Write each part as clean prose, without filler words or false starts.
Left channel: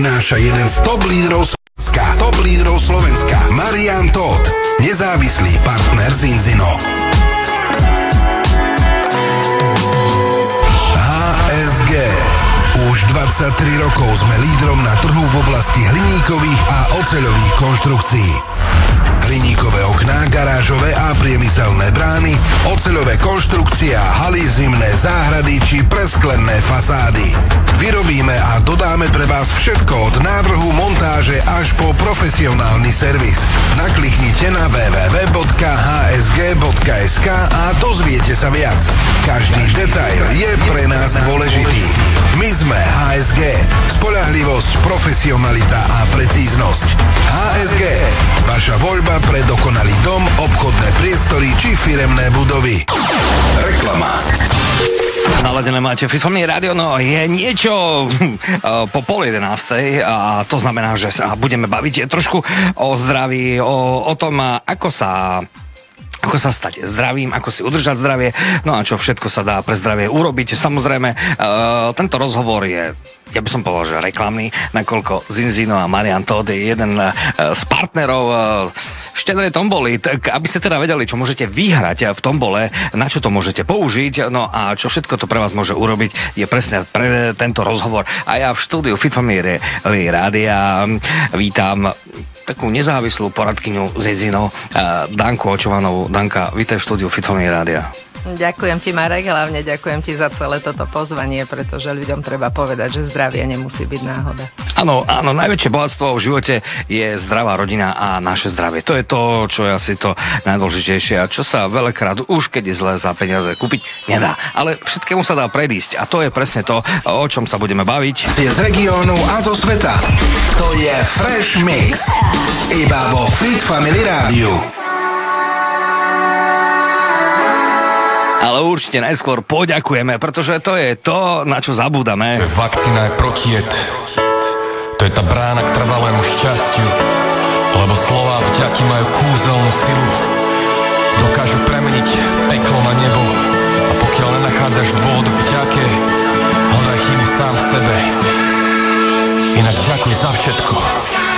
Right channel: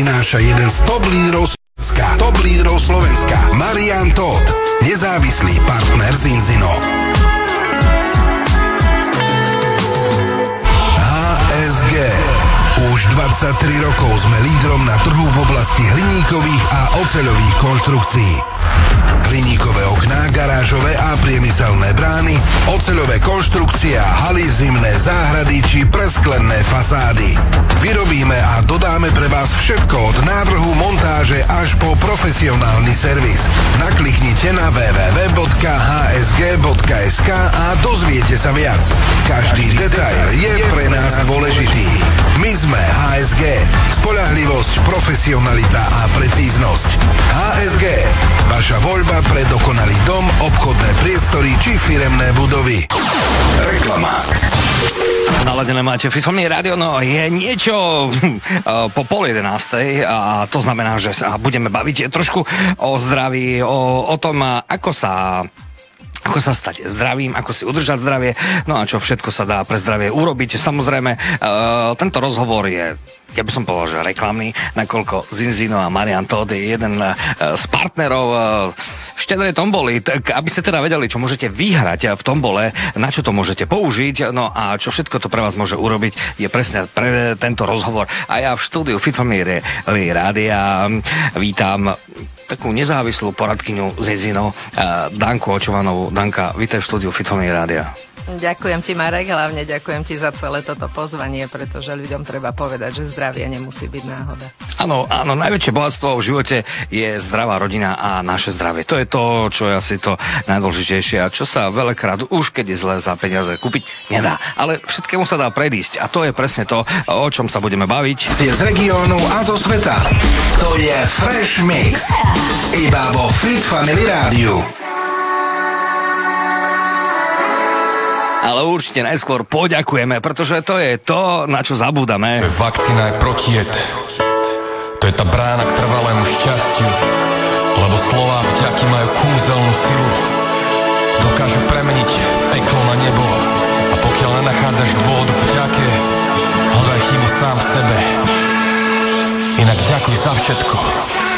prináša jeden z top lídrov Slovenska. Marian Todt, nezávislý partner Zinzino. HSG. Už 23 rokov sme lídrom na trhu v oblasti hliníkových a oceľových konštrukcií. Hliníkové okná, garážové a priemyselné brány, oceľové konštrukcie a haly, zimné záhrady či presklené fasády. Vyrobíme a dodáme pre vás všetko od návrhu, montáže až po profesionálny servis. Nakliknite na www.hsg.sk a dozviete sa viac. Každý detail je pre nás dôležitý. My sme HSG. Spoľahlivosť, profesionalita a precíznosť. HSG. Vaša voľba pre dokonalý dom, obchodné priestory či firemné budovy. Reklama. Naladené máte Fifami rádio, no je niečo po 10:30 a to znamená, že sa budeme baviť trošku o zdraví, o tom, ako sa stať zdravým, ako si udržať zdravie, no a čo všetko sa dá pre zdravie urobiť. Samozrejme, tento rozhovor je, ja by som povedal, že reklamný, nakoľko Zinzino a Marian Todt je jeden z partnerov štedrej tomboly, tak aby ste teda vedeli, čo môžete vyhrať v tombole, na čo to môžete použiť, no a čo všetko to pre vás môže urobiť, je presne pre tento rozhovor. A ja v štúdiu Fitfamily rádia vítam takú nezávislú poradkyňu Zinzino, Danku Očovanovú. Danka, vítaj v štúdiu Fitfamily rádia. Ďakujem ti, Marek, hlavne ďakujem ti za celé toto pozvanie, pretože ľuďom treba povedať, že zdravie nemusí byť náhoda. Áno, najväčšie bohatstvo v živote je zdravá rodina a naše zdravie. To je to, čo je asi to najdôležitejšie a čo sa veľakrát už keď je zle za peniaze kúpiť nedá. Ale všetkému sa dá predísť a to je presne to, o čom sa budeme baviť. Z regiónu a zo sveta. To je Fresh Mix. Iba vo Fitfamily rádiu. Ale určite najskôr poďakujeme, pretože to je to, na čo zabúdame. To je vakcína aj protijed. To je tá brána k trvalému šťastiu. Lebo slová vďaky majú kúzelnú silu. Dokážu premeniť peklo na nebo. A pokiaľ nenachádzaš dôvod k vďake, hľadaj chvíľu sám v sebe. Inak ďakuj za všetko,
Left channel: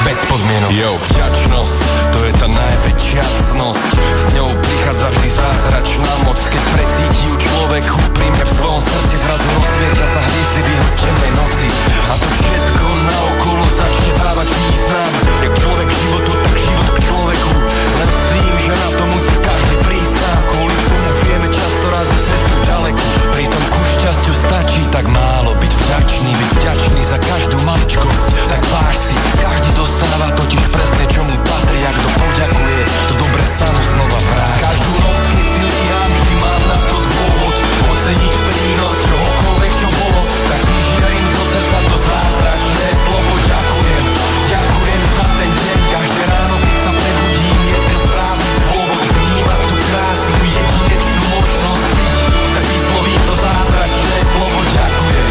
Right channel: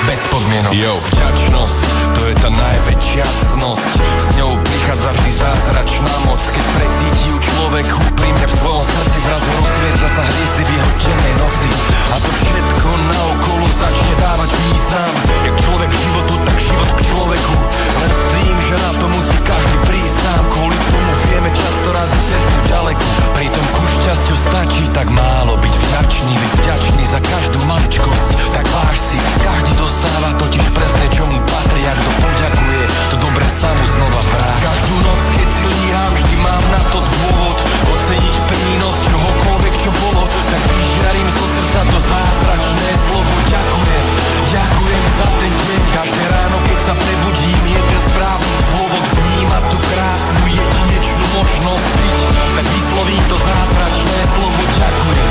bez podmienok. Vďačnosť, to je tá najväčšia cnosť. S ňou prichádza vždy zázračná moc. Keď precítim človek úprimne v svojom srdci, zrazu rozsvietla sa hviezdy vyhotenej noci. A to všetko naokolo začne dávať význam. Jak človek životu, tak život k človeku. Myslím, že na to musí každý prísť sám. Kvôli tomu vieme často raziť cestu ďaleko. Pritom ku šťastiu stačí tak málo byť vďačný. Byť vďačný za každú maličkosť. Tak váž si, každý dostáva totiž presne čo mu patrí. Ak to poďakuje, to dobre sa mu znova vráti. Každú noc, keď si líham, vždy mám na to dôvod. Oceniť prínos čohokoľvek, čo bolo. Tak vyšťajím zo srdca to zázračné slovo. Ďakujem, ďakujem za ten deň. Každé ráno, keď sa prebudím, je ten správny dôvod. Vnímať tú krásnu jedinečnú možnosť byť. Tak vyslovím to zázračné slovo. Ďakujem,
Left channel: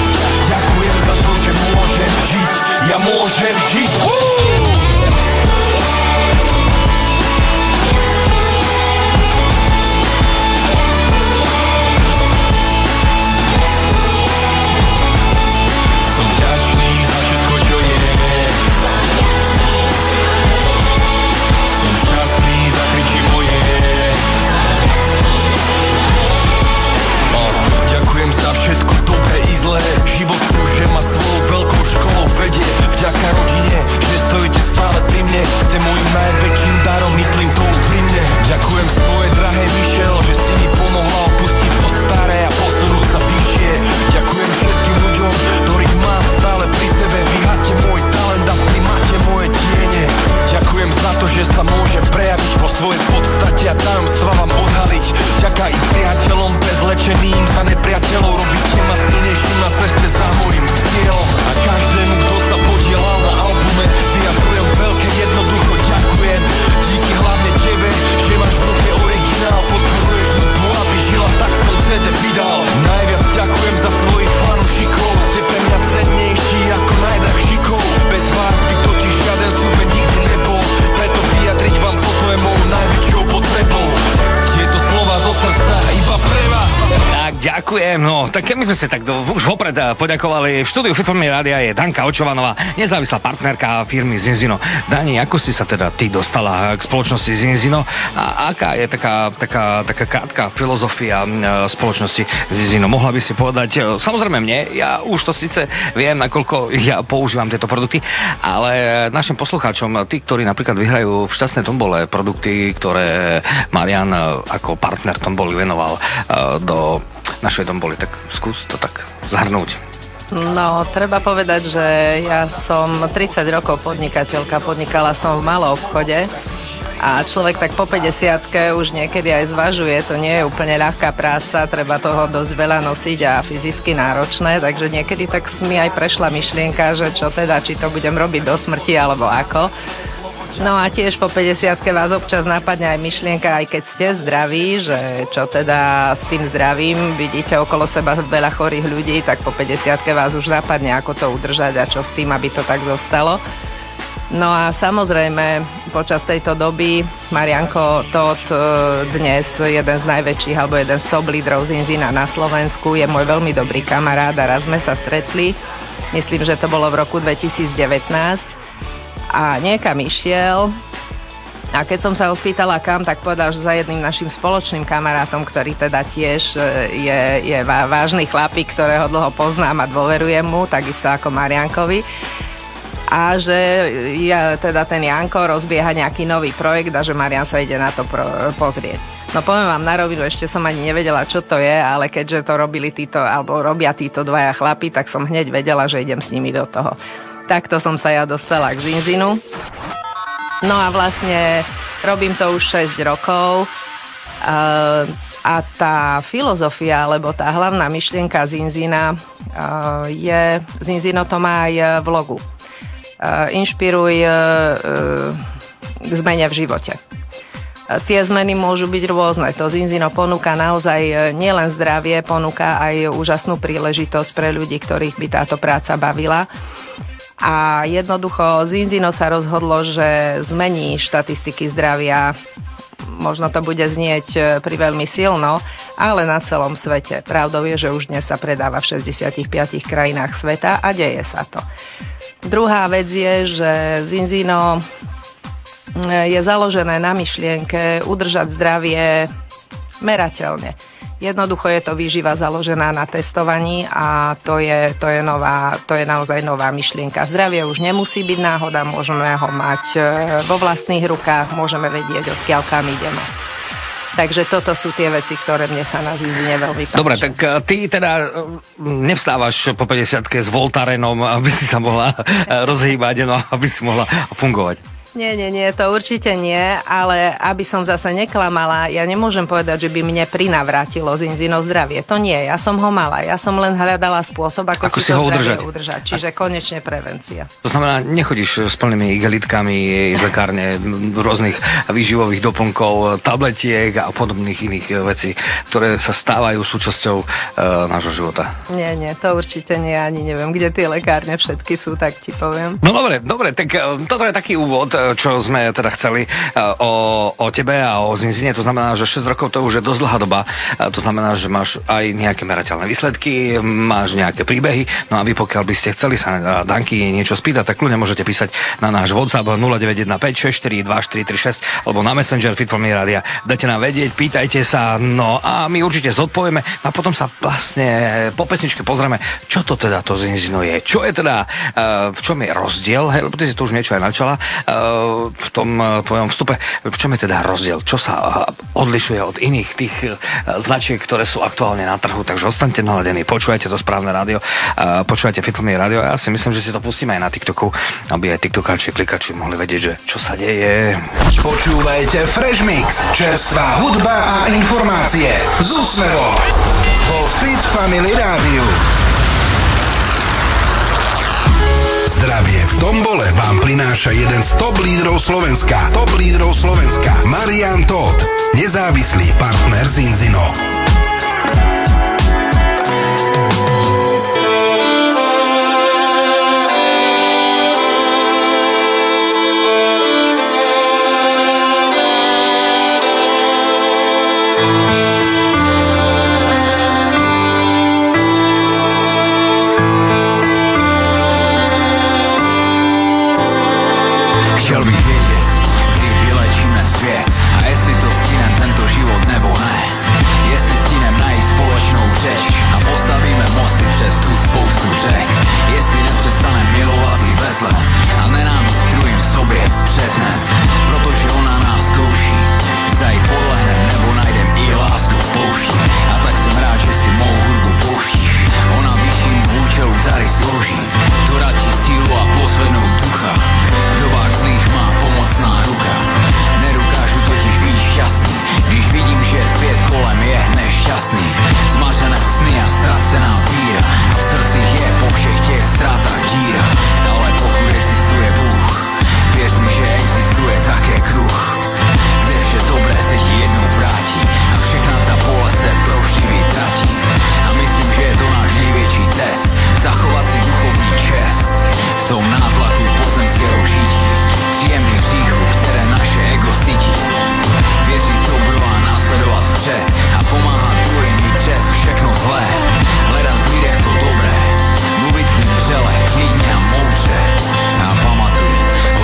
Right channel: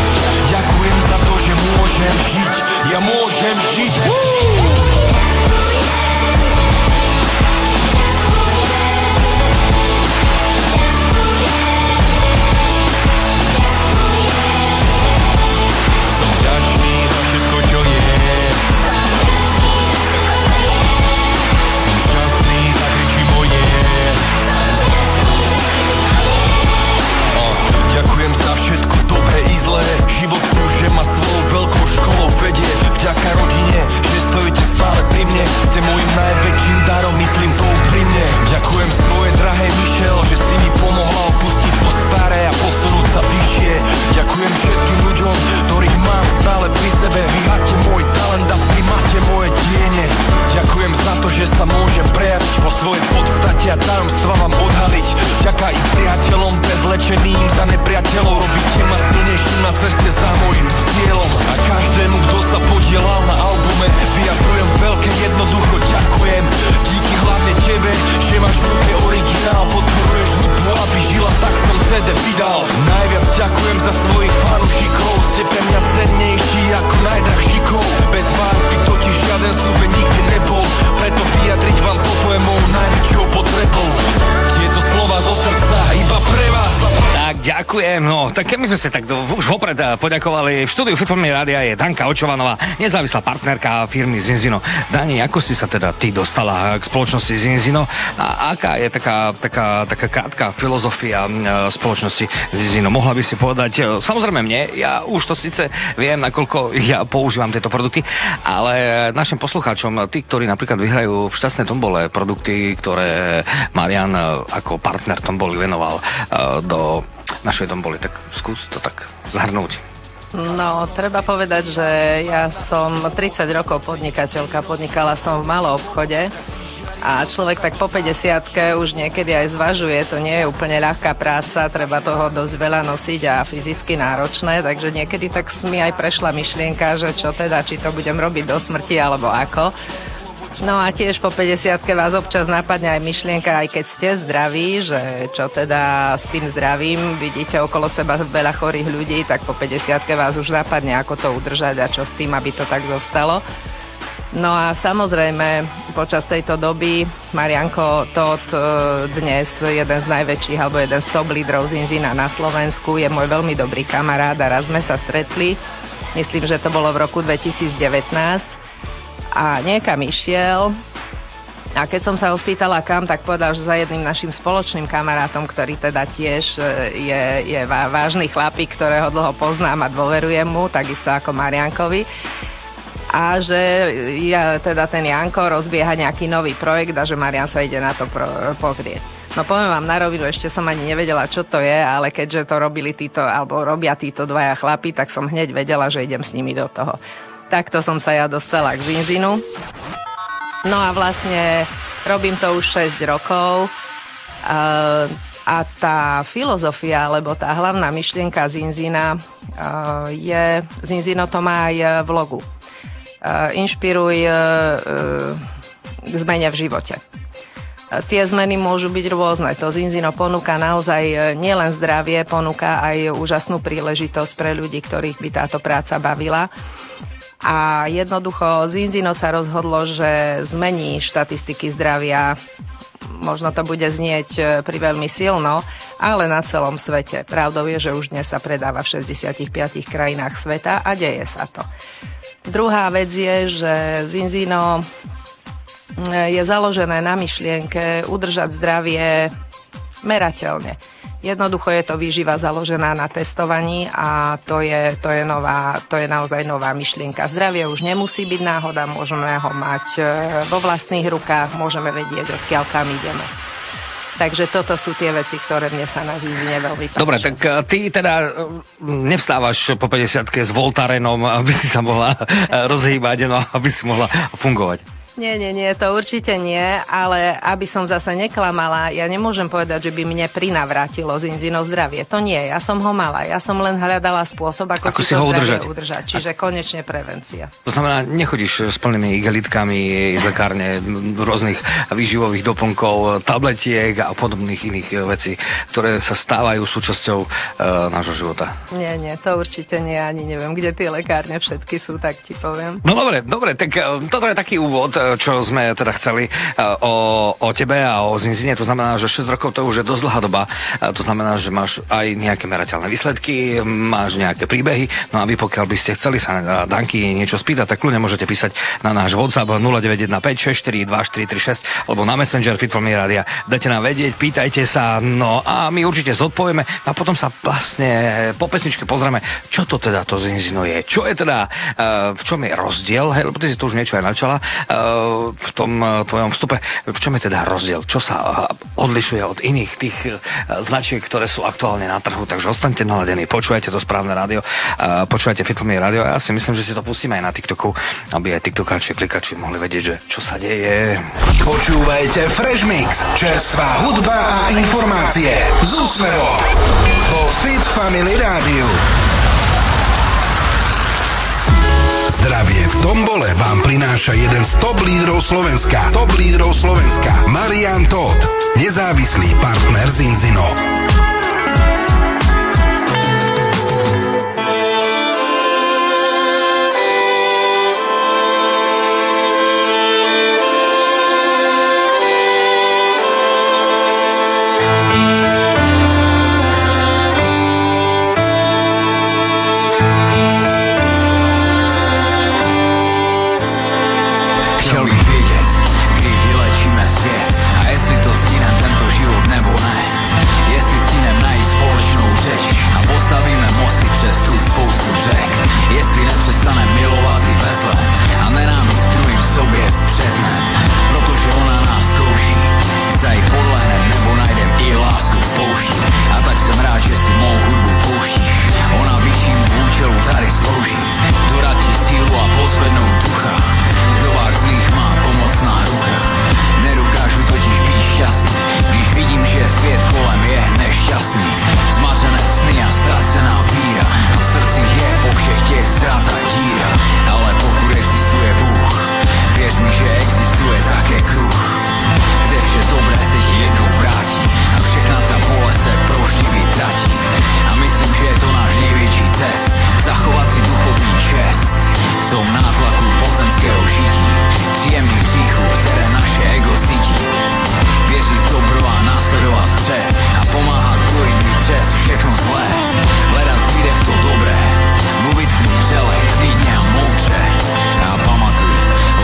ďakujem za to, že môžem žiť. Ja môžem žiť. Život prúže ma svojou veľkou školou vedie. Vďaka rodine, že stojíte stále pri mne. Ste môjim najväčším darom, myslím to úprimne. Ďakujem svojej drahej Michelle, že si mi pomohla opustiť to staré a posunúť sa vyššie. Ďakujem všetkým ľuďom, ktorých mám stále pri sebe. Vy máte môj talent a vy máte moje tiene. Ďakujem za to, že sa môžem prejaviť vo svojej podstate a tajomstva vám odhaliť. Ďaká i priateľom prezlečeným za nepriateľov. Robíte ma silnejším na ceste za môjim cieľom. A každému, kto sa podielal na albume, vyjadrujem veľké jednoducho ďakujem. Díky hlavne tebe, že máš v ruke originál. Podporuješ hudbu, aby žila, tak som CD vydal. Najviac ďakujem za svojich fanúšikov. Ste pre mňa cennejší ako najdrahšíkov. Bez vás by totiž žiaden súbe nikdy nebol. Preto vyjadriť vám toto je mou najväčšou potrebou. Tieto slova zo srdca iba pre vás. Tak ďakujem. No, tak my sme si tak už vopred poďakovali. V štúdiu Fitfilmy rádia je Danka Očovanová, nezávislá partnerka firmy Zinzino. Dani, ako si sa teda ty dostala k spoločnosti Zinzino a aká je taká krátka filozofia spoločnosti Zinzino? Mohla by si povedať, samozrejme mne, ja už to síce viem, nakoľko ja používam tieto produkty, ale našim poslucháčom, tí, ktorí napríklad vyhrajú v šťastnej tombole produkty, ktoré Marian ako partner tomboli venoval do našej tomboli, tak skús to tak zahrnúť. No, treba povedať, že ja som 30 rokov podnikateľka, podnikala som v malom obchode a človek tak po 50-ke už niekedy aj zvažuje, to nie je úplne ľahká práca, treba toho dosť veľa nosiť a fyzicky náročné, takže niekedy tak mi aj prešla myšlienka, že čo teda, či to budem robiť do smrti alebo ako. No a tiež po 50-ke vás občas napadne aj myšlienka, aj keď ste zdraví, že čo teda s tým zdravím, vidíte okolo seba veľa chorých ľudí, tak po 50-ke vás už napadne, ako to udržať a čo s tým, aby to tak zostalo. No a samozrejme, počas tejto doby Marianko Todt, dnes jeden z najväčších, alebo jeden z top lídrov Zinzina na Slovensku, je môj veľmi dobrý kamarát a raz sme sa stretli, myslím, že to bolo v roku 2019, a niekam išiel a keď som sa ho spýtala kam, tak povedal, že za jedným našim spoločným kamarátom, ktorý teda tiež je vážny chlapík, ktorého dlho poznám a dôverujem mu, takisto ako Mariankovi. A že teda ten Janko rozbieha nejaký nový projekt a že Marian sa ide na to pozrieť. No poviem vám na rovinu, ešte som ani nevedela, čo to je, ale keďže to robia títo dvaja chlapi, tak som hneď vedela, že idem s nimi do toho. Takto som sa ja dostala k Zinzinu. No a vlastne robím to už 6 rokov a tá filozofia, alebo tá hlavná myšlienka Zinzina Zinzino to má aj v logu. Inšpiruj k zmene v živote. Tie zmeny môžu byť rôzne. To Zinzino ponúka naozaj nielen zdravie, ponúka aj úžasnú príležitosť pre ľudí, ktorých by táto práca bavila. A jednoducho Zinzino sa rozhodlo, že zmení štatistiky zdravia. Možno to bude znieť priveľmi silno, ale na celom svete. Pravdou je, že už dnes sa predáva v 65 krajinách sveta a deje sa to. Druhá vec je, že Zinzino je založené na myšlienke udržať zdravie merateľne. Jednoducho je to výživa založená na testovaní a to je naozaj nová myšlienka. Zdravie už nemusí byť náhoda, môžeme ho mať vo vlastných rukách, môžeme vedieť, odkiaľ kam ideme. Takže toto sú tie veci, ktoré mne sa na Zinzine veľmi páčia. Dobre, tak ty teda nevstávaš po 50-ke s Voltarenom, aby si sa mohla rozhýbať, no, aby si mohla fungovať. Nie, to určite nie, ale aby som zase neklamala, ja nemôžem povedať, že by mne prinavrátilo Zinzino zdravie. To nie, ja som ho mala, ja som len hľadala spôsob, ako si to zdravie udržať. Čiže konečne prevencia. To znamená, nechodíš s plnými igelitkami z lekárne, rôznych výživových doplnkov, tabletiek a podobných iných vecí, ktoré sa stávajú súčasťou nášho života. Nie, to určite nie, ani neviem, kde tie lekárne všetky sú, tak ti poviem. No dobre, tak toto je taký úvod, čo sme teda chceli o tebe a o Zinzine. To znamená, že 6 rokov to už je dosť dlhá doba. To znamená, že máš aj nejaké merateľné výsledky, máš nejaké príbehy. No a vy, pokiaľ by ste chceli sa Danky niečo spýtať, tak ľudia môžete písať na náš WhatsApp 0915 642 436 alebo na Messenger Fitfilmy rádia. Dajte nám vedieť, pýtajte sa, no a my určite zodpovieme a potom sa vlastne po pesničke pozrieme, čo to teda to Zinzino je. Čo je teda, v čom je rozdiel, hej, lebo ty si to už niečo aj načala, v tom tvojom vstupe, v čom je teda rozdiel? Čo sa odlišuje od iných tých značiek, ktoré sú aktuálne na trhu? Takže ostaňte naladení, počúvajte to správne rádio, počúvajte Fitfilmy rádio a ja si myslím, že si to pustíme aj na TikToku, aby aj TikTokáči, klikači mohli vedieť, že čo sa deje. Počúvajte Fresh Mix, čerstvá hudba a informácie z úsmevom vo Fitfamily rádiu. Zdravie v tombole vám prináša jeden z top lídrov Slovenska. Marian Todt, nezávislý partner Zinzino. Chtěl bych vědět, kdy vylečíme svět a jestli to stihne tento život nebo ne. Jestli stihne najít společnou řeč a postavíme mosty přes tu spoustu řek. Jestli nepřestane milovat si vezle a nenávist druhým v sobě předne. Protože ona nás zkouší, zda ji podlehnem nebo najdem i lásku v poušti. A tak jsem rád, že si mou hudbu pouštíš. Ona vyššímu účelu tady slouží, dodá ti sílu a pozvednout ducha. V dobách zlých má pomocná ruka. Nedokážu totiž být šťastný, když vidím, že svět kolem je nešťastný. Zmařené sny a ztracená víra, a v srdcích je po všech těch ztrátách díra. Ale pokud existuje Bůh, věř mi, že existuje také kruh, kde vše dobré se ti jednou vrátí a všechna ta pole se proužně vytratí. A myslím, že je to náš největší test, zachovat si duchovní čest v tom nátlaku pozemského žití, příjemných hříchů, které naše ego cítí. Věřit v dobro a následovat vpřed a pomáhat druhým i přes všechno zlé. Hledat v lidech to dobré, mluvit k nim vřele, klidně a moudře. A pamatuj,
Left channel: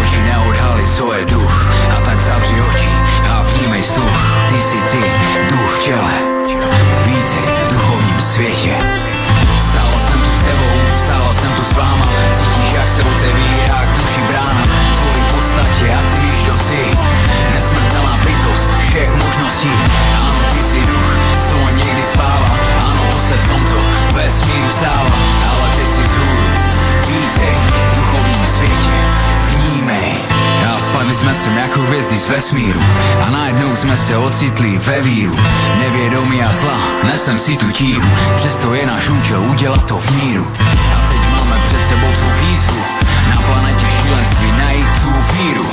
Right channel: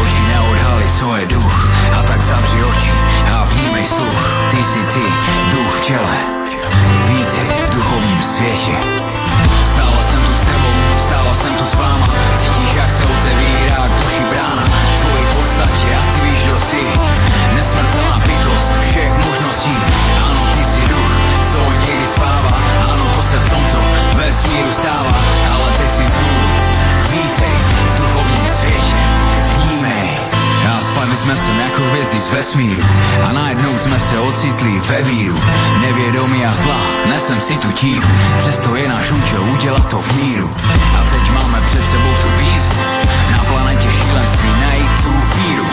oči neodhalí, co je duch, a tak zavři oči a vnímej sluch. Ty si ty, duch v těle, vítej v duchovním světě. Stála jsem tu s tebou, stála jsem tu s váma, cítíš, jak se otevírá k duši brána. V tvojí podstatě a ty víš, kdo jsi, nesmrtelná bytost všech možností. Ano, ty si duch, co někdy spává, ano, to se v tomto vesmíru stává, ale ty si vzhůru, vítej v duchovním světě, vnímej. A spadli jsme sem jako hvězdy z vesmíru a najednou jsme se ocitli ve víru. Nevědomí a zla, nesem si tu tíhu, přesto je náš účel udělat to v míru. A teď máme před sebou tu výzvu, na planetě šílenství najít tu víru,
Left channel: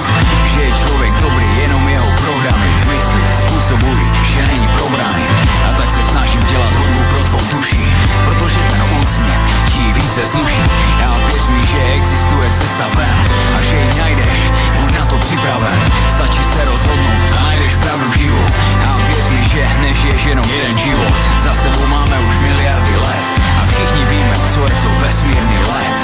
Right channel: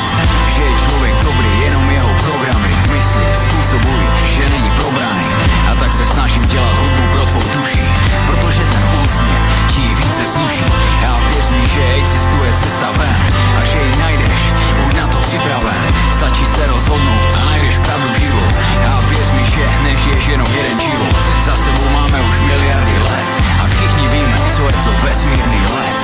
že je člověk dobrý, jenom jeho programy v mysli způsobují, že není probraný. A tak se snažím dělat hudbu pro tvou duši, protože ten úsměv ti více sluší. A věř mi, že existuje cesta ven a že ji najdeš, buď na to připraven. Stačí se rozhodnout a najdeš pravdu život. A věř mi, že nežiješ jenom jeden život. Za sebou máme už miliardy let a všichni víme, co je to vesmírný let.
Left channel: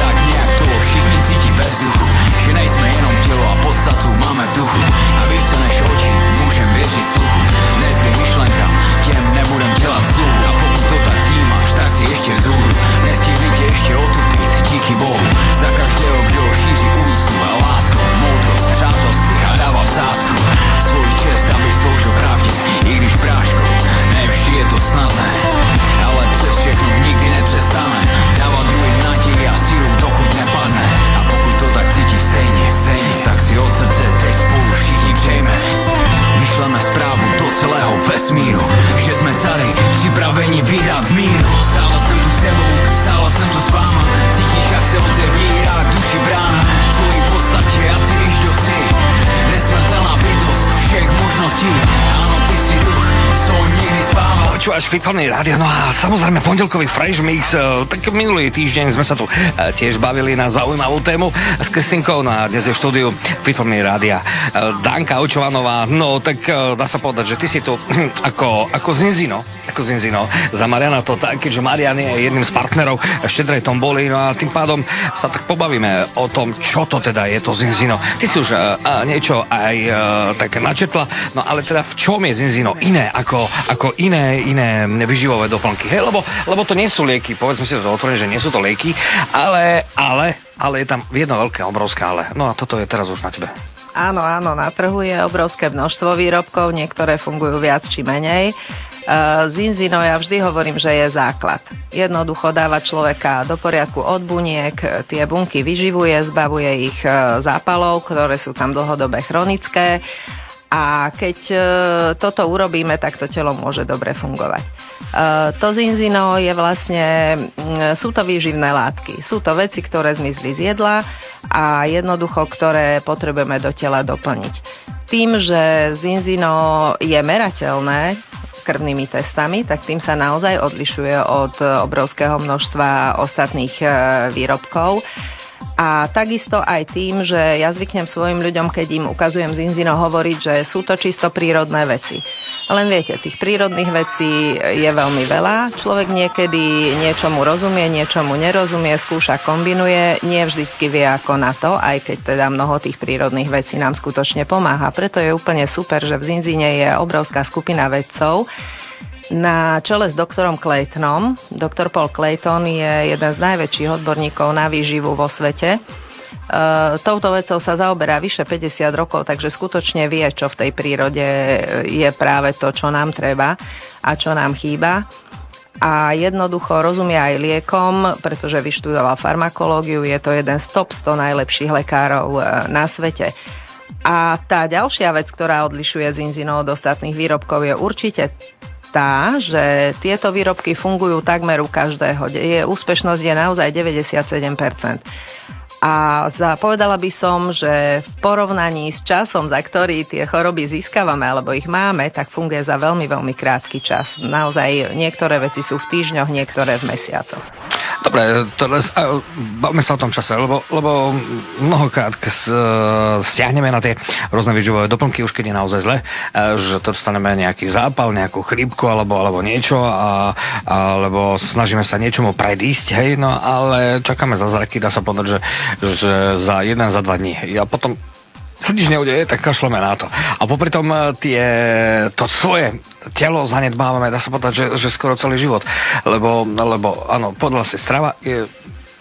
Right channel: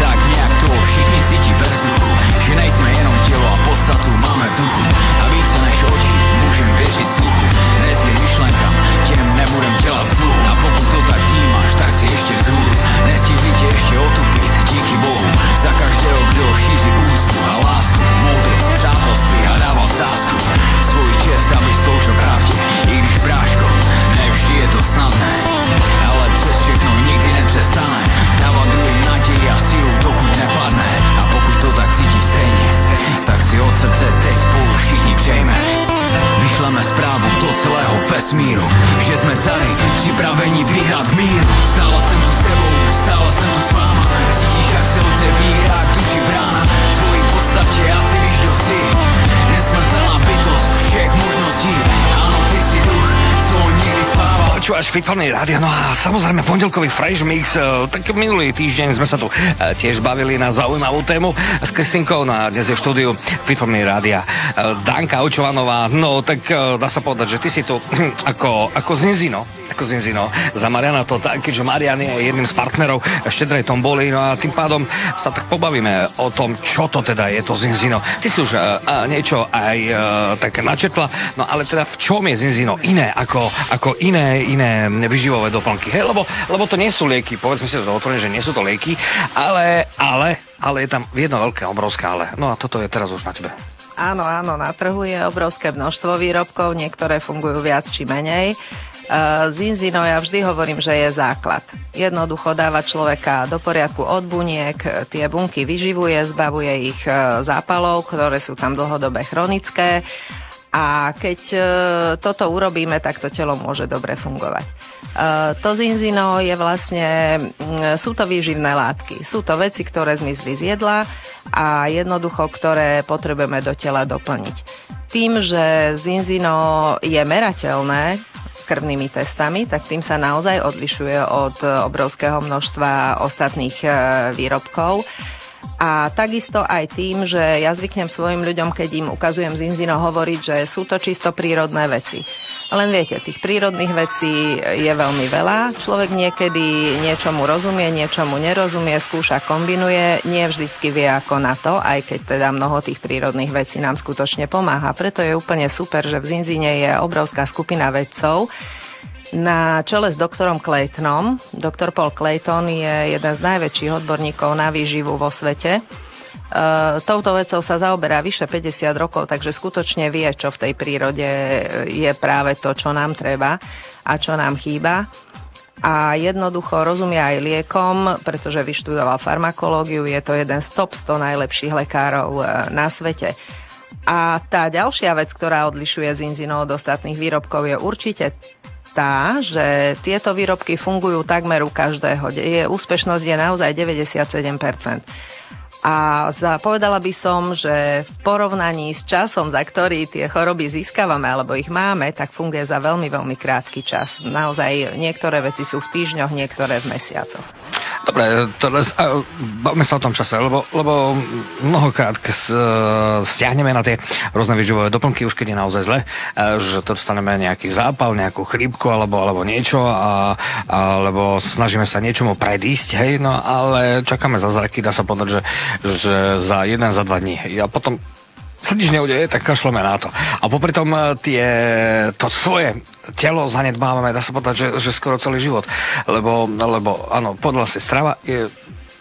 Tak nějak to všichni cítí ve vzduchu, že nejsme jenom tělo a podstatu máme v duchu. A více než oči můžem věřit sluchu, nezlým myšlenkám, těm nebudem dělat sluchu. A pokud to tak vnímáš, tak si ještě vzhůru, nestihli tě ještě otupit, díky Bohu. Za každého, kdo šíří úctu a lásku, moudrost, přátelství a dával sásku. Svoji čest, aby sloužil pravdě, i když bráško, ne vždy je to snadné, ale přes všechno nikdy nepřestane dávat druhým naději a sílu, dokud nepadne. A pokud to tak cítí stejně, tak si od srdce teď spolu všichni přejme. Vyšleme zprávu do celého vesmíru, že jsme tady připraveni vyhrát míru. Stála jsem tu s tebou, stála jsem tu s váma, cítíš, jak se otevírá k duši brána. V tvojí podstatě a ty víš, kdo jsi, nesmrtelná bytost všech možností. Ano, ty si duch, co někdy spával. Počúvaš Fitfulný rádio, no a samozrejme pondelkový Fresh Mix. Tak minulý týždeň sme sa tu tiež bavili na zaujímavú tému s Kristinkou, na dnes je v štúdiu Fitfulný rádia Danka Očvanová. No tak dá sa povedať, že ty si tu ako Zinzino. Za Mariana to tak, keďže Marian je jedným z partnerov Štedrej tomboli, no a tým pádom sa tak pobavíme o tom, čo to teda je to Zinzino. Ty si už niečo aj tak načetla, no ale teda v čom je Zinzino iné ako iné vyživové doplnky, hej? Lebo to nie sú lieky, povedzme si to otvorene, že nie sú to lieky, ale je tam jedno veľké, obrovské ale. No a toto je teraz už na tebe. Áno, na trhu je obrovské množstvo výrobkov, niektoré fungujú viac či menej. Zinzino, ja vždy hovorím, že je základ. Jednoducho dáva človeka do poriadku od buniek, tie bunky vyživuje, zbavuje ich zápalov, ktoré sú tam dlhodobé chronické. A keď toto urobíme, tak to telo môže dobre fungovať. To Zinzino je vlastne, sú to výživné látky. Sú to veci, ktoré zmizli z jedla a jednoducho, ktoré potrebujeme do tela doplniť. Tým, že Zinzino je merateľné krvnými testami, tak tým sa naozaj odlišuje od obrovského množstva ostatných výrobkov. A takisto aj tým, že ja zvyknem svojim ľuďom, keď im ukazujem Zinzino, hovoriť, že sú to čisto prírodné veci. Len viete, tých prírodných vecí je veľmi veľa. Človek niekedy niečomu rozumie, niečomu nerozumie, skúša, kombinuje, nie vždycky vie ako na to, aj keď teda mnoho tých prírodných vecí nám skutočne pomáha. Preto je úplne super, že v Zinzine je obrovská skupina vedcov na čele s doktorom Claytonom. Doktor Paul Clayton je jeden z najväčších odborníkov na výživu vo svete. Touto vecou sa zaoberá vyše 50 rokov, takže skutočne vie, čo v tej prírode je práve to, čo nám treba a čo nám chýba. A jednoducho rozumie aj liekom, pretože vyštudoval farmakológiu, je to jeden z top 100 najlepších lekárov na svete. A tá ďalšia vec, ktorá odlišuje Zinzino od ostatných výrobkov, je určite tá, že tieto výrobky fungujú takmer u každého. Úspešnosť je naozaj 97%. A povedala by som, že v porovnaní s časom, za ktorý tie choroby získavame alebo ich máme, tak funguje za veľmi, veľmi krátky čas. Naozaj niektoré veci sú v týždňoch, niektoré v mesiacoch. Dobre, teraz bavme sa o tom čase, lebo mnohokrát stiahneme na tie rôzne výživové doplnky, už keď je naozaj zle, že dostaneme nejaký zápal, nejakú chrípku alebo niečo, alebo snažíme sa niečomu predísť, hej, no ale čakáme zázraky, dá sa povedať, že za 1, za 2 dní. A potom sa nič neudeje, tak kašleme na to. A popri tom to svoje telo zanedbávame, dá sa povedať, že skoro celý život. Lebo áno, podľa si strava je...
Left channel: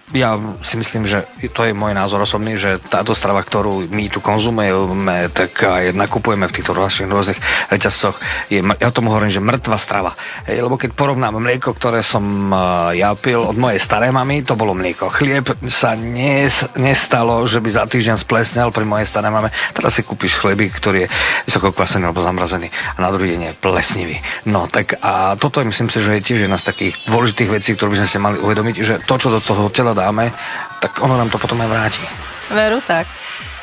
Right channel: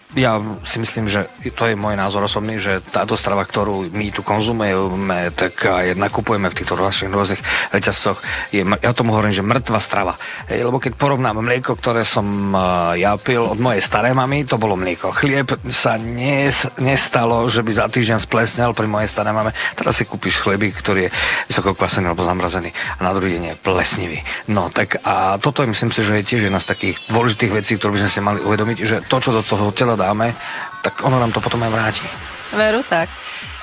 Ja si myslím, že to je môj názor osobný, že táto strava, ktorú my tu konzumujeme, tak aj nakupujeme v týchto rôznych reťazcoch, ja tomu hovorím, že mŕtva strava. Lebo keď porovnám mlieko, ktoré som ja pil od mojej starej mamy, to bolo mlieko. Chlieb sa nestalo, že by za týždeň splesnel pri mojej starej mame. Teraz si kúpiš chlebík, ktorý je vysoko kvasený alebo zamrazený a na druhý deň je plesnivý. No tak a toto myslím si, že je tiež jedna z takých dôležitých vecí, ktoré by sme si mali uvedomiť, že to, čo do toho tela dáme, tak ono nám to potom aj vráti. Veru tak.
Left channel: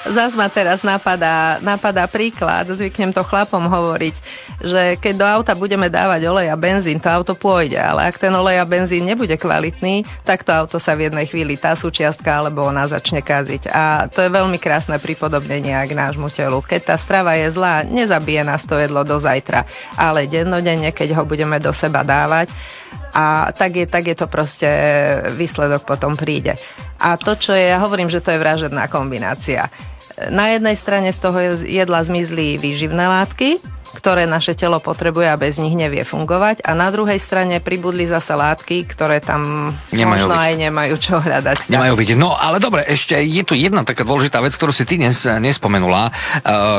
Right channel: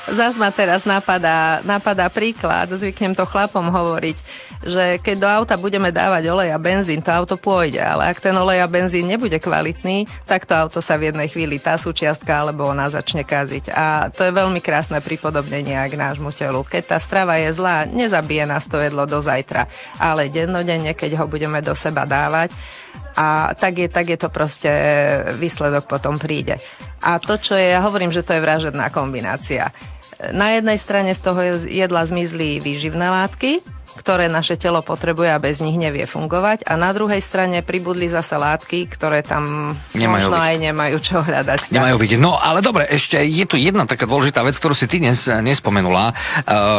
Zas ma teraz napadá príklad, zvyknem to chlapom hovoriť, že keď do auta budeme dávať olej a benzín, to auto pôjde, ale ak ten olej a benzín nebude kvalitný, tak to auto sa v jednej chvíli tá súčiastka alebo ona začne kaziť. A to je veľmi krásne pripodobnenie k nášmu telu. Keď tá strava je zlá, nezabije nás to jedlo do zajtra, ale dennodenne, keď ho budeme do seba dávať, a tak je to proste, výsledok potom príde. A to, čo ja hovorím, že to je vražedná kombinácia. Na jednej strane z toho jedla zmizli výživné látky, ktoré naše telo potrebuje a bez nich nevie fungovať, a na druhej strane pribudli zase látky, ktoré tam možno aj nemajú čo hľadať. Nemajú byť. No ale dobre, ešte je tu jedna taká dôležitá vec, ktorú si ty dnes nespomenula,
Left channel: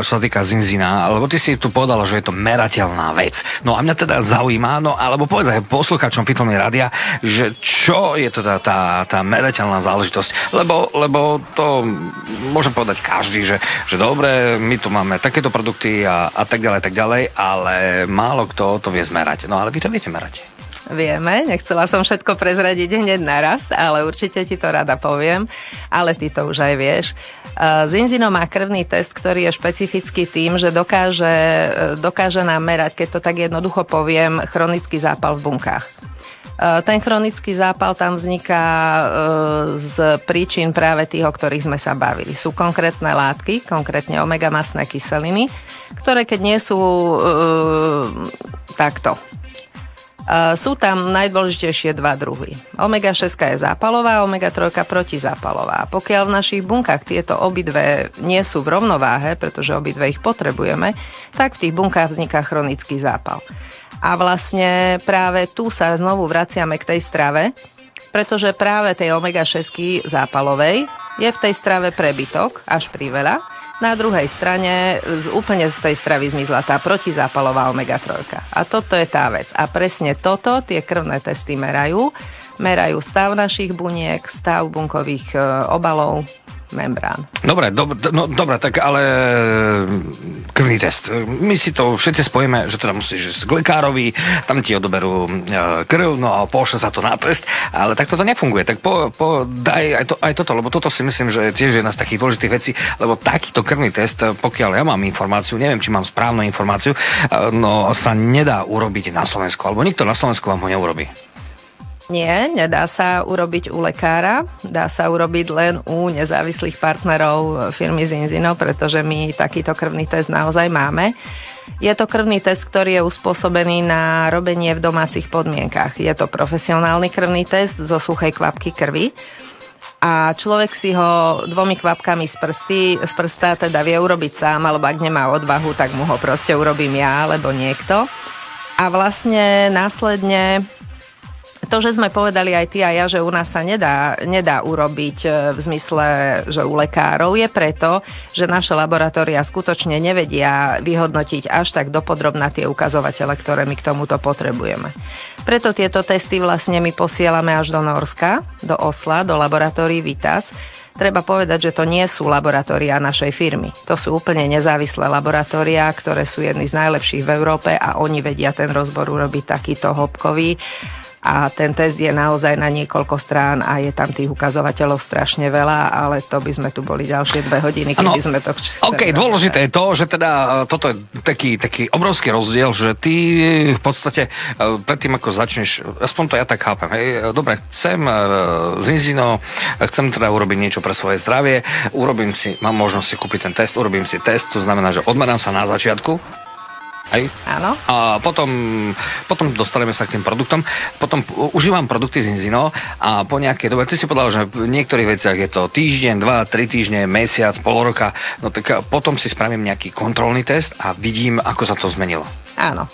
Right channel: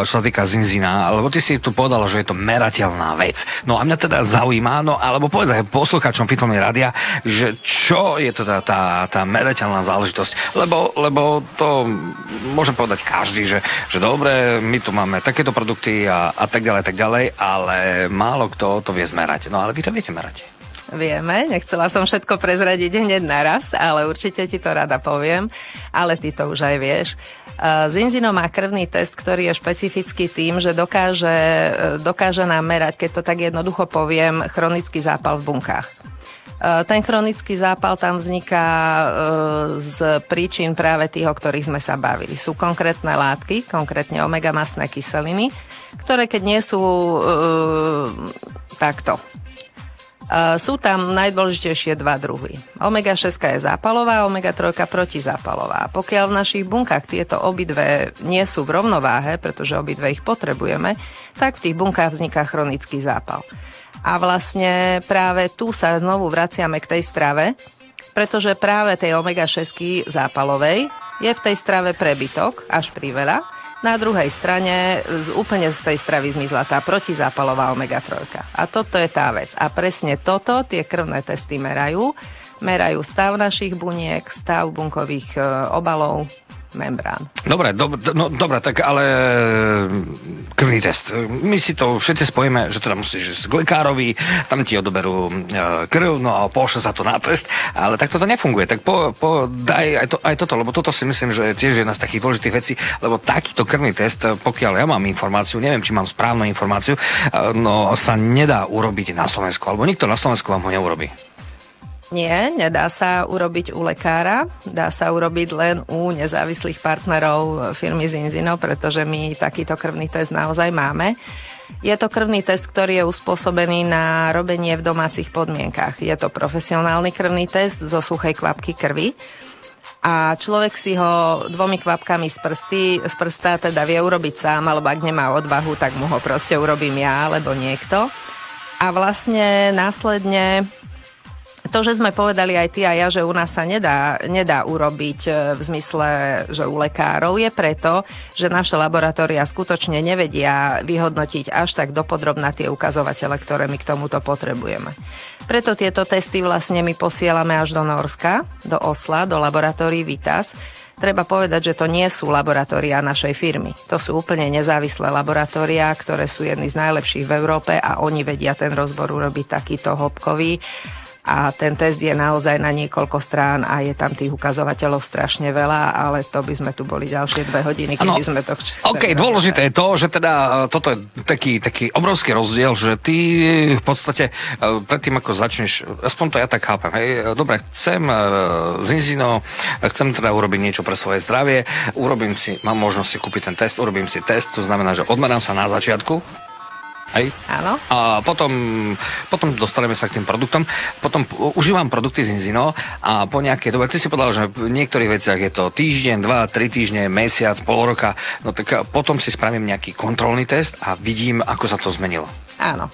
čo sa týka Zinzina, lebo ty si tu povedala, že je to merateľná vec. No a mňa teda zaujíma, no alebo povedz aj poslucháčom Pitolne rádia, že čo je teda tá merateľná záležitosť, lebo to môže povedať každý, že dobre, my tu máme takéto produkty a tak ďalej, ale málo kto to vie zmerať. No ale vy to viete merať. Vieme, nechcela som všetko prezradiť hneď naraz, ale určite ti to rada poviem, ale ty to už aj vieš. Zinzino má krvný test, ktorý je špecifický tým, že dokáže nám merať, keď to tak jednoducho poviem, chronický zápal v bunkách. Ten chronický zápal tam vzniká z príčin práve tých, o ktorých sme sa bavili. Sú konkrétne látky, konkrétne omega-masné kyseliny, ktoré keď nie sú takto. Sú tam najdôležitejšie 2 druhy. Omega-6 je zápalová, omega-3 protizápalová. Pokiaľ v našich bunkách tieto obidve nie sú v rovnováhe, pretože obidve ich potrebujeme, tak v tých bunkách vzniká chronický zápal. A vlastne práve tu sa znovu vraciame k tej strave, pretože práve tej omega-6 zápalovej je v tej strave prebytok, až priveľa. Na druhej strane úplne z tej stravy zmizla tá protizápalová omega-3. A toto je tá vec. A presne toto tie krvné testy merajú. Merajú stav našich buniek, stav bunkových obalov, membrán. Dobre, tak ale krvný test. My si to všetci spojíme, že teda musíš ísť k lekárovi, tam ti odoberú krv, no a pošle sa to na test, ale tak toto nefunguje. Tak daj aj toto, lebo toto si myslím, že je tiež jedna z takých dôležitých vecí, lebo takýto krvný test, pokiaľ ja mám informáciu, neviem, či mám správnu informáciu, no sa nedá urobiť na Slovensku, alebo nikto na Slovensku vám ho neurobí. Nie, nedá sa urobiť u lekára, dá sa urobiť len u nezávislých partnerov firmy Zinzino, pretože my takýto krvný test naozaj máme. Je to krvný test, ktorý je uspôsobený na robenie v domácich podmienkach. Je to profesionálny krvný test zo suchej kvapky krvi a človek si ho 2 kvapkami z prsta teda vie urobiť sám, alebo ak nemá odvahu, tak mu ho proste urobím ja alebo niekto. A vlastne následne to, že sme povedali aj ty a ja, že u nás sa nedá urobiť v zmysle, že u lekárov, je preto, že naše laboratória skutočne nevedia vyhodnotiť až tak dopodrobná tie ukazovatele, ktoré my k tomuto potrebujeme. Preto tieto testy vlastne my posielame až do Norska, do Osla, do laboratórií Vitas. Treba povedať, že to nie sú laboratóriá našej firmy. To sú úplne nezávislé laboratóriá, ktoré sú jedny z najlepších v Európe a oni vedia ten rozbor urobiť takýto hĺbkový. A ten test je naozaj na niekoľko strán a je tam tých ukazovateľov strašne veľa, ale to by sme tu boli ďalšie 2 hodiny, keby sme to chceli. OK, dôležité je to, že teda toto je taký obrovský rozdiel, že ty v podstate predtým, ako začneš, aspoň to ja tak chápem, hej, dobre, chcem Zinzino, chcem teda urobiť niečo pre svoje zdravie, mám možnosť si kúpiť ten test, urobím si test, to znamená, že odmerám sa na začiatku. Hej. Áno. A potom dostaneme sa k tým produktom. Potom užívam produkty Zinzino a po nejakej dobe, ty si povedal, že v niektorých veciach je to týždeň, 2, 3 týždne, mesiac, pol roka, no tak potom si spravím nejaký kontrolný test a vidím, ako sa to zmenilo. Áno.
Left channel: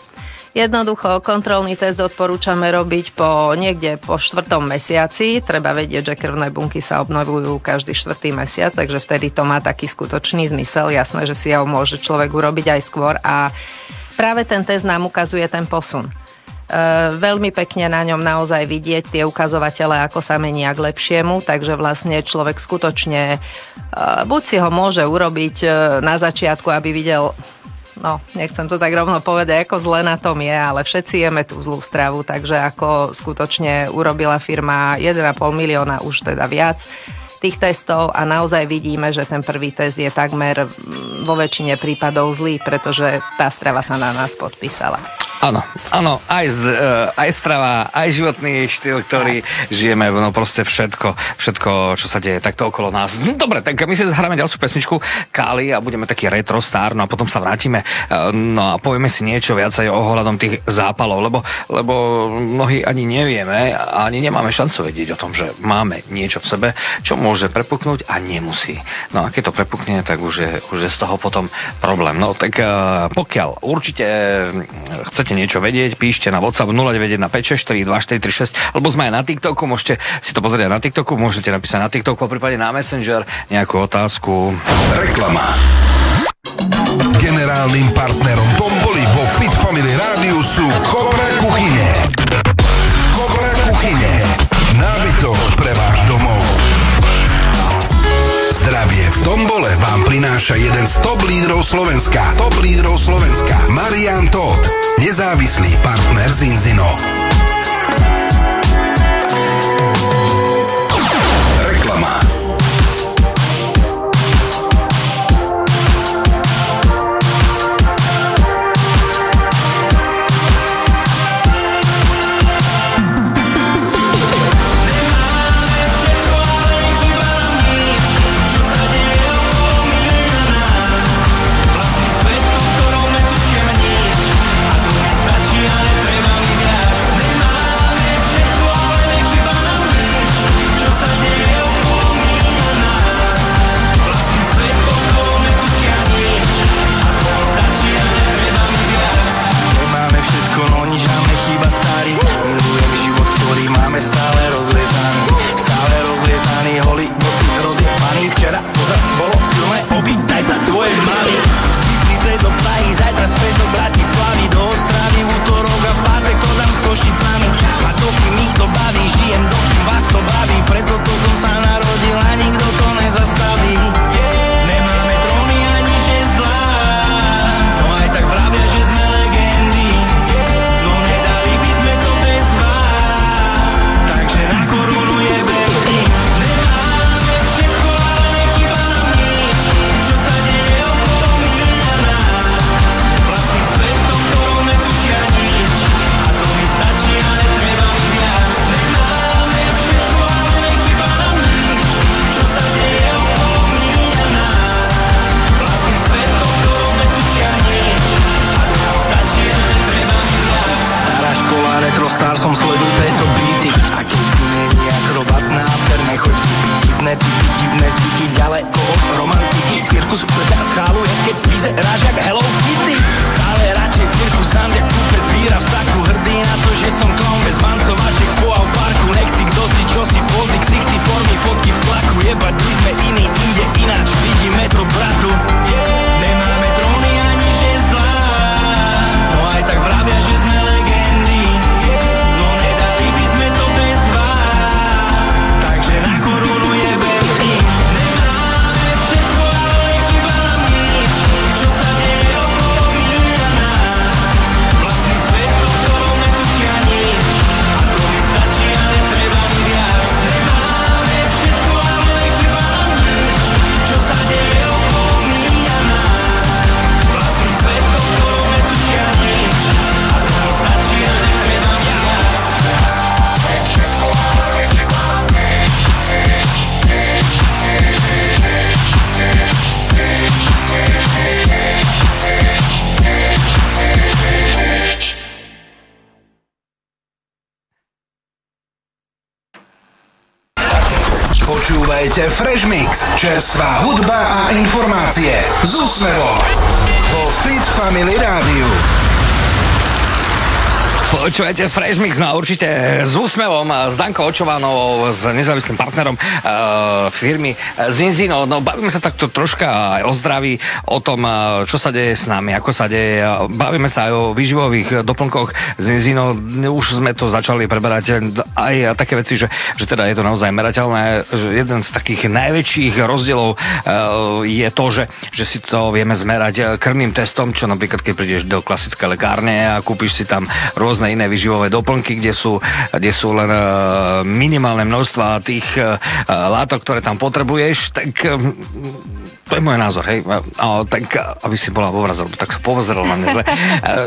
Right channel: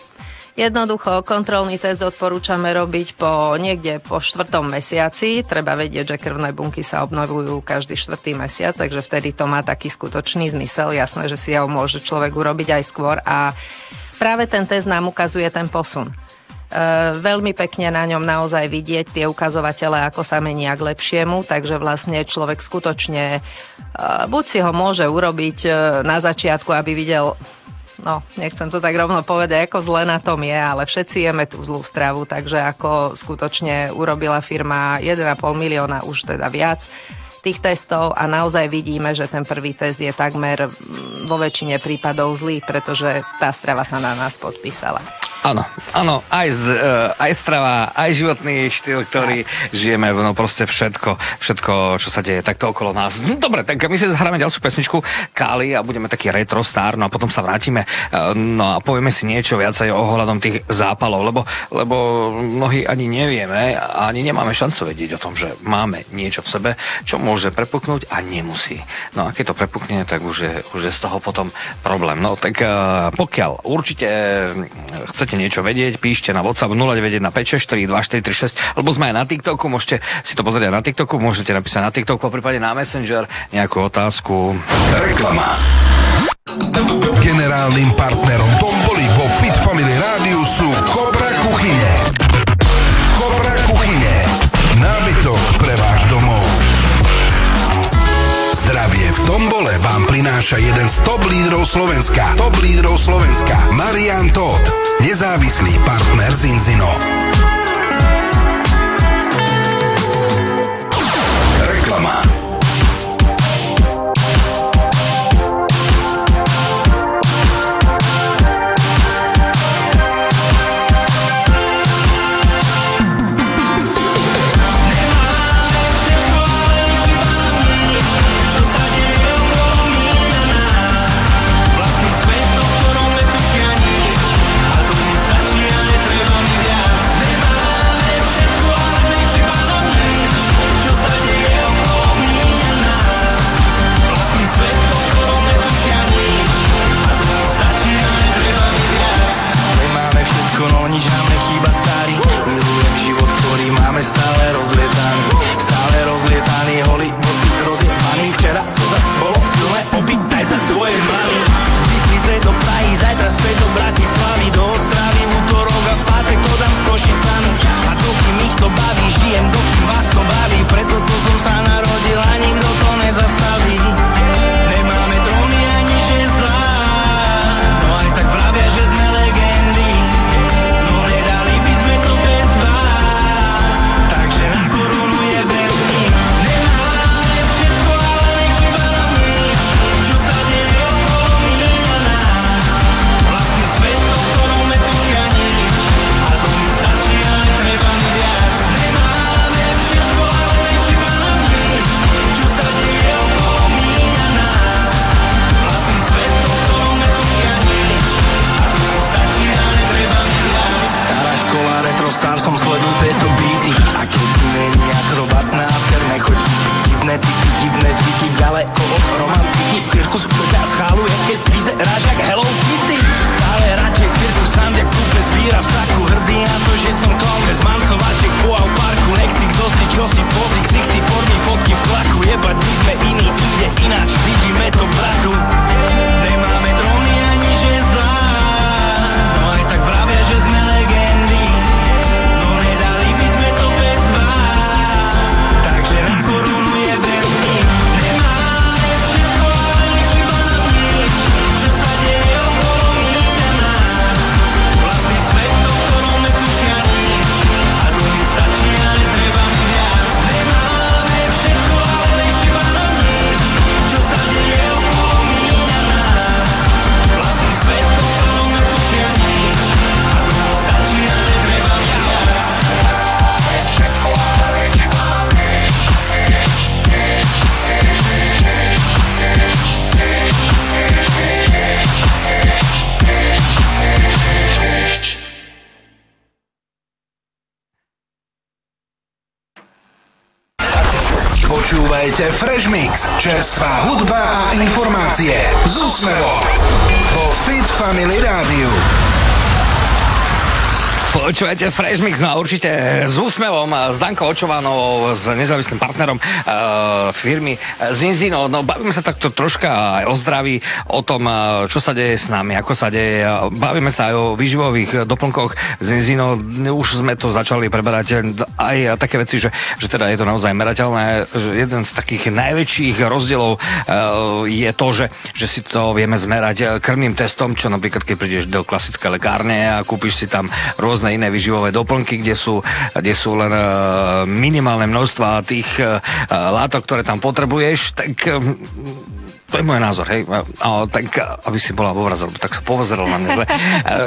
Jednoducho, kontrolný test odporúčame robiť niekde po 4. mesiaci. Treba vedieť, že krvné bunky sa obnovujú každý 4. mesiac, takže vtedy to má taký skutočný zmysel. Jasné, že si ho môže človek urobiť aj skôr a práve ten test nám ukazuje ten posun. Veľmi pekne na ňom naozaj vidieť tie ukazovatele, ako sa menia k lepšiemu, takže vlastne človek skutočne buď si ho môže urobiť na začiatku, aby videl, no, nechcem to tak rovno povedať, ako zle na tom je, ale všetci jeme tú zlú stravu, takže ako skutočne urobila firma 1,5 milióna, už teda viac tých testov a naozaj vidíme, že ten prvý test je takmer vo väčšine prípadov zlý, pretože tá strava sa na nás podpísala. Áno, aj strava, aj životný štýl, ktorý žijeme, no proste všetko, čo sa deje takto okolo nás. No, dobre, tak my si zahráme ďalšiu pesničku Kali a budeme taký retro star, no a potom sa vrátime, no a povieme si niečo viacej ohľadom tých zápalov, lebo mnohí ani nevieme a ani nemáme šancu vedieť o tom, že máme niečo v sebe, čo môže prepuknúť a nemusí. No a keď to prepukne, tak už je z toho potom problém. No tak pokiaľ určite chcete niečo vedieť, píšte na WhatsApp 0915642436, alebo sme aj na TikToku, môžete si to pozrieť na TikToku, môžete napísať na TikToku, poprípade na Messenger nejakú otázku. Reklama. Generálnym partnerom Tomboly vo Fit Family Rádiu sú Cobra Kuchyne. Cobra Kuchyne. Nábytok pre váš domov. Zdravie v Tombole vám prináša jeden z top lídrov Slovenska. Marian Todt, nezávislý partner Zinzino. Reklama. Stačí, ale treba mi viac. Čerstvá hudba a informácie z úsmevom vo Fit Family Rádiu. Počúvajte Fresh Mix, no určite s úsmevom, s Dankou Očovanou, s nezávislým partnerom firmy Zinzino. No bavíme sa takto troška aj o zdraví, o tom, čo sa deje s nami, ako sa deje. Bavíme sa aj o výživových doplnkoch Zinzino. Už sme to začali preberať aj také veci, že teda je to naozaj merateľné. Že jeden z takých najväčších rozdielov je to, že si to vieme zmerať krvným testom, čo napríklad keď prídeš do klasické lekárne a kúpiš si tam rôzne iné výživové doplnky, kde sú len minimálne množstva tých látok, ktoré tam potrebuješ, tak to je môj názor, hej. Tak, aby si bola porazil, tak sa pozeral na mňa zle.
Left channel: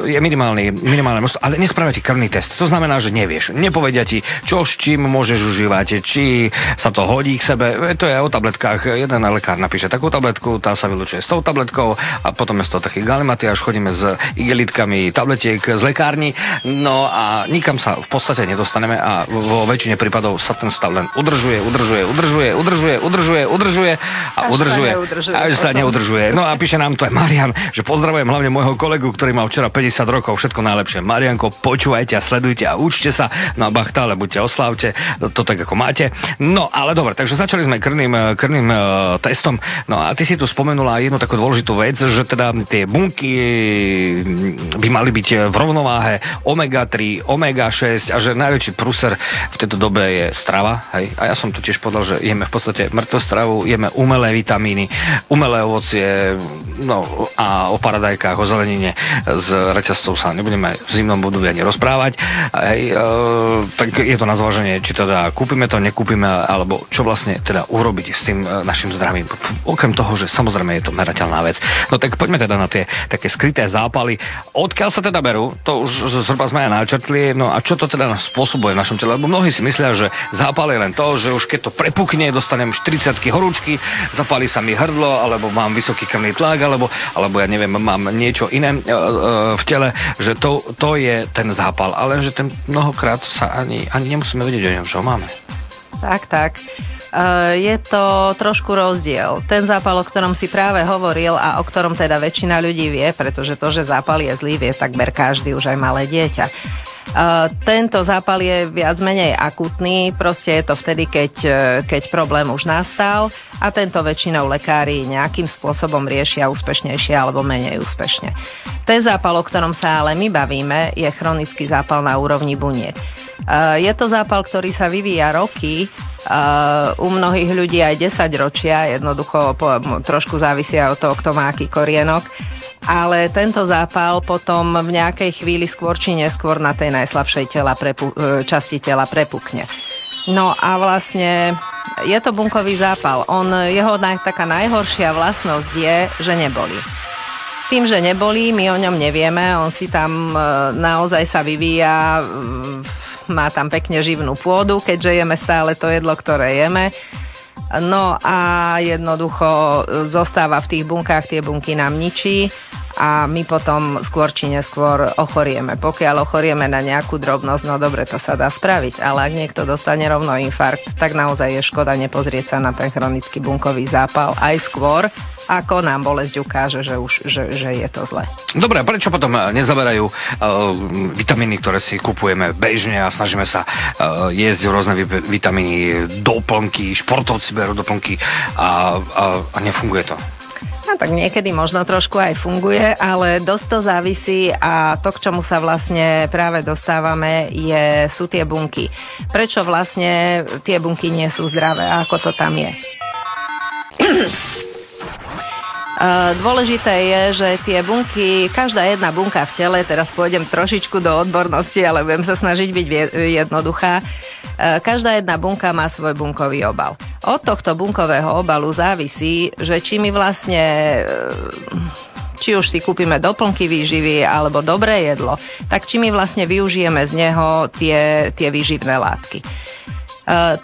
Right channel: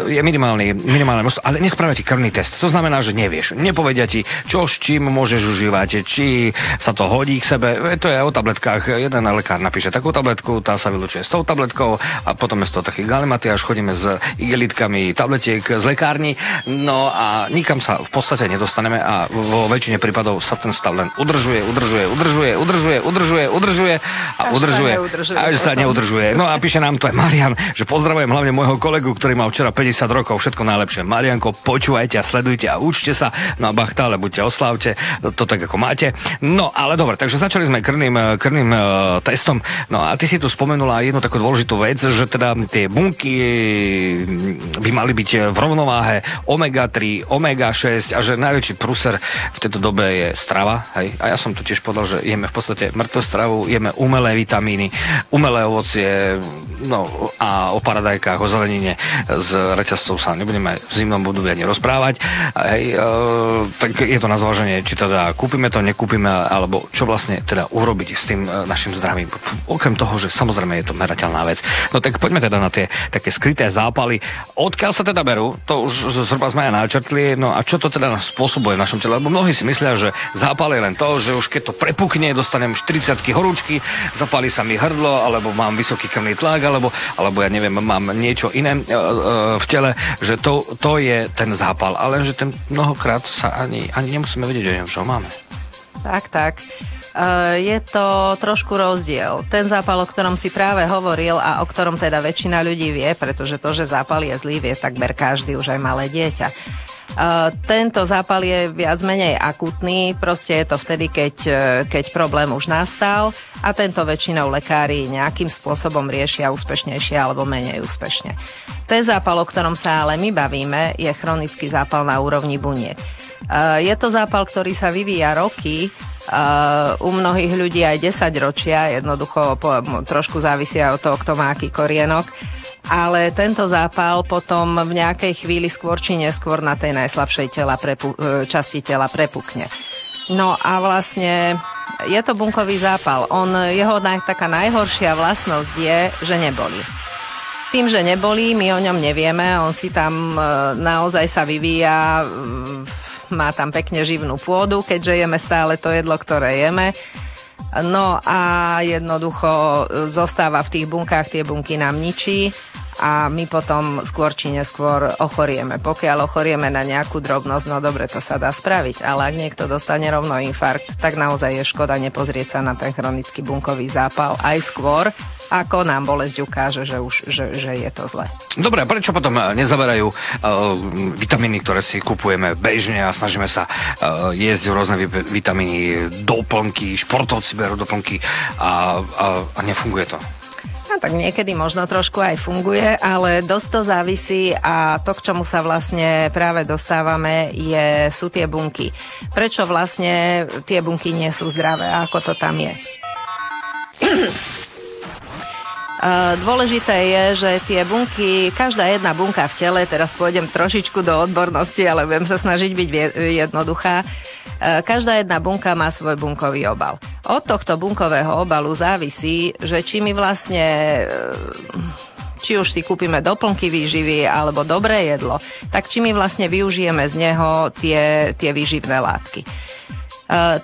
Je minimálne množstvo, ale nespravia ti krvný test. To znamená, že nevieš. Nepovedia ti, čo s čím môžeš užívať, či sa to hodí k sebe. To je o tabletkách. Jeden lekár napíše takú tabletku, tá sa vylučuje s tou tabletkou a potom je z toho taký galimatiáš, chodíme s igelitkami tabletiek z lekárny. No a nikam sa v podstate nedostaneme a vo väčšine prípadov sa ten stav len udržuje a udržuje. Až sa neudržuje. No a píše nám to aj Marian, že pozdravujem hlavne môjho kolegu, ktorý mal včera 50 rokov, všetko najlepšie. Marianko, počúvajte a sledujte a učte sa. No a bachtále, buďte, oslávte, to tak ako máte. No ale dobre, takže začali sme krvným testom. No a ty si tu spomenula jednu takú dôležitú vec, že teda tie bunky by mali byť v rovnováhe omega-3, omega-6 a že najväčší prúser v tejto dobe je strava. Hej? A ja som tu tiež povedal, že jeme v podstate mŕtvu stravu, jeme umelé vitamíny, umelé ovocie, no a o paradajkách, o zelenine s reťazcov sa nebudeme v zimnom období ani rozprávať. Tak je to na zváženie, či teda kúpime to, nekúpime, alebo čo vlastne teda urobiť s tým našim zdravím. Okrem toho, že samozrejme je to merateľná vec. No tak poďme teda na tie také skryté zápaly. Odkiaľ sa teda berú? To už zhruba sme aj načrtli. No a čo to teda spôsobuje v našom tele? Lebo mnohí si myslia, že zápal je len to, že už keď to prepukne, dostanem 40-ky horúčky, zapáli sa mi hrdlo, alebo mám vysoký krvný tlak, alebo ja neviem, mám niečo iné v tele, že to je ten zápal, ale že ten mnohokrát sa ani nemusíme vedieť, čo máme. Tak. Je to trošku rozdiel. Ten zápal, o ktorom si práve hovoril a o ktorom teda väčšina ľudí vie, pretože to, že zápal je zlý, vie takmer každý, už aj malé dieťa. Tento zápal je viac menej akutný, proste je to vtedy, keď problém už nastal a tento väčšinou lekári nejakým spôsobom riešia úspešnejšie alebo menej úspešne. Ten zápal, o ktorom sa ale my bavíme, je chronický zápal na úrovni buniek. Je to zápal, ktorý sa vyvíja roky, u mnohých ľudí aj 10 ročia, jednoducho trošku závisia od toho, kto má aký korienok. Ale tento zápal potom v nejakej chvíli skôr či neskôr na tej najslabšej časti tela prepukne. No a vlastne je to bunkový zápal. Jeho taká najhoršia vlastnosť je, že nebolí. Tým, že nebolí, my o ňom nevieme, on si tam naozaj sa vyvíja, má tam pekne živnú pôdu, keďže jeme stále to jedlo, ktoré jeme. No a jednoducho zostáva v tých bunkách, tie bunky nám ničí a my potom skôr či neskôr ochorieme. Pokiaľ ochorieme na nejakú drobnosť, no dobre, to sa dá spraviť, ale ak niekto dostane rovno infarkt, tak naozaj je škoda nepozrieť sa na ten chronický bunkový zápal aj skôr, ako nám bolesť ukáže, že je to zle. Dobre, prečo potom nezaberajú vitamíny, ktoré si kupujeme bežne a snažíme sa jesť rôzne vitamíny, doplnky, športovci berú doplnky a nefunguje to? No tak niekedy možno trošku aj funguje, ale dosť to závisí a to, k čomu sa vlastne práve dostávame, sú tie bunky. Prečo vlastne tie bunky nie sú zdravé a ako to tam je? Dôležité je, že tie bunky, každá jedna bunka v tele, teraz pôjdem trošičku do odbornosti, ale budem sa snažiť byť jednoduchá, každá jedna bunka má svoj bunkový obal. Od tohto bunkového obalu závisí, že či my vlastne, či už si kúpime doplnky výživy alebo dobré jedlo, tak či my vlastne využijeme z neho tie výživné látky.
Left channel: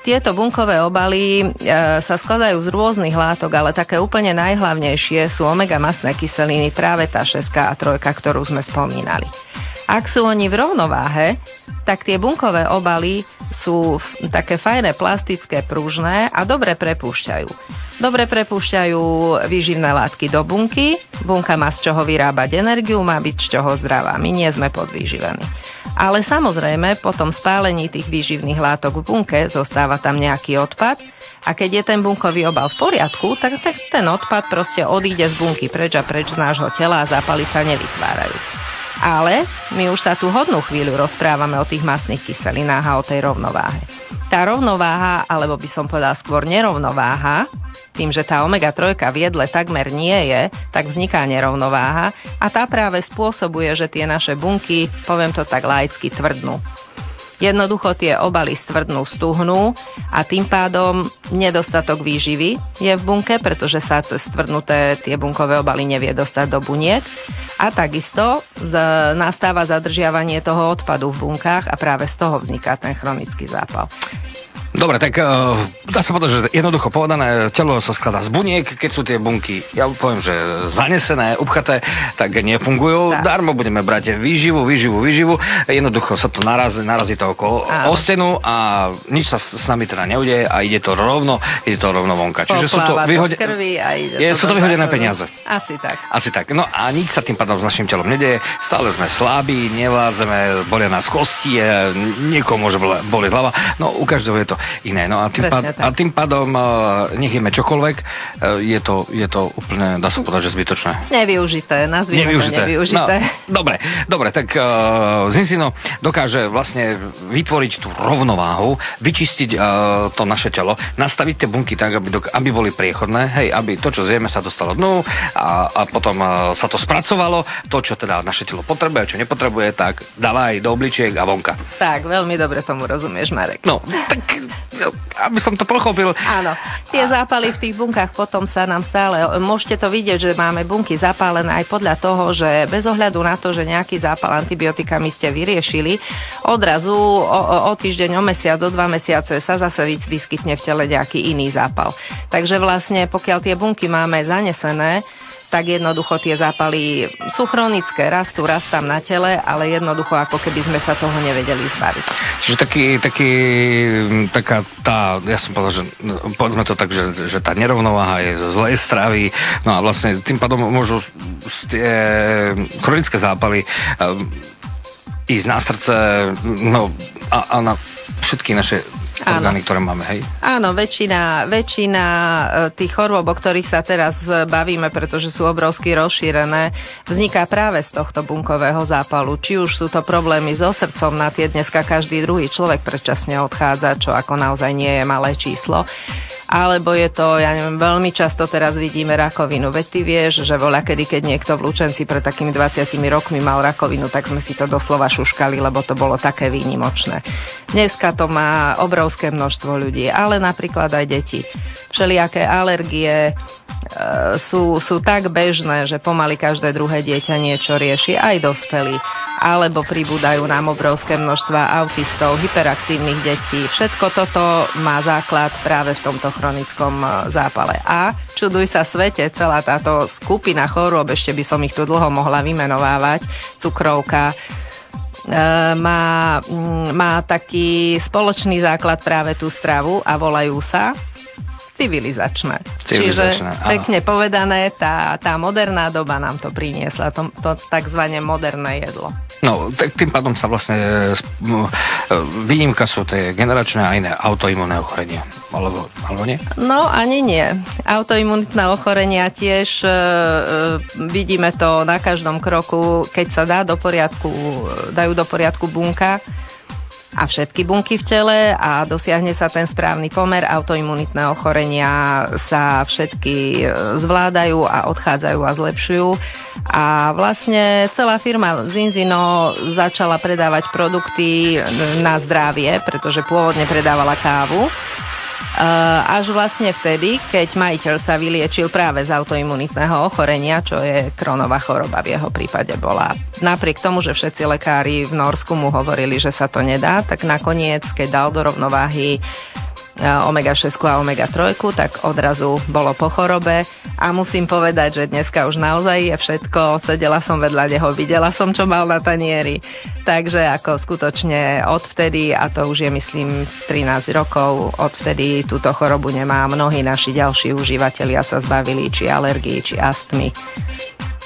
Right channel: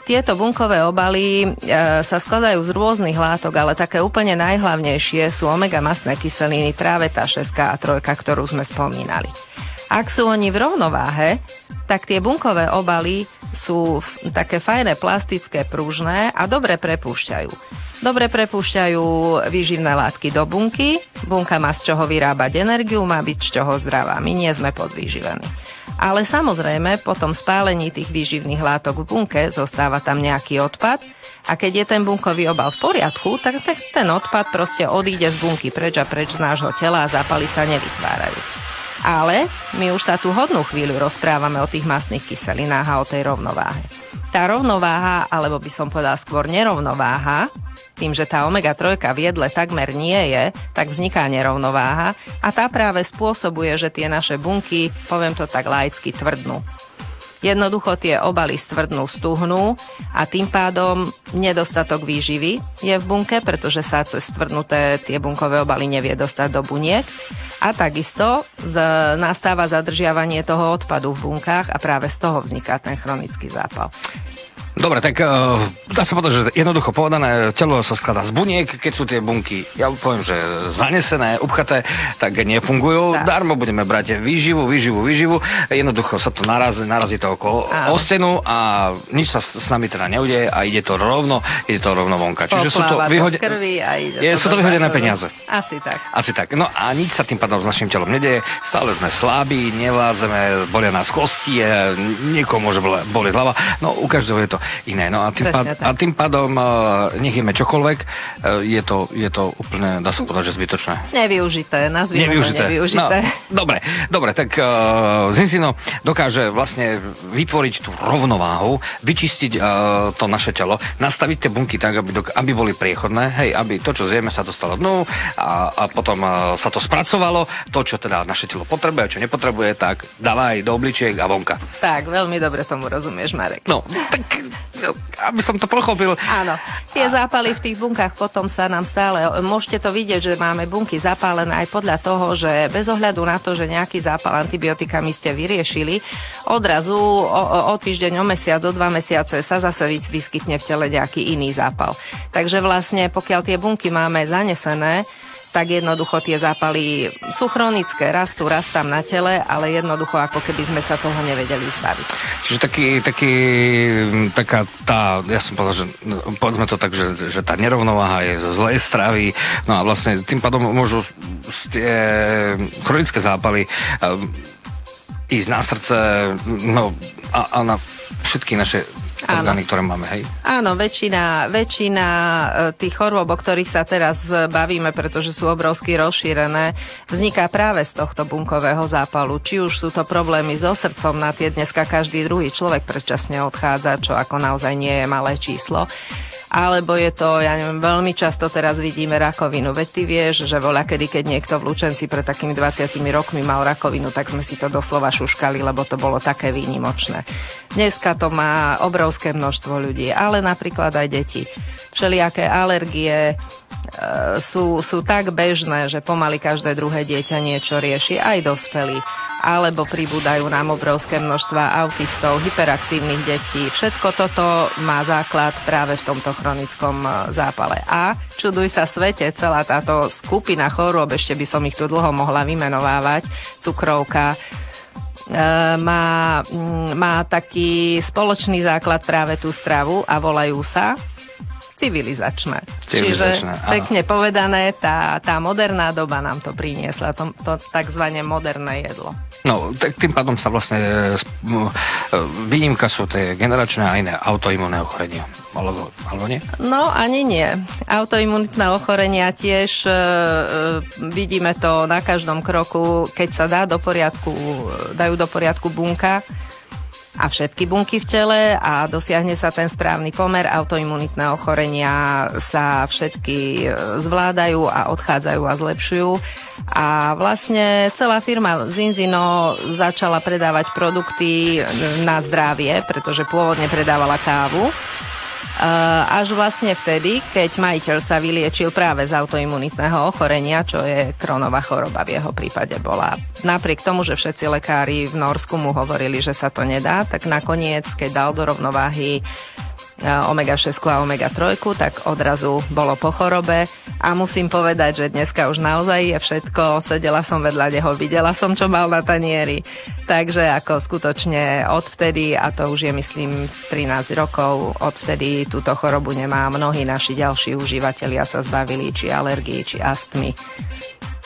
Tieto bunkové obaly sa skladajú z rôznych látok, ale také úplne najhlavnejšie sú omega-mastné kyseliny, práve tá 6 a 3, ktorú sme spomínali. Ak sú oni v rovnováhe, tak tie bunkové obaly sú také fajné, plastické, pružné a dobre prepúšťajú. Dobre prepúšťajú výživné látky do bunky, bunka má z čoho vyrábať energiu, má byť z čoho zdravá, my nie sme podvýživení. Ale samozrejme, po tom spálení tých výživných látok v bunke zostáva tam nejaký odpad a keď je ten bunkový obal v poriadku, tak ten odpad proste odíde z bunky preč a preč z nášho tela a zápaly sa nevytvárajú. Ale my už sa tu hodnú chvíľu rozprávame o tých mastných kyselinách a o tej rovnováhe. Tá rovnováha, alebo by som povedala skôr nerovnováha, tým, že tá omega-3 v jedle takmer nie je, tak vzniká nerovnováha a tá práve spôsobuje, že tie naše bunky, poviem to tak laicky, tvrdnú. Jednoducho tie obaly stvrdnú, stuhnú a tým pádom nedostatok výživy je v bunke, pretože sa cez stvrdnuté tie bunkové obaly nevie dostať do buniek. A takisto nastáva zadržiavanie toho odpadu v bunkách a práve z toho vzniká ten chronický zápal. Dobre, tak dá sa povedať, že jednoducho povedané, telo sa skladá z buniek, keď sú tie bunky, ja poviem, že zanesené, upchaté, tak nefungujú, darmo budeme brať výživu, jednoducho sa to narazí to okolo o stenu a nič sa s nami teda neudeje a ide to rovno vonka. Čiže sú to vyhodené peniaze. Asi tak. No a nič sa tým pádom s našim telom nedeje, stále sme slabí, nevládzeme, bolia nás kosti, niekomu môže boleť hlava, no u každého je to iné. No a tým pádom nech jeme čokoľvek, je to úplne, dá sa povedať, že zbytočné. Nevyužité. No, dobre, tak Zinzino dokáže vlastne vytvoriť tú rovnováhu, vyčistiť to naše telo, nastaviť tie bunky tak, aby boli priechodné, hej, aby to, čo zjeme, sa dostalo dnu a potom sa to spracovalo, to, čo teda naše telo potrebuje, čo nepotrebuje, tak dávaj do obličiek a vonka. Tak, veľmi dobre tomu rozumieš, Marek. No, tak aby som to pochopil. Áno, tie zápaly v tých bunkách potom sa nám stále, môžete to vidieť, že máme bunky zapálené aj podľa toho, že bez ohľadu na to, že nejaký zápal antibiotikami ste vyriešili, odrazu o týždeň, o mesiac, o 2 mesiace sa zase vyskytne v tele nejaký iný zápal. Takže vlastne pokiaľ tie bunky máme zanesené, tak jednoducho tie zápaly sú chronické, rastám na tele, ale jednoducho ako keby sme sa toho nevedeli zbaviť. Čiže taká tá, ja som povedal, že povedzme to tak, že tá nerovnováha je zo zlej stravy, no a vlastne tým pádom môžu tie chronické zápaly ísť na srdce, no a na všetky naše orgány, ktoré máme, hej? Áno, väčšina tých chorôb, o ktorých sa teraz bavíme, pretože sú obrovsky rozšírené, vzniká práve z tohto bunkového zápalu. Či už sú to problémy so srdcom, na tie dneska každý druhý človek predčasne odchádza, čo ako naozaj nie je malé číslo. Alebo je to, ja neviem, veľmi často teraz vidíme rakovinu. Veď ty vieš, že voľakedy, keď niekto v Lučenci pred takými 20 rokmi mal rakovinu, tak sme si to doslova šuškali, lebo to bolo také výnimočné. Dneska to má obrovské množstvo ľudí, ale napríklad aj deti. Všelijaké alergie sú tak bežné, že pomaly každé druhé dieťa niečo rieši, aj dospelí. Alebo pribúdajú nám obrovské množstva autistov, hyperaktívnych detí. Všetko toto má základ práve v tomto chronickom zápale. A čuduj sa svete, celá táto skupina chorôb, ešte by som ich tu dlho mohla vymenovávať, cukrovka, má taký spoločný základ práve tú stravu a volajú sa civilizačné. Čiže pekne povedané, tá moderná doba nám to priniesla, to takzvané moderné jedlo. No, tak tým pádom sa vlastne výnimka sú tie generačné a iné autoimunné ochorenia. Alebo nie? No, ani nie. Autoimunitné ochorenia tiež vidíme to na každom kroku, keď sa dajú do poriadku bunka a všetky bunky v tele a dosiahne sa ten správny pomer, autoimunitné ochorenia sa všetky zvládajú a odchádzajú a zlepšujú. A vlastne celá firma Zinzino začala predávať produkty na zdravie, pretože pôvodne predávala kávu. Až vlastne vtedy, keď majiteľ sa vyliečil práve z autoimunitného ochorenia, čo je Crohnova choroba v jeho prípade bola. Napriek tomu, že všetci lekári v Norsku mu hovorili, že sa to nedá, tak nakoniec, keď dal do rovnováhy omega-6 a omega-3, tak odrazu bolo po chorobe a musím povedať, že dneska už naozaj je všetko, sedela som vedľa neho, videla som, čo mal na tanieri, takže ako skutočne odvtedy, a to už je myslím 13 rokov, odvtedy túto chorobu nemá. Mnohí naši ďalší užívateľia sa zbavili či alergii, či astmy.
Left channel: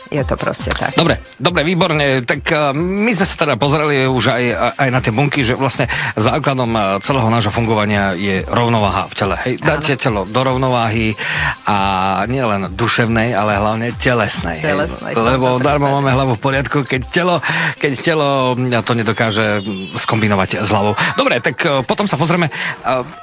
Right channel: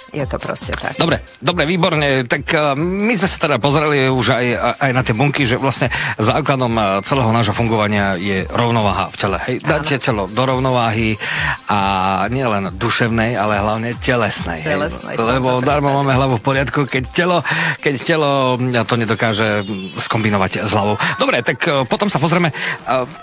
Je to proste tak. Dobre, výborne. Tak my sme sa teda pozreli už aj na tie bunky, že vlastne základom celého nášho fungovania je rovnováha v tele. Hej, dáte telo do rovnováhy a nielen duševnej, ale hlavne telesnej. Lebo darmo máme hlavu v poriadku, keď telo to nedokáže skombinovať s hlavou. Dobre, tak potom sa pozrieme,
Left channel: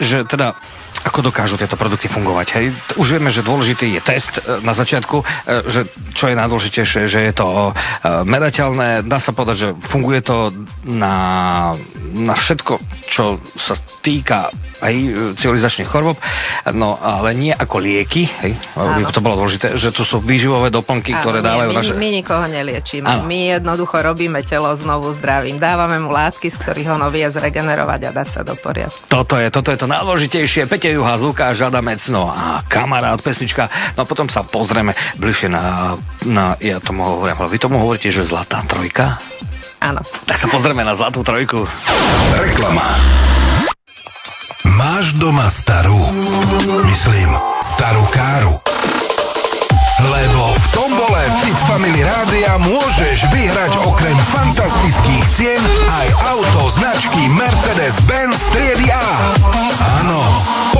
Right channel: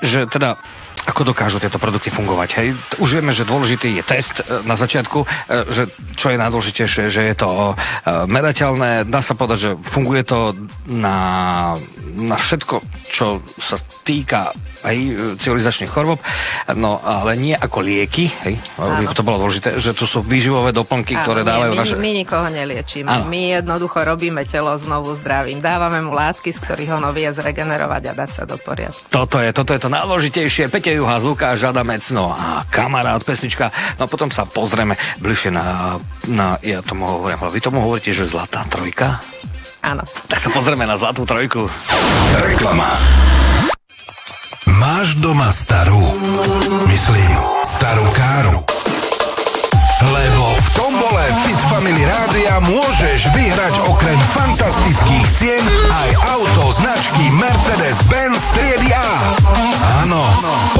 že teda ako dokážu tieto produkty fungovať. Hej? Už vieme, že dôležitý je test na začiatku, že čo je najdôležitejšie, že je to merateľné. Dá sa povedať, že funguje to na všetko, čo sa týka civilizačných chorôb, no ale nie ako lieky, hej, to bolo dôležité, že tu sú výživové doplnky, ktoré dávajú naše... My nikoho neliečíme, my jednoducho robíme telo znovu zdravým, dávame mu látky, z ktorých ho vie zregenerovať a dať sa do poriadku. Toto je to najdôležitejšie. Peťo Juhás, Lukáš Adamec, no a kamarát, pesnička, no a potom sa pozrieme bližšie na ja tomu hovorím, ale vy tomu hovoríte, že Zlatá trojka? Áno. Tak sa pozrieme na Zlatú trojku. Reklama. Máš doma starú, myslím, starú káru. Lebo v tombole Fit Family Rádia môžeš vyhrať okrem fantastických cien aj auto značky Mercedes-Benz triedy A. Áno,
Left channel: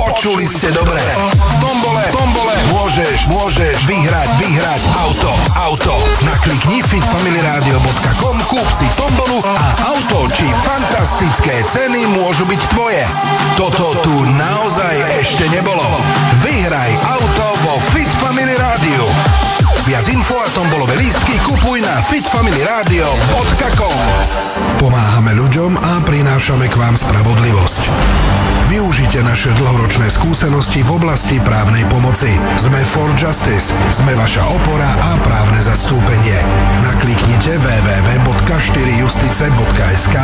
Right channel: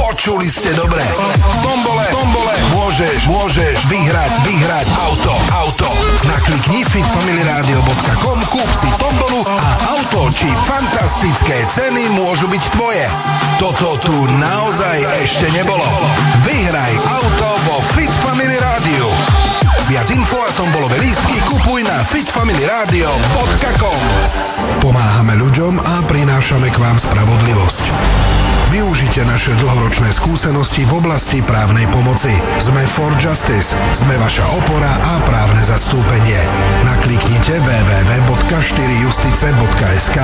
počuli ste dobre. V tombole môžeš vyhrať auto. Naklikni fitfamilyradio.com, kúp si tombolu a auto či fantastické ceny môžu byť tvoje. Toto tu naozaj ešte nebolo. Vyhraj auto vo Fit Family Rádiu. Viac info a tombolové lístky kupuj na fitfamilyradio.com. Pomáhame ľuďom a prinášame k vám spravodlivosť. Využite naše dlhoročné skúsenosti v oblasti právnej pomoci. Sme for justice, sme vaša opora a právne zastúpenie. Nakliknite www.4justice.sk,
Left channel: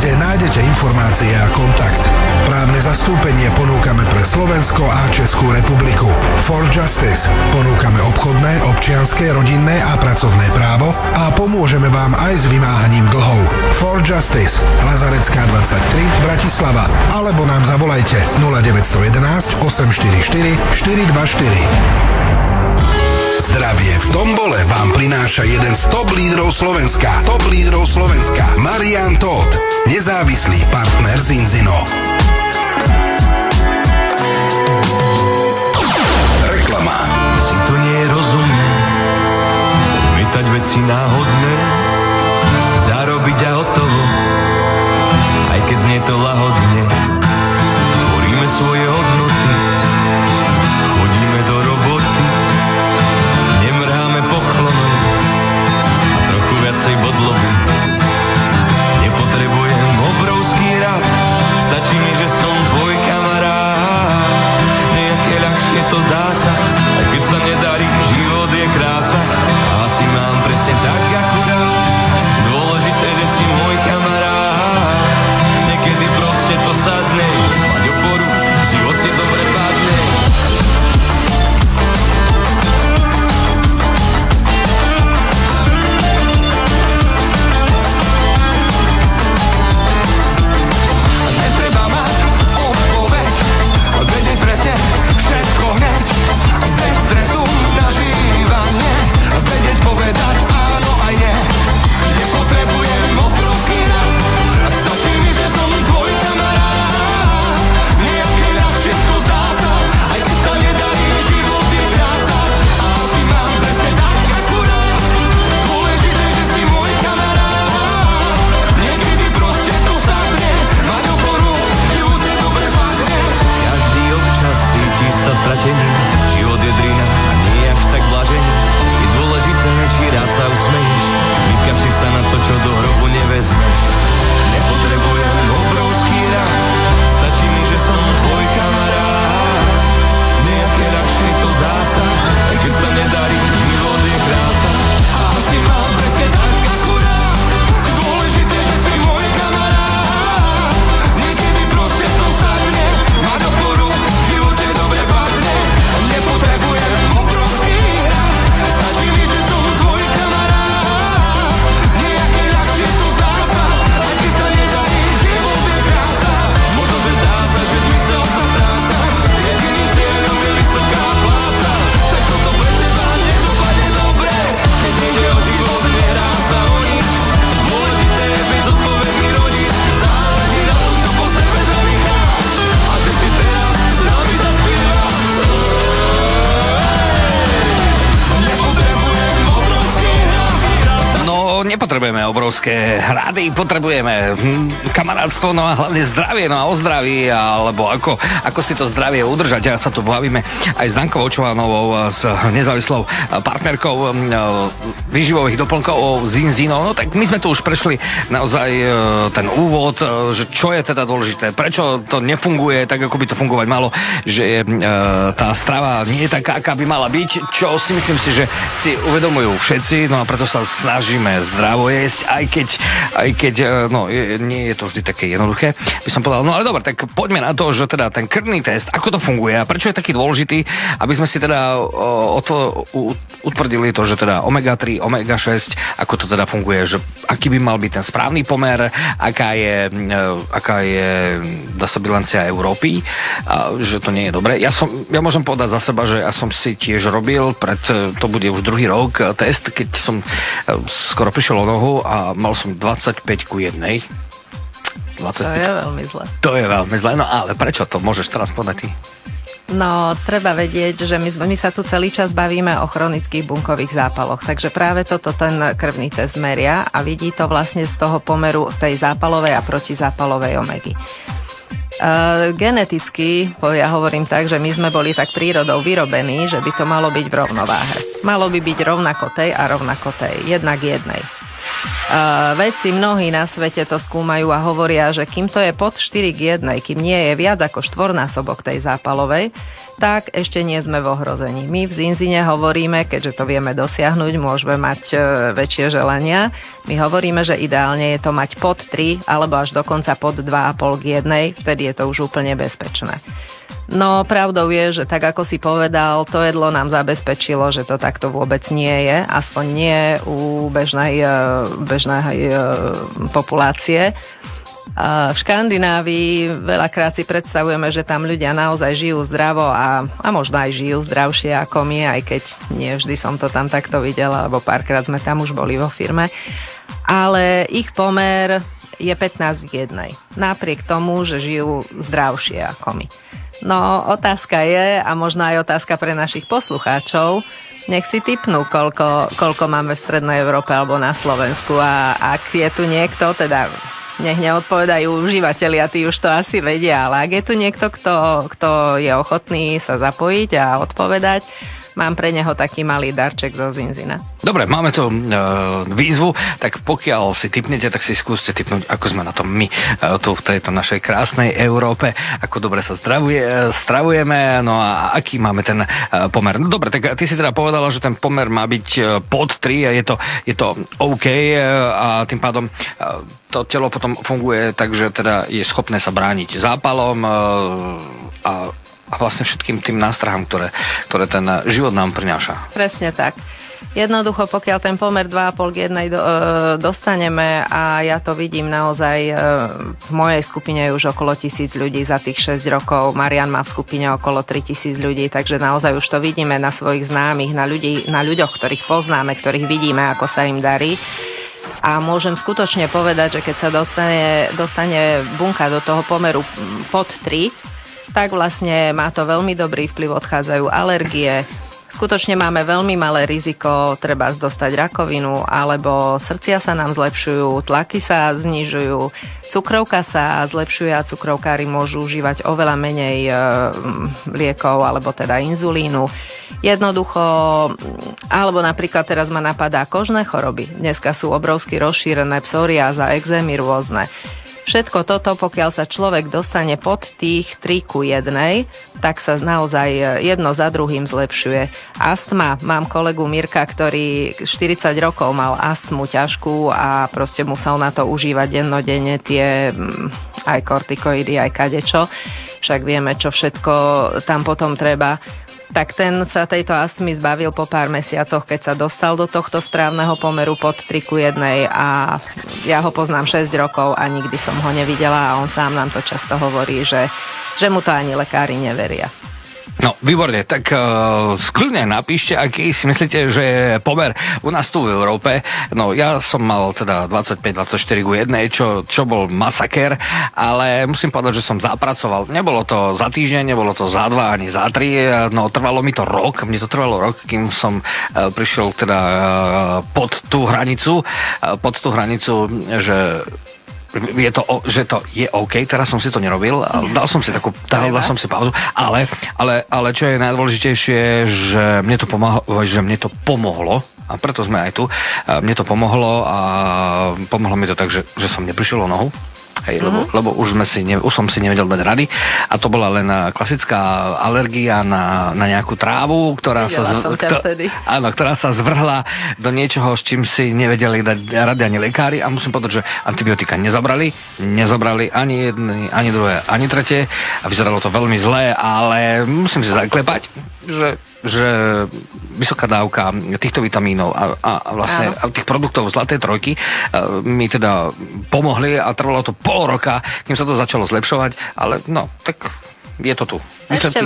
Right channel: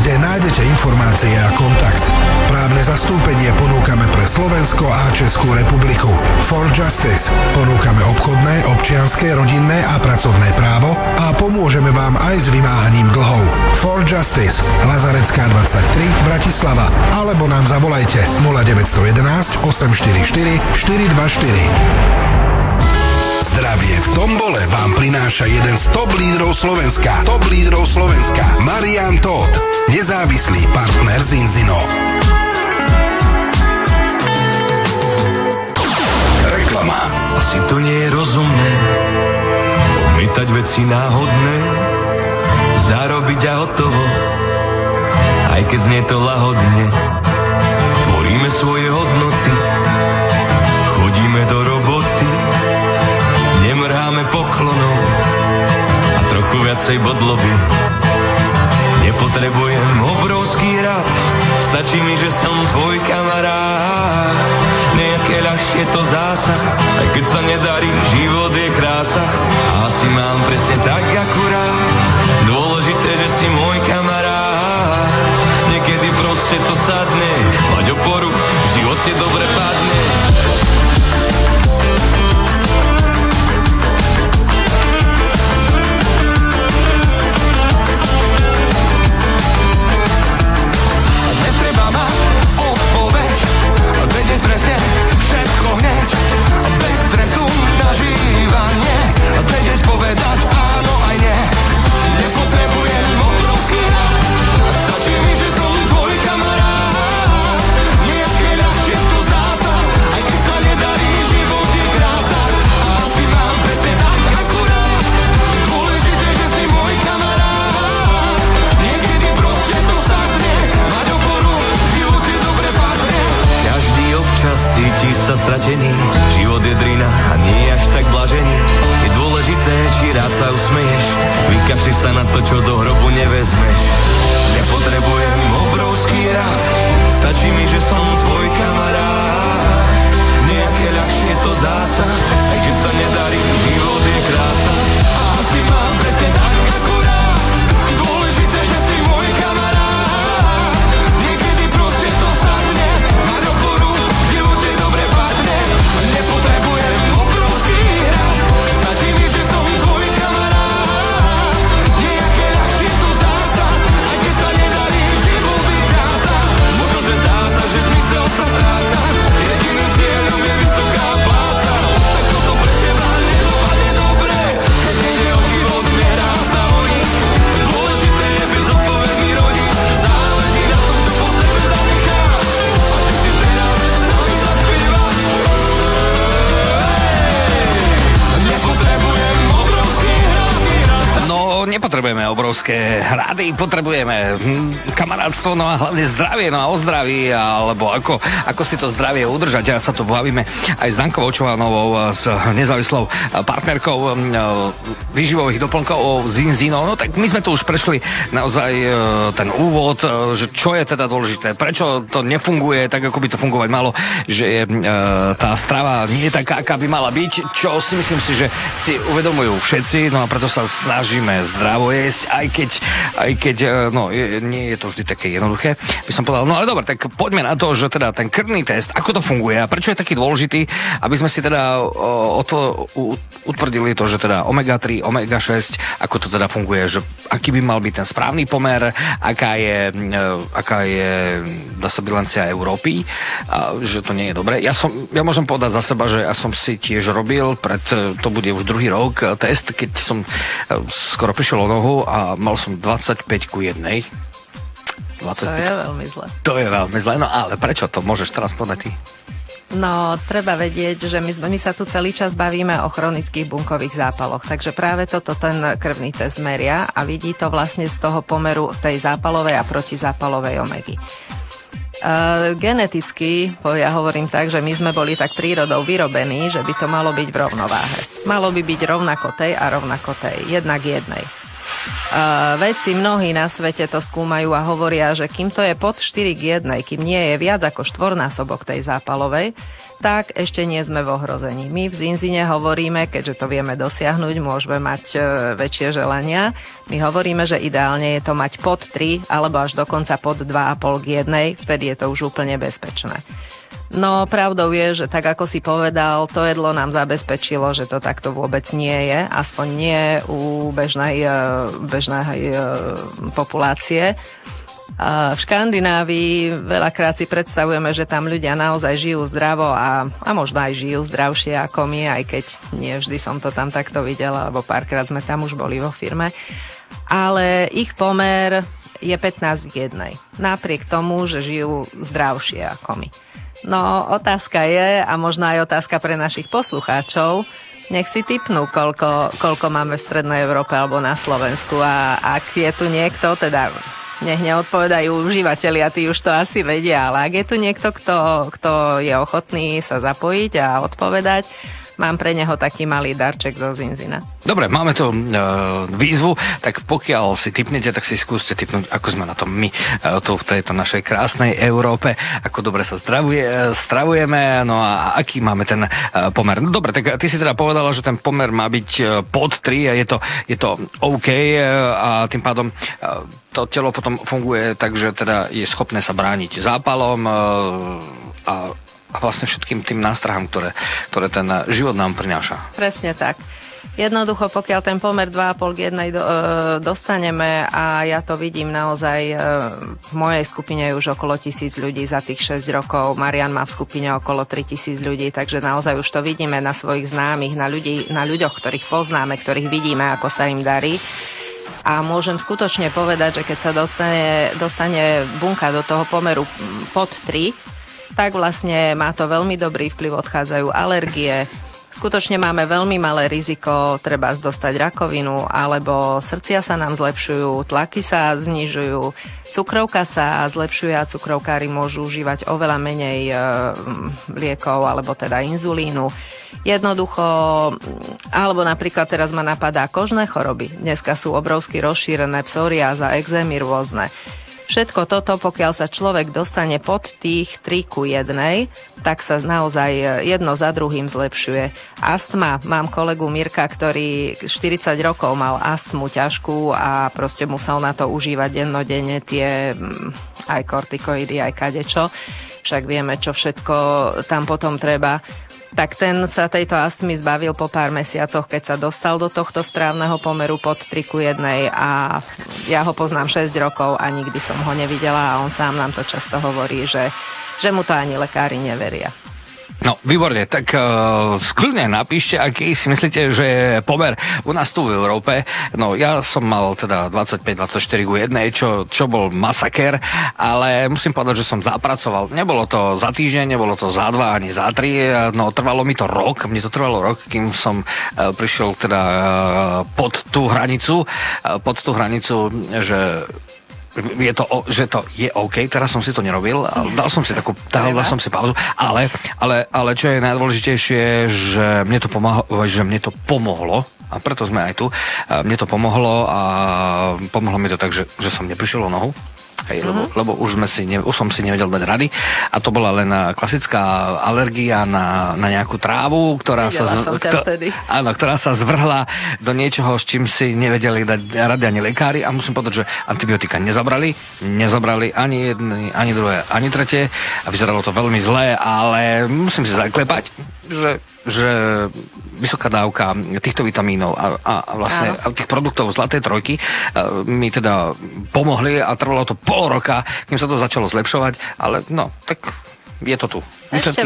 kde nájdete informácie a kontakt. Právne zastúpenie ponúkame pre Slovensko a Českú republiku. For justice ponúkame obchodné, občianske, rodinné a pracovné právo a pomôžeme vám aj s vymáhaním dlhov. For justice, Lazarecká 23, Bratislava, alebo nám zavolajte 0911 844 424. Zdravie v tombole vám prináša jeden z top lídrov Slovenska. Marian Todt, nezávislý partner Zinzino. Reklama. Asi to nie je rozumné odmietať veci náhodné, zarobiť a hotovo, aj keď znie to lahodne. Tvoríme svoje hodnoty, chodíme do roboty, nemrháme poklonom a trochu viacej podlohy. Nepotrebujem obrovský rad, stačí mi, že potrebujeme obrovské hrady, potrebujeme kamarátstvo, no a hlavne zdravie, no a o zdraví, alebo ako si to zdravie udržať. Ja sa tu bavíme aj s Dankou Očovanovou, s nezávislou partnerkou výživových doplnkov Zinzino. No tak my sme tu už prešli naozaj ten úvod, že čo je teda dôležité, prečo to nefunguje tak, ako by to fungovať malo, že tá strava nie je taká, aká by mala byť, čo si myslím si, že si uvedomujú všetci, no a preto sa snažíme zdravo jesť, aj keď no, nie je to vždy také jednoduché, by som povedal. No ale dobre, tak poďme na to, že teda ten krvný test, ako to funguje a prečo je taký dôležitý, aby sme si teda utvrdili to, že teda omega-3, omega-6, ako to teda funguje, že aký by mal byť ten správny pomer, aká je dá sa bilancia Európy, že to nie je dobré. Ja môžem povedať za seba, že ja som si tiež robil to bude už druhý rok test, keď som skoro prišiel o nohu a mal som 25:1. 25. To je veľmi zle. To je veľmi zle, no ale prečo to môžeš teraz povedať ty? No, treba vedieť, že my sa tu celý čas bavíme o chronických bunkových zápaloch, takže práve toto ten krvný test meria a vidí to vlastne z toho pomeru tej zápalovej a protizápalovej omegy. Geneticky, ja hovorím tak, že my sme boli tak prírodou vyrobení, že by to malo byť v rovnováhe. Malo by byť rovnako tej a rovnako tej, jednak jednej. Vedci mnohí na svete to skúmajú a hovoria, že kým to je pod 4:1, kým nie je viac ako štvornásobok tej zápalovej, tak ešte nie sme v ohrození. My v Zinzine hovoríme, keďže to vieme dosiahnuť, môžeme mať väčšie želania. My hovoríme, že ideálne je to mať pod 3 alebo až dokonca pod 2,5:1, vtedy je to už úplne bezpečné. No, pravdou je, že tak ako si povedal, to jedlo nám zabezpečilo, že to takto vôbec nie je, aspoň nie u bežnej populácie. V Škandinávii veľakrát si predstavujeme, že tam ľudia naozaj žijú zdravo a možno aj žijú zdravšie ako my, aj keď nie vždy som to tam takto videla, lebo párkrát sme tam už boli vo firme. Ale ich pomer je 15:1. Napriek tomu, že žijú zdravšie ako my. No, otázka je, a možno aj otázka pre našich poslucháčov, nech si tipnú, koľko máme v Strednej Európe alebo na Slovensku a ak je tu niekto, teda nech neodpovedajú užívateľia, tí už to asi vedia, ale ak je tu niekto, kto je ochotný sa zapojiť a odpovedať, mám pre neho taký malý darček zo Zinzina. Dobre, máme tu výzvu, tak pokiaľ si tipnete, tak si skúste tipnúť, ako sme na tom my tu v tejto našej krásnej Európe, ako dobre sa stravujeme, no a aký máme ten pomer. No dobre, tak ty si teda povedala, že ten pomer má byť pod 3 a je to OK a tým pádom to telo potom funguje tak, že teda je schopné sa brániť zápalom a vlastne všetkým tým nástrahom, ktoré ten život nám prináša. Presne tak. Jednoducho, pokiaľ ten pomer 2,5:1 dostaneme a ja to vidím naozaj, v mojej skupine je už okolo 1000 ľudí za tých 6 rokov, Marian má v skupine okolo 3000 ľudí, takže naozaj už to vidíme na svojich známych, na ľuďoch, ktorých poznáme, ktorých vidíme, ako sa im darí. A môžem skutočne povedať, že keď sa dostane bunka do toho pomeru pod 3, tak vlastne má to veľmi dobrý vplyv, odchádzajú alergie. Skutočne máme veľmi malé riziko, treba dostať rakovinu, alebo srdcia sa nám zlepšujú, tlaky sa znižujú, cukrovka sa zlepšuje a cukrovkári môžu užívať oveľa menej liekov, alebo teda inzulínu. Jednoducho, alebo napríklad teraz ma napadá kožné choroby. Dneska sú obrovsky rozšírené psoriáza, ekzémy rôzne. Všetko toto, pokiaľ sa človek dostane pod tých 3:1, tak sa naozaj jedno za druhým zlepšuje. Astma. Mám kolegu Mirka, ktorý 40 rokov mal astmu ťažkú a proste musel na to užívať dennodenne tie aj kortikoidy, aj kadečo. Však vieme, čo všetko tam potom treba. Tak ten sa tejto astmy zbavil po pár mesiacoch, keď sa dostal do tohto správneho pomeru pod 3:1 a ja ho poznám 6 rokov a nikdy som ho nevidela a on sám nám to často hovorí, že mu to ani lekári neveria. No, výborne, tak skľudne napíšte, aký si myslíte, že je pomer u nás tu v Európe. No, ja som mal teda 25-24 ku 1, čo bol masaker, ale musím povedať, že som zapracoval. Nebolo to za týždeň, nebolo to za 2 ani za 3, no trvalo mi to rok, mne to trvalo rok, kým som prišiel teda pod tú hranicu, že to je OK, teraz som si to nerobil, dal som si pauzu, ale čo je najdôležitejšie, že mne to pomohlo, a preto sme aj tu, mne to pomohlo a pomohlo mi to tak, že som neprišiel o nohu. Hej, lebo už som si nevedel dať rady a to bola len klasická alergia na nejakú trávu, ktorá sa zvrhla do niečoho, s čím si nevedeli dať rady ani lekári a musím povedať, že antibiotika nezabrali ani jedné, ani druhé, ani tretie a vyzeralo to veľmi zle, ale musím si zaklepať, že vysoká dávka týchto vitamínov a vlastne tých produktov Zlatej trojky mi teda pomohli a trvalo to pol roka, kým sa to začalo zlepšovať, ale no, tak je to tu. Ešte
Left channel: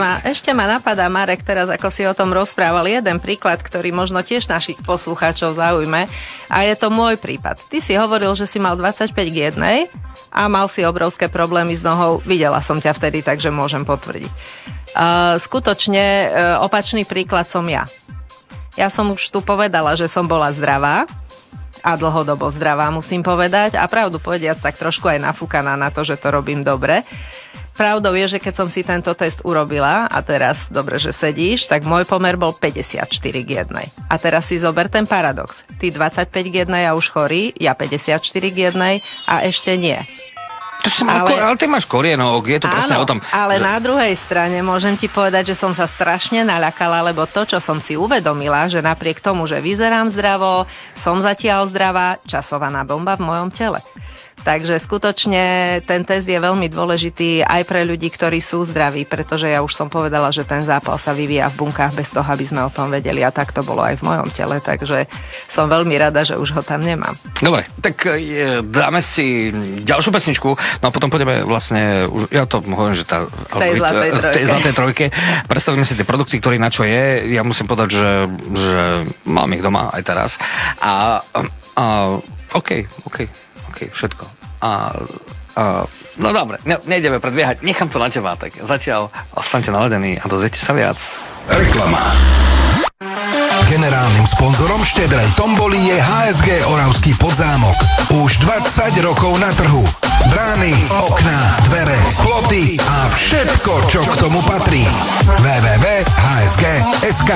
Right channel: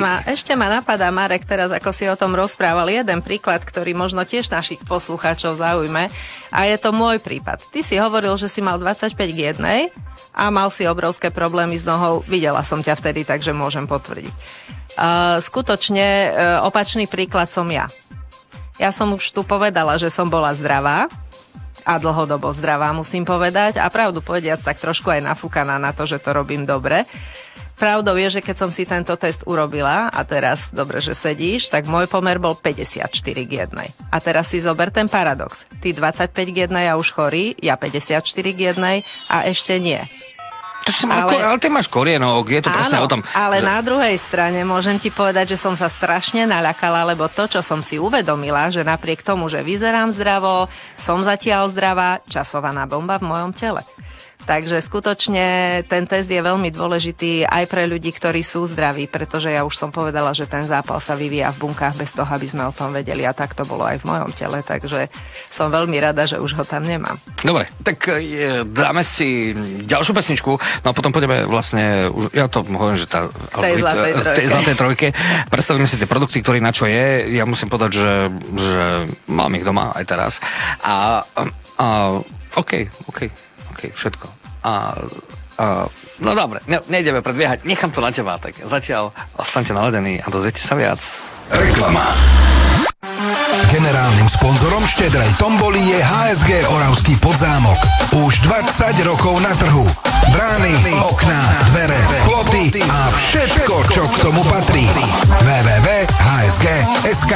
ma napadá, Marek, teraz ako si o tom rozprával, jeden príklad, ktorý možno tiež našich poslucháčov zaujme a je to môj prípad. Ty si hovoril, že si mal 25 k 1 a mal si obrovské problémy s nohou. Videla som ťa vtedy, takže môžem potvrdiť. Skutočne opačný príklad som ja. Ja som už tu povedala, že som bola zdravá a dlhodobo zdravá, musím povedať. A pravdu povediac, tak trošku aj nafúkaná na to, že to robím dobre. Pravdou je, že keď som si tento test urobila, a teraz dobre, že sedíš, tak môj pomer bol 54 k 1. A teraz si zober ten paradox. Ty 25 k 1 a už chorý, ja 54 k 1 a ešte nie. Ale ty máš korienok, je to presne o tom. Ale na druhej strane môžem ti povedať, že som sa strašne naľakala, lebo to, čo som si uvedomila, že napriek tomu, že vyzerám zdravo, som zatiaľ zdravá, časovaná bomba v mojom tele. Takže skutočne ten test je veľmi dôležitý aj pre ľudí, ktorí sú zdraví, pretože ja už som povedala, že ten zápal sa vyvíja v bunkách bez toho, aby sme o tom vedeli a tak to bolo aj v mojom tele, takže som veľmi rada, že už ho tam nemám. Dobre, tak dáme si ďalšiu pesničku, no a potom pôjdeme vlastne, už ja to hovorím, že tej Zlatej trojke, predstavím si tie produkty, ktorý na čo je, ja musím povedať, že mám ich doma aj teraz OK, všetko. No dobre, nejdeme predbiehať, nechám to na teba, tak zatiaľ ostaňte naladení a dozviete sa viac. Reklama. Generálnym sponzorom štedrej tomboly je HSG Oravský Podzámok. Už 20 rokov na trhu. Brány, okná, dvere, ploty a všetko, čo k tomu patrí. www.hsg.sk.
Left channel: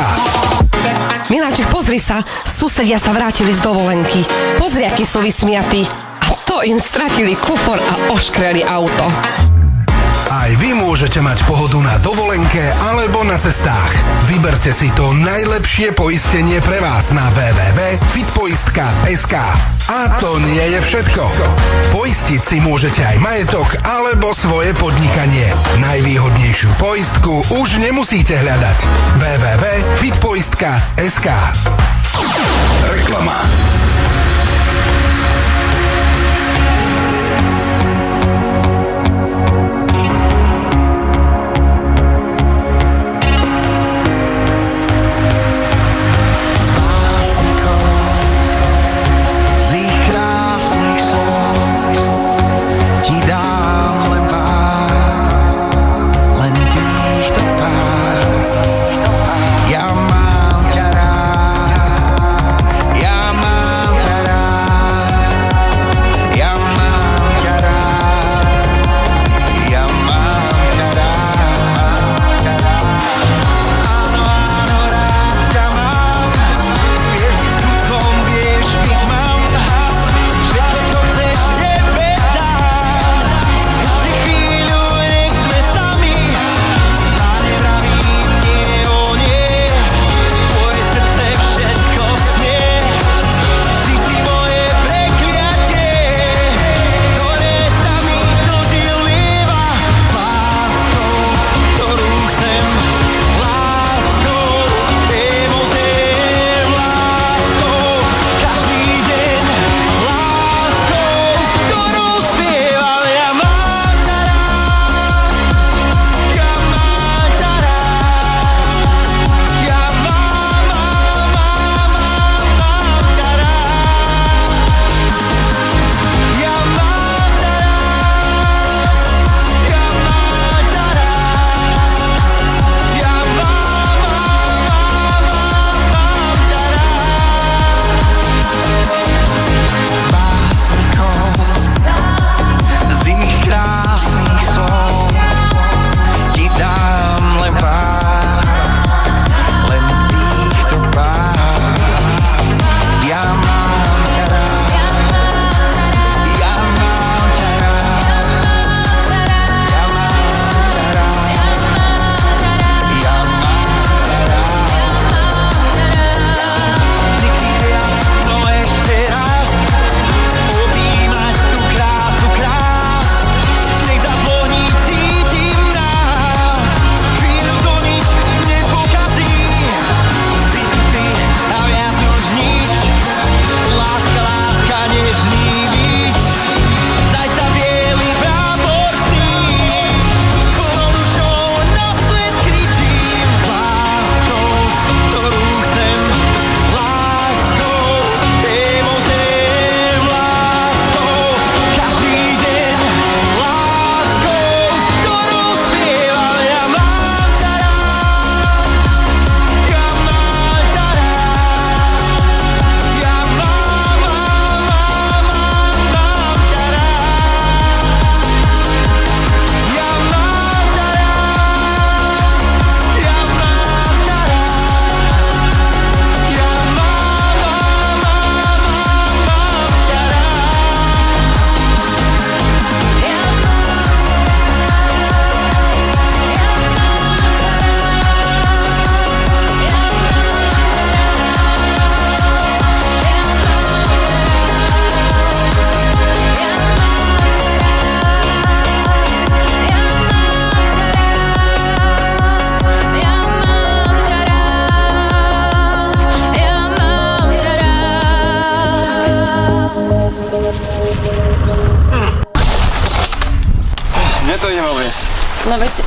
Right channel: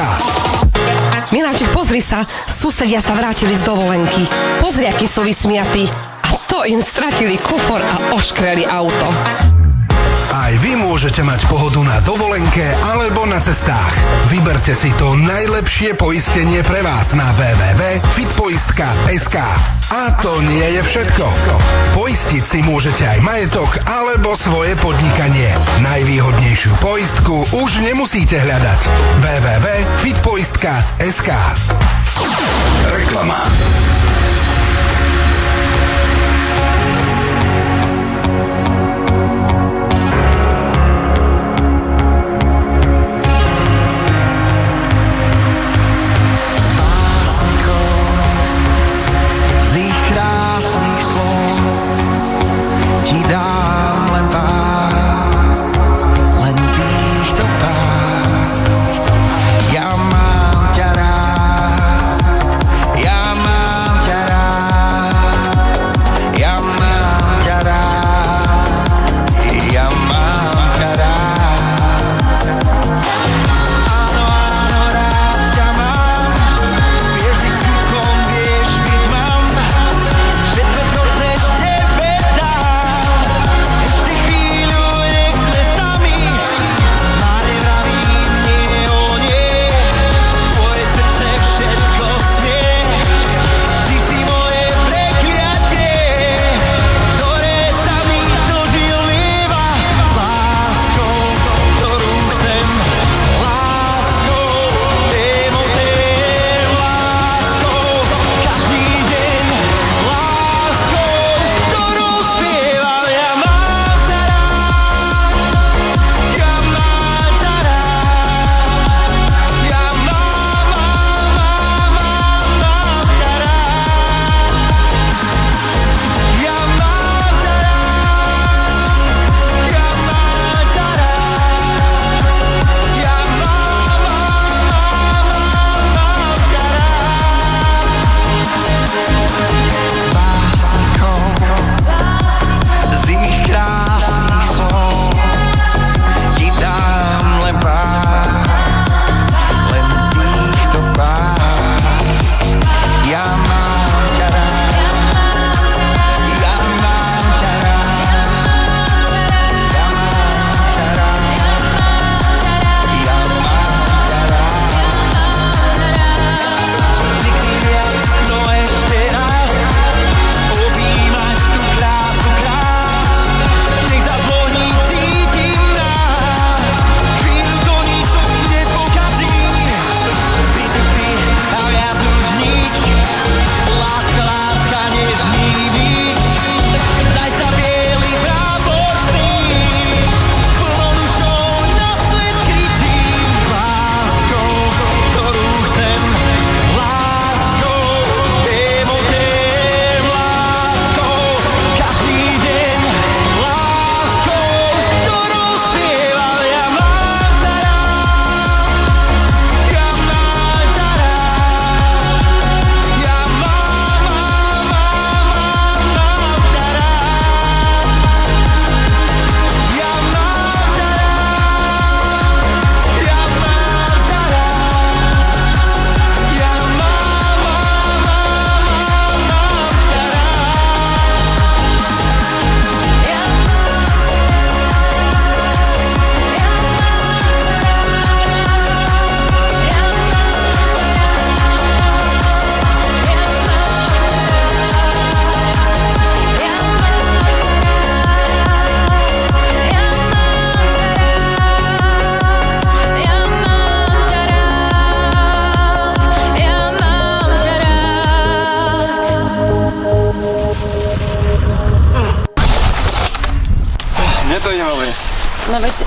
Miláček, pozri sa, susedia sa vrátili z dovolenky. Pozri, akí sú vysmiatí. A to im stratili kufor a oškreli auto. Aj vy môžete mať pohodu na dovolenke alebo na cestách. Vyberte si to najlepšie poistenie pre vás na www.fitpoistka.sk. A to nie je všetko. Poistiť si môžete aj majetok alebo svoje podnikanie. Najvýhodnejšiu poistku už nemusíte hľadať. www.fitpoistka.sk. Reklama. Ja mám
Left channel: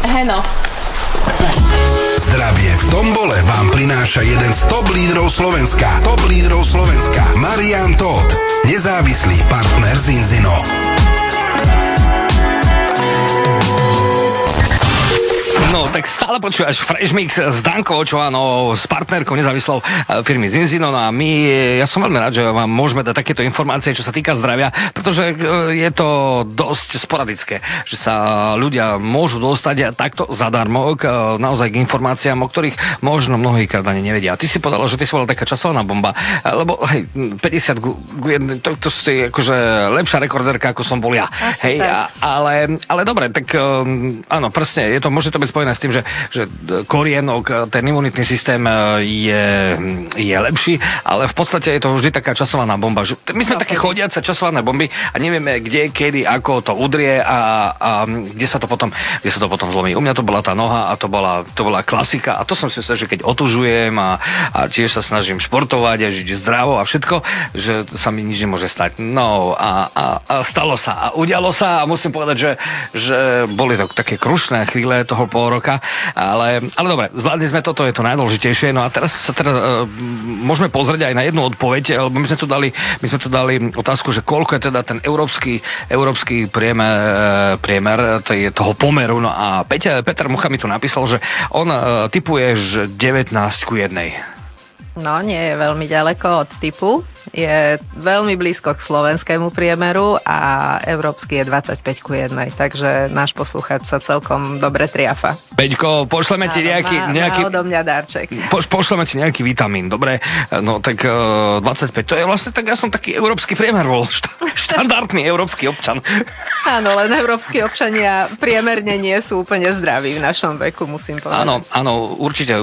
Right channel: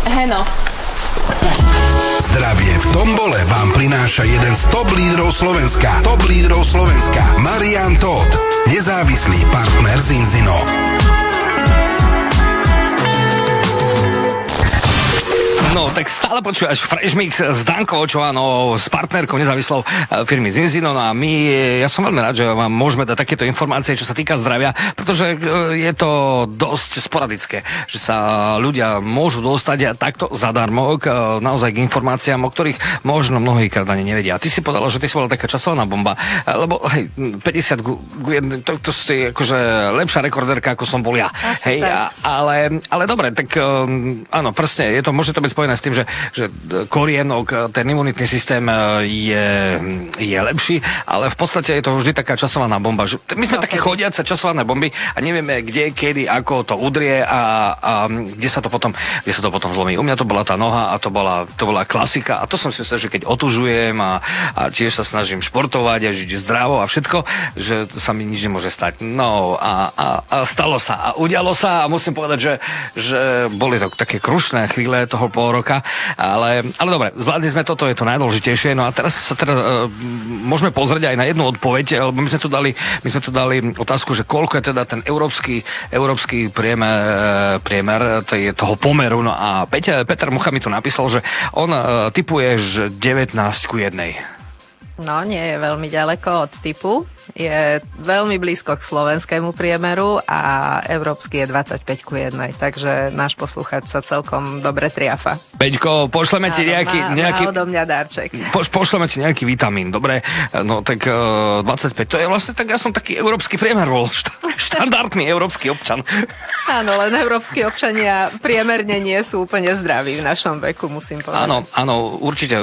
Heno. Zdravie v tombole vám prináša jeden z top lídrov Slovenska. Top lídrov Slovenska. Marian Todt, nezávislý partner Zinzino. No, tak stále počúvaš Fresh Mix s Dankou Očovanou, s partnerkou nezávislou firmy Zinzino. No a ja som veľmi rád, že vám môžeme dať takéto informácie, čo sa týka zdravia, pretože je to dosť sporadické, že sa ľudia môžu dostať takto zadarmo naozaj k informáciám, o ktorých možno mnohýkrát ani nevedia. A ty si povedal, že ty si bola taká časovaná bomba, lebo hej, 50 to si akože lepšia rekordérka, ako som bol ja. Hej, ale dobre, tak áno, presne, môže to byť spojené s tým, že korienok, ten imunitný systém je lepší, ale v podstate je to vždy taká časovaná bomba. My sme také chodiace časované bomby a nevieme kde, kedy, ako to udrie a kde sa to potom zlomí. U mňa to bola tá noha a to bola klasika a to som si myslel, že keď otužujem a tiež sa snažím športovať a žiť zdravo a všetko, že sa mi nič nemôže stať. No a stalo sa a udialo sa a musím povedať, že boli to také krušné chvíle toho pol roka, ale dobre, zvládli sme toto, je to najdôležitejšie. No a teraz môžeme pozrieť aj na jednu odpoveď, lebo my sme tu dali otázku, že koľko je teda ten európsky priemer toho pomeru. No a Peter Mucha mi tu napísal, že on tipuje, že 19:1. No, nie je veľmi ďaleko od typu. Je veľmi blízko k slovenskému priemeru a európsky je 25:1. Takže náš poslucháč sa celkom dobre triafa. Peťko, pošleme ti nejaký odo mňa dáček. Pošleme ti nejaký vitamín, dobre? No tak 25, to je vlastne tak, ja som taký európsky priemer bol, štandardný európsky občan. Áno, len európski občania priemerne nie sú úplne zdraví v našom veku, musím povedať. Áno, určite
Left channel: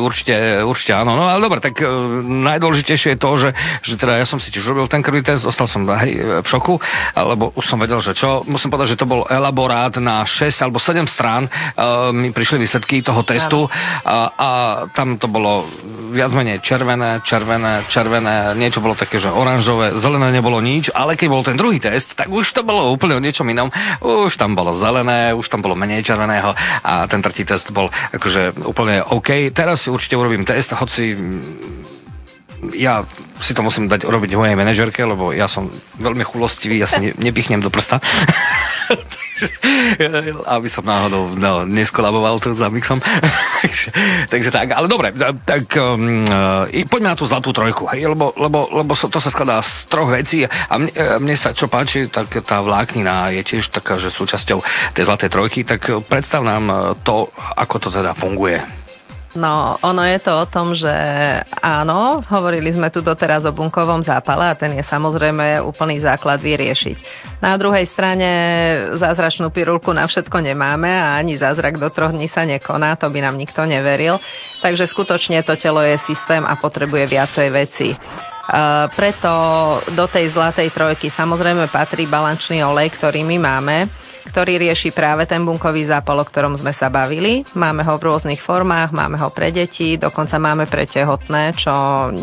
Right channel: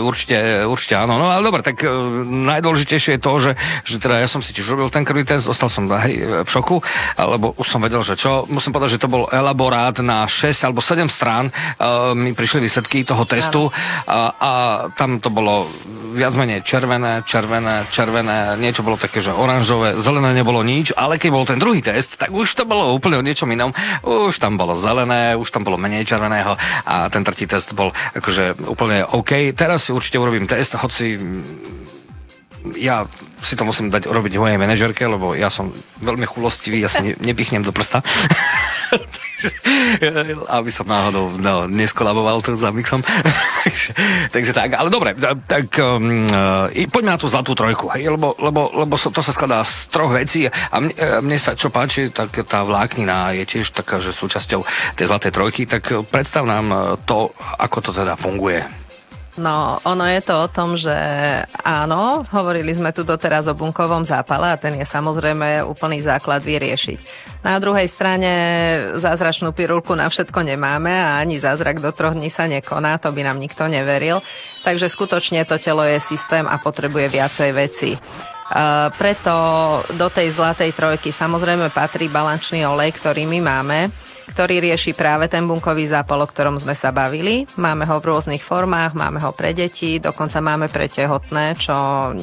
áno. No ale dobre, tak najdôležitejšie je to, že teda ja som si tiež robil ten krvný test, ostal som v šoku, lebo už som vedel, že čo. Musím povedať, že to bol elaborát na 6 alebo 7 strán, mi prišli výsledky toho testu a tam to bolo viac menej červené, niečo bolo také, že oranžové, zelené nebolo nič, ale keď bol ten druhý test, tak už to bolo úplne o niečom inom. Už tam bolo zelené, už tam bolo menej červeného a ten tretí test bol akože úplne OK. Teraz si určite urobím test, hoci ja si to musím dať urobiť mojej manažerke, lebo ja som veľmi chulostivý, ja si nepichnem do prsta. Aby som náhodou neskolaboval tu za mixom. takže tak, ale dobre, tak poďme na tú zlatú trojku, lebo to sa skladá z troch vecí a mne sa čo páči, tak tá vláknina je tiež taká, že súčasťou tej zlatej trojky, tak predstav nám to, ako to teda funguje. No, ono je to o tom, že áno, hovorili sme tu doteraz o bunkovom zápale a ten je samozrejme úplný základ vyriešiť. Na druhej strane zázračnú pirulku na všetko nemáme a ani zázrak do 3 dní sa nekoná, to by nám nikto neveril. Takže skutočne to telo je systém a potrebuje viacej veci. Preto do tej zlatej trojky samozrejme patrí balančný olej, ktorý my máme, ktorý rieši práve ten bunkový zápal, o ktorom sme sa bavili. Máme ho v rôznych formách, máme ho pre deti, dokonca máme pre tehotné, čo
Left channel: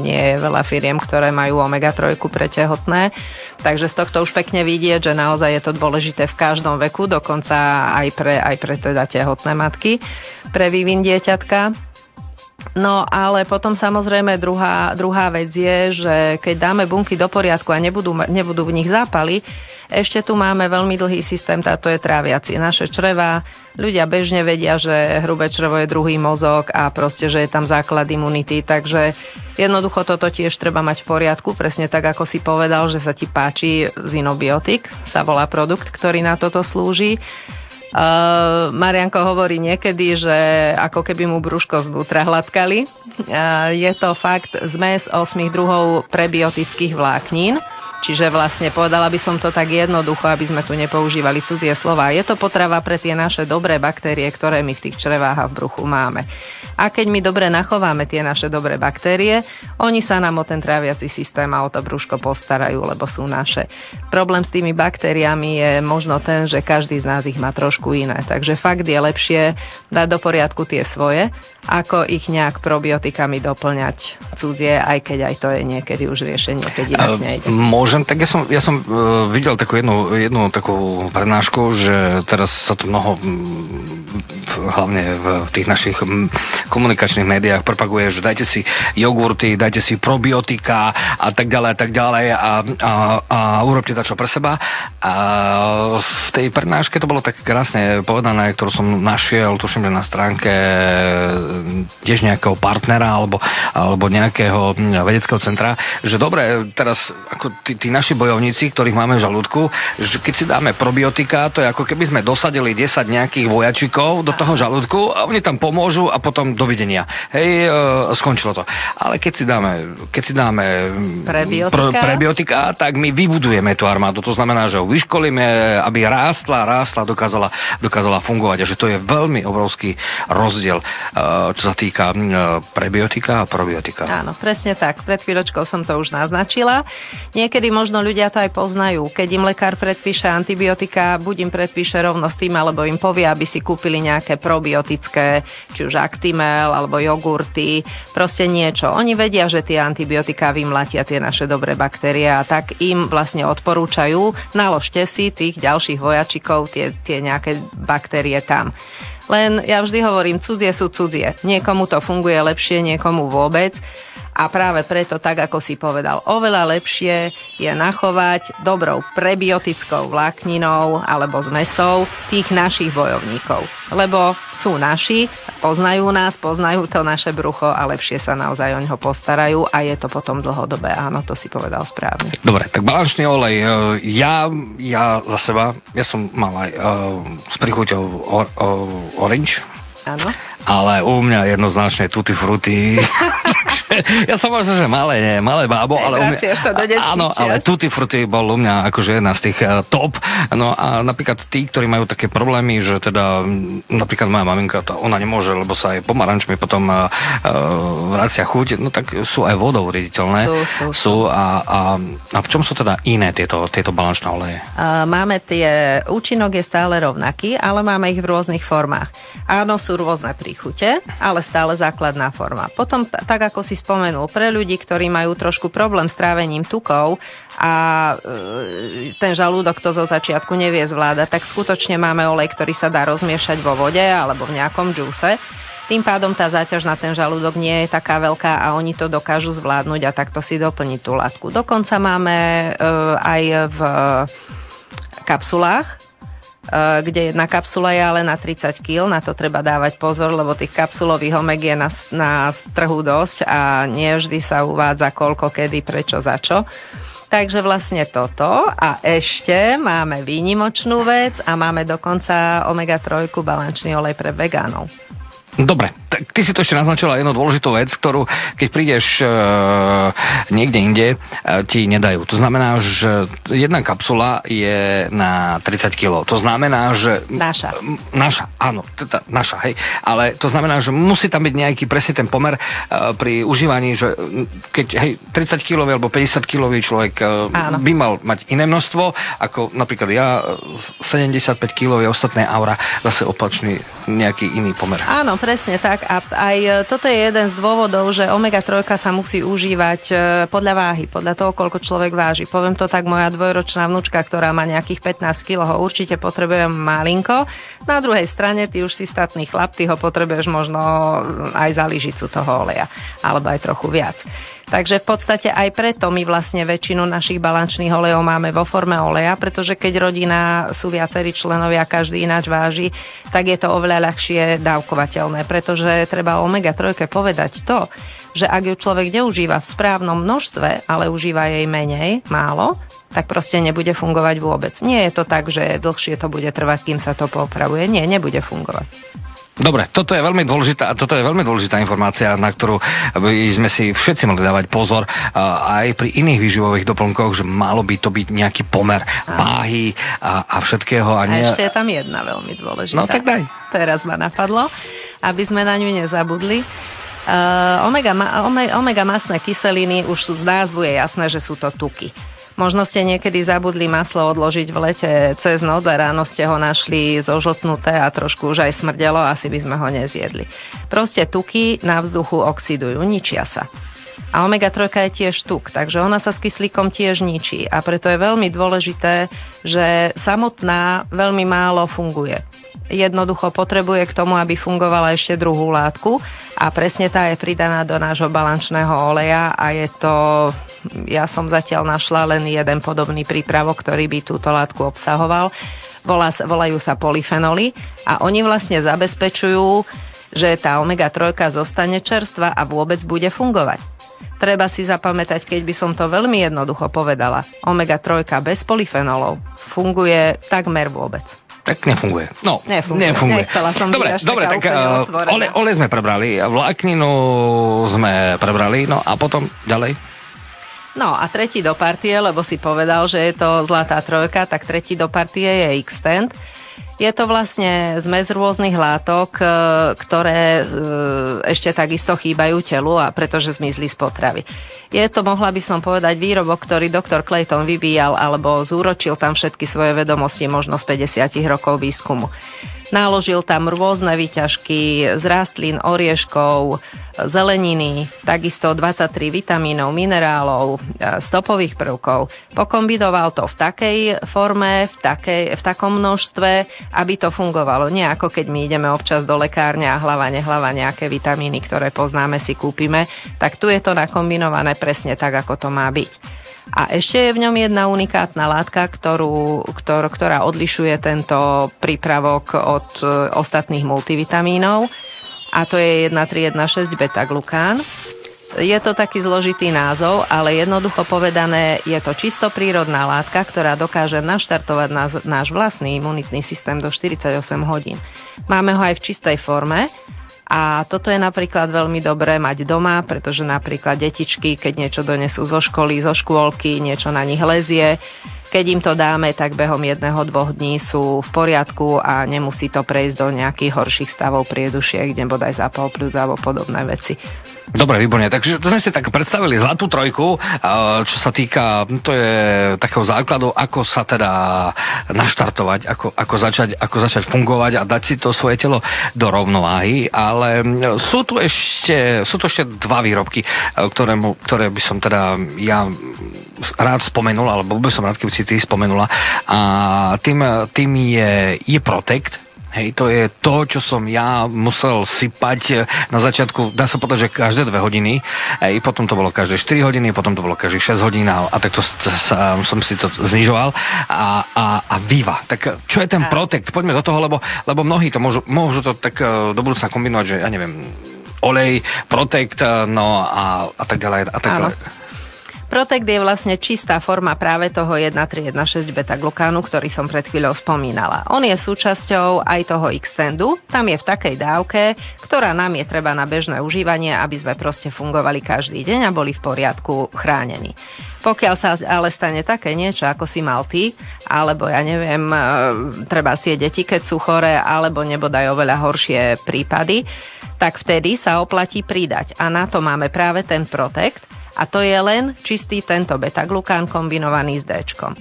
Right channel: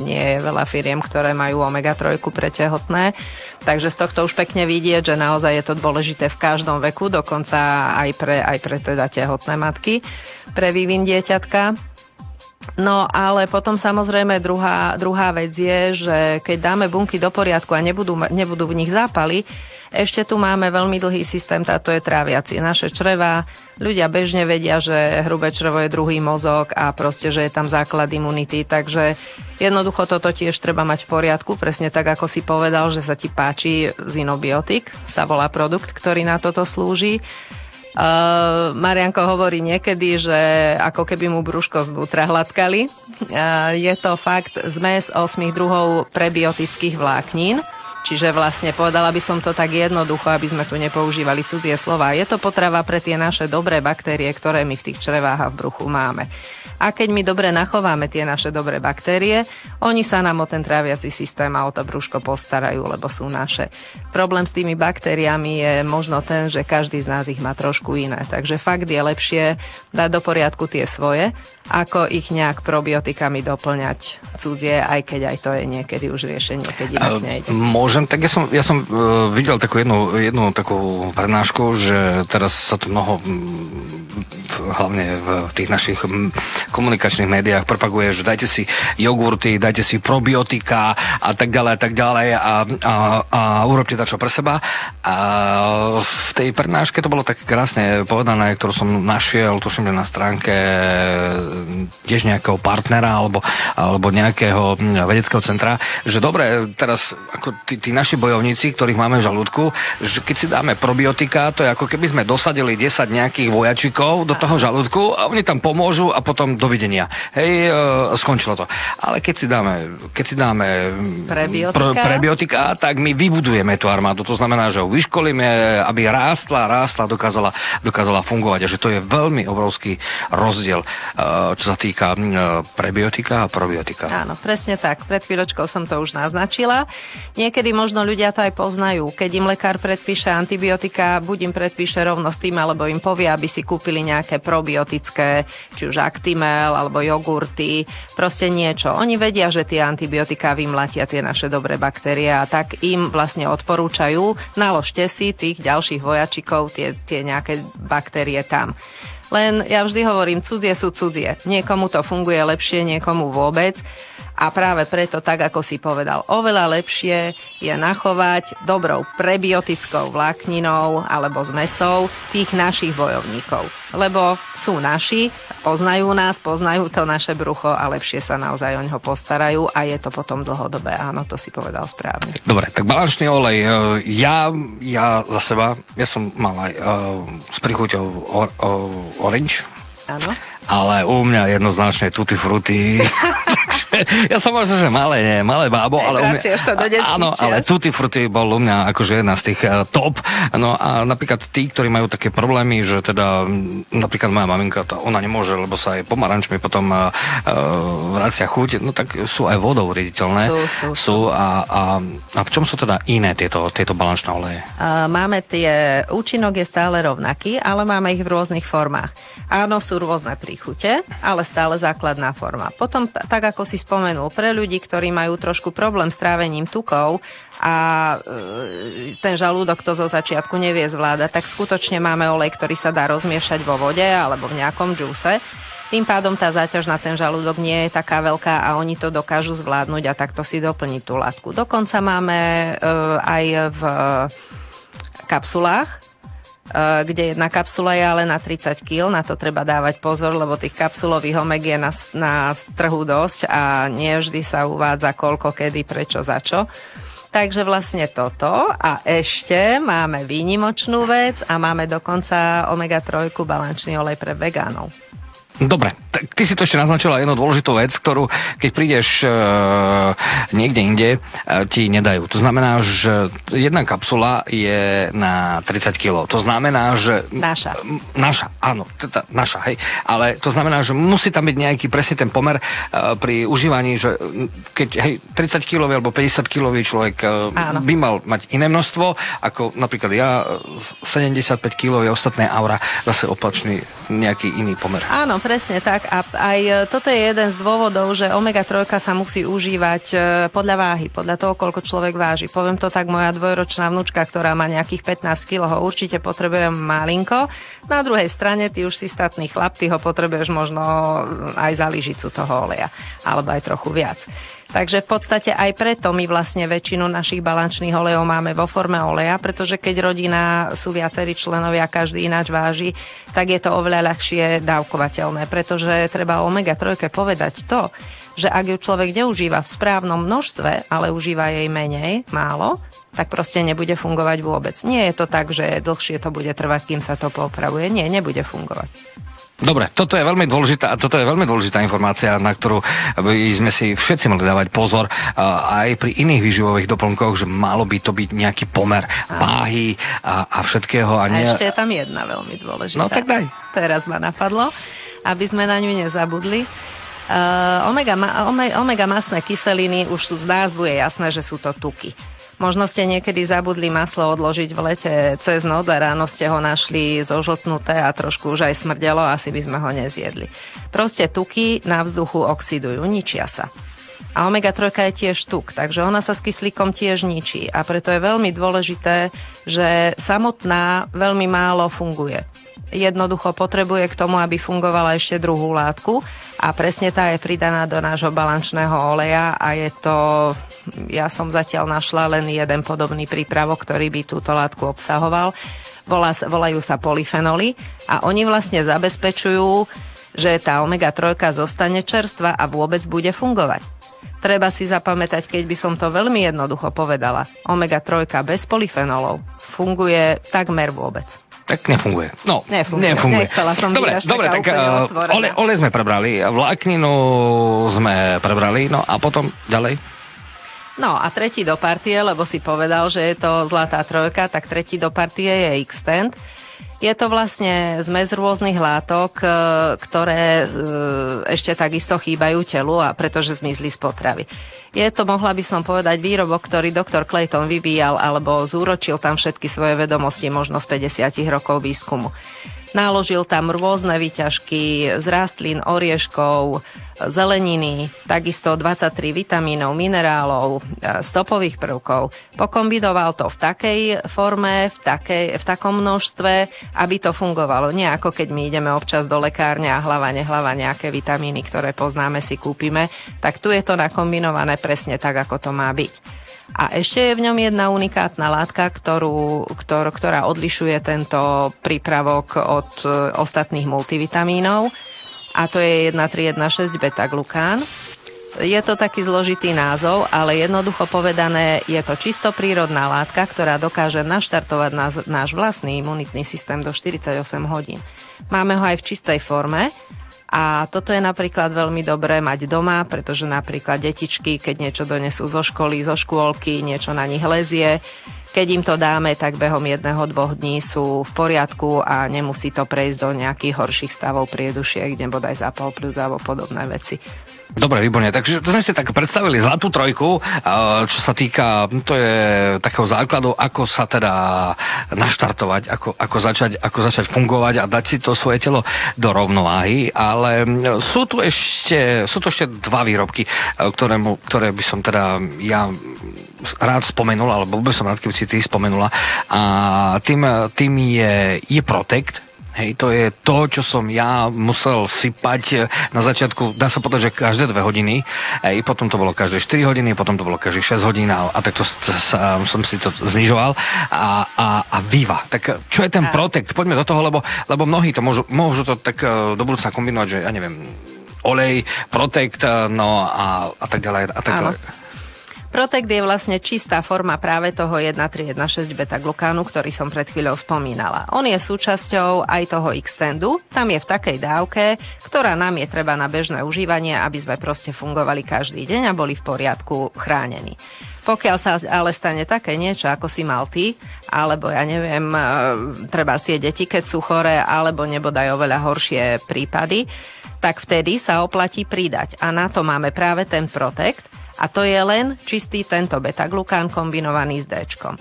nie je veľa firiem, ktoré majú omega-3 pre tehotné. Takže z tohto už pekne vidieť, že naozaj je to dôležité v každom veku, dokonca aj pre teda tehotné matky, pre vývin dieťatka. No ale potom samozrejme druhá vec je, že keď dáme bunky do poriadku a nebudú v nich zápaly, ešte tu máme veľmi dlhý systém, táto je tráviacie. Naše črevá, ľudia bežne vedia, že hrubé črevo je druhý mozog a proste, že je tam základ imunity, takže jednoducho toto tiež treba mať v poriadku, presne tak, ako si povedal, že sa ti páči Zinobiotik, sa volá produkt, ktorý na toto slúži. Marianko hovorí niekedy, že ako keby mu brúško zvnútra hladkali. Je to fakt zmes 8 druhov prebiotických vláknín, čiže vlastne povedala by som to tak jednoducho, aby sme tu nepoužívali cudzie slova. Je to potrava pre tie naše dobré baktérie, ktoré my v tých črevách a v bruchu máme. A keď my dobre nachováme tie naše dobré baktérie, oni sa nám o ten tráviaci systém a o to brúško postarajú, lebo sú naše. Problém s tými baktériami je možno ten, že každý z nás ich má trošku iné. Takže fakt je lepšie dať do poriadku tie svoje, ako ich nejak probiotikami doplňať cudzie, aj keď aj to je niekedy už riešenie, keď inak nejde. Môžem, tak ja som videl takú jednu takú prednášku, že teraz sa tu mnoho hlavne v tých našich komunikačných médiách propaguje, že dajte si jogurty, dajte si probiotika a tak ďalej a urobte to čo pre seba. A v tej prednáške to bolo tak krásne povedané, ktorú som našiel, tuším, na stránke tiež nejakého partnera alebo nejakého vedeckého centra, že dobre, teraz ako tí naši bojovníci, ktorých máme v žalúdku, že keď si dáme probiotika, to je ako keby sme dosadili 10 nejakých vojačikov do toho žalúdku a oni tam pomôžu a potom dovidenia. Hej, skončilo to. Ale keď si dáme prebiotika, tak my vybudujeme tú armádu. To znamená, že ho vyškolíme, aby rástla, dokázala fungovať. A že to je veľmi obrovský rozdiel, čo sa týka prebiotika a probiotika. Áno, presne tak. Pred chvíľočkou som to už naznačila. Niekedy možno ľudia to aj poznajú. Keď im lekár predpíše antibiotika, buď im predpíše rovno s tým, alebo im povie, aby si kúpili nejaké probiotické, či už Actimel, alebo jogurty, proste niečo. Oni vedia, že tie antibiotika vymlatia tie naše dobré baktérie a tak im vlastne odporúčajú, naložte si tých ďalších vojačikov, tie nejaké baktérie tam. Len ja vždy hovorím, cudzie sú cudzie. Niekomu to funguje lepšie, niekomu vôbec. A práve preto, tak ako si povedal, oveľa lepšie je nachovať dobrou prebiotickou vlákninou alebo zmesou tých našich bojovníkov. Lebo sú naši, poznajú nás, poznajú to naše brucho a lepšie sa naozaj o neho postarajú a je to potom dlhodobé. Áno, to si povedal správne. Dobre, tak balančný olej. Ja za seba, ja som mal aj s príchuťou orange. Áno. Ale u mňa jednoznačne tutti frutti. Ja som možno, že malé bábo, ale u mňa, áno, ale tutti frutti bol u mňa akože jedna z tých top. No a napríklad tí, ktorí majú také problémy, že teda napríklad moja maminka, ona nemôže, lebo sa aj pomarančmi potom vracia chuť, no tak sú aj vodou riediteľné. Sú a v čom sú teda iné tieto balančné oleje? Máme účinok je stále rovnaký, ale máme ich v rôznych formách. Áno, sú rôzne príchute, ale stále základná forma. Potom, tak ako si spomenul, pre ľudí, ktorí majú trošku problém s trávením tukov a ten žalúdok to zo začiatku nevie zvládať, tak skutočne máme olej, ktorý sa dá rozmiešať vo vode alebo v nejakom džúse. Tým pádom tá záťaž na ten žalúdok nie je taká veľká a oni to dokážu zvládnuť a takto si doplniť tú látku. Dokonca máme aj v kapsulách, kde jedna kapsula je ale na 30 kg, na to treba dávať pozor, lebo tých kapsulových omeg je na trhu dosť a nie vždy sa uvádza koľko, kedy, prečo, za čo. Takže vlastne toto a ešte máme výnimočnú vec a máme dokonca omega-3 balančný olej pre vegánov. Dobre, tak ty si to ešte naznačila jednu dôležitú vec, ktorú keď prídeš niekde inde, ti nedajú. To znamená, že jedna kapsula je na 30 kg. To znamená, že... Naša, áno, teda naša, hej. Ale to znamená, že musí tam byť nejaký presne ten pomer pri užívaní, že keď, hej, 30 kg alebo 50 kg človek by mal mať iné množstvo, ako napríklad ja, 75 kg je ostatné aura, zase opačný nejaký iný pomer. Áno, presne tak. A aj toto je jeden z dôvodov, že omega-3 sa musí užívať podľa váhy, podľa toho, koľko človek váži. Poviem to tak, moja dvojročná vnúčka, ktorá má nejakých 15 kg, ho určite potrebuje malinko. Na druhej strane, ty už si statný chlap, ty ho potrebuješ možno aj za lyžicu toho oleja, alebo aj trochu viac. Takže v podstate aj preto my vlastne väčšinu našich balančných olejov máme vo forme oleja, pretože keď rodina sú viacerí členovia, každý ináč váži, tak je to oveľa ľahšie dávkovateľné, pretože treba omega-3 povedať to, že ak ju človek neužíva v správnom množstve, ale užíva jej menej, málo, tak proste nebude fungovať vôbec. Nie je to tak, že dlhšie to bude trvať, kým sa to popravuje. Nie, nebude fungovať. Dobre, toto je veľmi dôležitá informácia, na ktorú by sme si všetci mohli dávať pozor aj pri iných výživových doplnkoch, že malo by to byť nejaký pomer váhy a všetkého. A ešte je tam jedna veľmi dôležitá. No tak daj. Teraz ma napadlo, aby sme na ňu nezabudli. Omega masné kyseliny, už z názvu je jasné, že sú to tuky. Možno ste niekedy zabudli maslo odložiť v lete cez noc a ráno ste ho našli zožltnuté a trošku už aj smrdelo, asi by sme ho nezjedli. Proste tuky na vzduchu oxidujú, ničia sa. A omega-3 je tiež tuk, takže ona sa s kyslíkom tiež ničí. A preto je veľmi dôležité, že samotná veľmi málo funguje. Jednoducho potrebuje k tomu, aby fungovala ešte druhú látku a presne tá je pridaná do nášho balančného oleja a je to, ja som zatiaľ našla len jeden podobný prípravok, ktorý by túto látku obsahoval. Volajú sa polyfenoly a oni vlastne zabezpečujú, že tá omega-3 zostane čerstvá a vôbec bude fungovať. Treba si zapamätať, keď by som to veľmi jednoducho povedala, omega-3 bez polyfenolov funguje takmer vôbec. Tak nefunguje. No, nefunguje. Nechcela som dobre, tak olej sme prebrali, vlákninu sme prebrali, no a potom ďalej? No a tretí do partie, lebo si povedal, že je to zlatá trojka, tak tretí do partie je Xtend. Je to vlastne zmes rôznych látok, ktoré ešte takisto chýbajú telu a pretože zmizli z potravy. Je to, mohla by som povedať, výrobok, ktorý doktor Clayton vyvíjal alebo zúročil tam všetky svoje vedomosti možno z 50 rokov výskumu. Naložil tam rôzne výťažky z rastlín, orieškov, zeleniny, takisto 23 vitamínov, minerálov, stopových prvkov. Pokombinoval to v takej forme, v takom množstve, aby to fungovalo. Nie ako keď my ideme občas do lekárne a hlava nejaké vitamíny, ktoré poznáme, si kúpime, tak tu je to nakombinované presne tak, ako to má byť. A ešte je v ňom jedna unikátna látka, ktorá odlišuje tento prípravok od ostatných multivitamínov. A to je 1,3,1,6 beta-glukán. Je to taký zložitý názov, ale jednoducho povedané, je to čisto prírodná látka, ktorá dokáže naštartovať náš vlastný imunitný systém do 48 hodín. Máme ho aj v čistej forme. A toto je napríklad veľmi dobré mať doma, pretože napríklad detičky, keď niečo donesú zo školy, zo škôlky, niečo na nich lezie, keď im to dáme, tak behom 1-2 dní sú v poriadku a nemusí to prejsť do nejakých horších stavov priedušiek, kde bodaj zápal pľúc alebo podobné veci. Dobre, výborne. Takže to sme si tak predstavili zlatú trojku, čo sa týka, to je takého základu, ako sa teda naštartovať, ako začať fungovať a dať si to svoje telo do rovnováhy, ale sú tu ešte dva výrobky, ktoré by som teda ja rád spomenul, alebo by som rád, keby si ty spomenula, a tým je Protect. Hej, to je to, čo som ja musel sypať na začiatku, dá sa povedať, že každé 2 hodiny, potom to bolo každé 4 hodiny, potom to bolo každé 6 hodín a takto som si to znižoval a Viva. Tak čo je ten Protect? Poďme do toho, lebo mnohí to môžu to tak do budúcna kombinovať, že ja neviem, olej, Protect, no a tak ďalej a tak ďalej. Protect je vlastne čistá forma práve toho 1,3,1,6 beta-glukánu, ktorý som pred chvíľou spomínala. On je súčasťou aj toho Xtendu, tam je v takej dávke, ktorá nám je treba na bežné užívanie, aby sme proste fungovali každý deň a boli v poriadku chránení. Pokiaľ sa ale stane také niečo, ako si mal ty, alebo ja neviem, treba si deti, keď sú choré, alebo nebodaj oveľa horšie prípady, tak vtedy sa oplatí pridať. A na to máme práve ten Protect, a to je len čistý tento beta-glukán kombinovaný s D-čkom.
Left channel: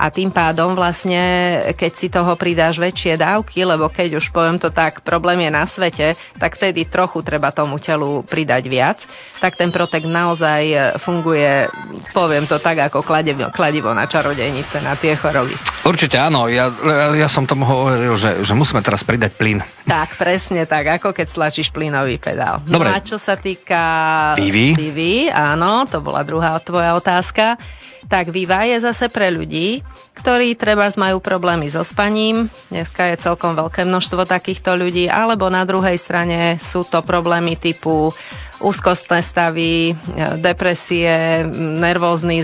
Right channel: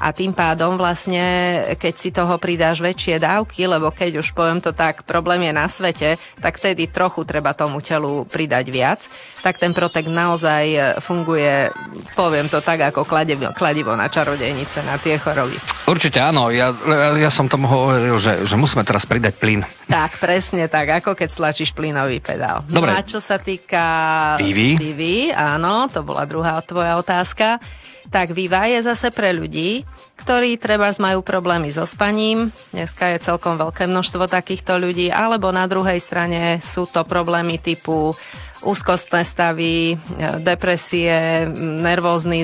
A tým pádom vlastne, keď si toho pridáš väčšie dávky, lebo keď už poviem to tak, problém je na svete, tak vtedy trochu treba tomu telu pridať viac, tak ten Protect naozaj funguje, poviem to tak, ako kladivo na čarodejnice, na tie choroby. Určite áno, ja som tomu hovoril, že musíme teraz pridať plyn. Tak, presne tak, ako keď stlačíš plynový pedál. Dobre. No a čo sa týka Vivy, áno, to bola druhá tvoja otázka, tak Viva je zase pre ľudí, ktorí trebárs majú problémy so spaním. Dneska je celkom veľké množstvo takýchto ľudí, alebo na druhej strane sú to problémy typu úzkostné stavy, depresie, nervózny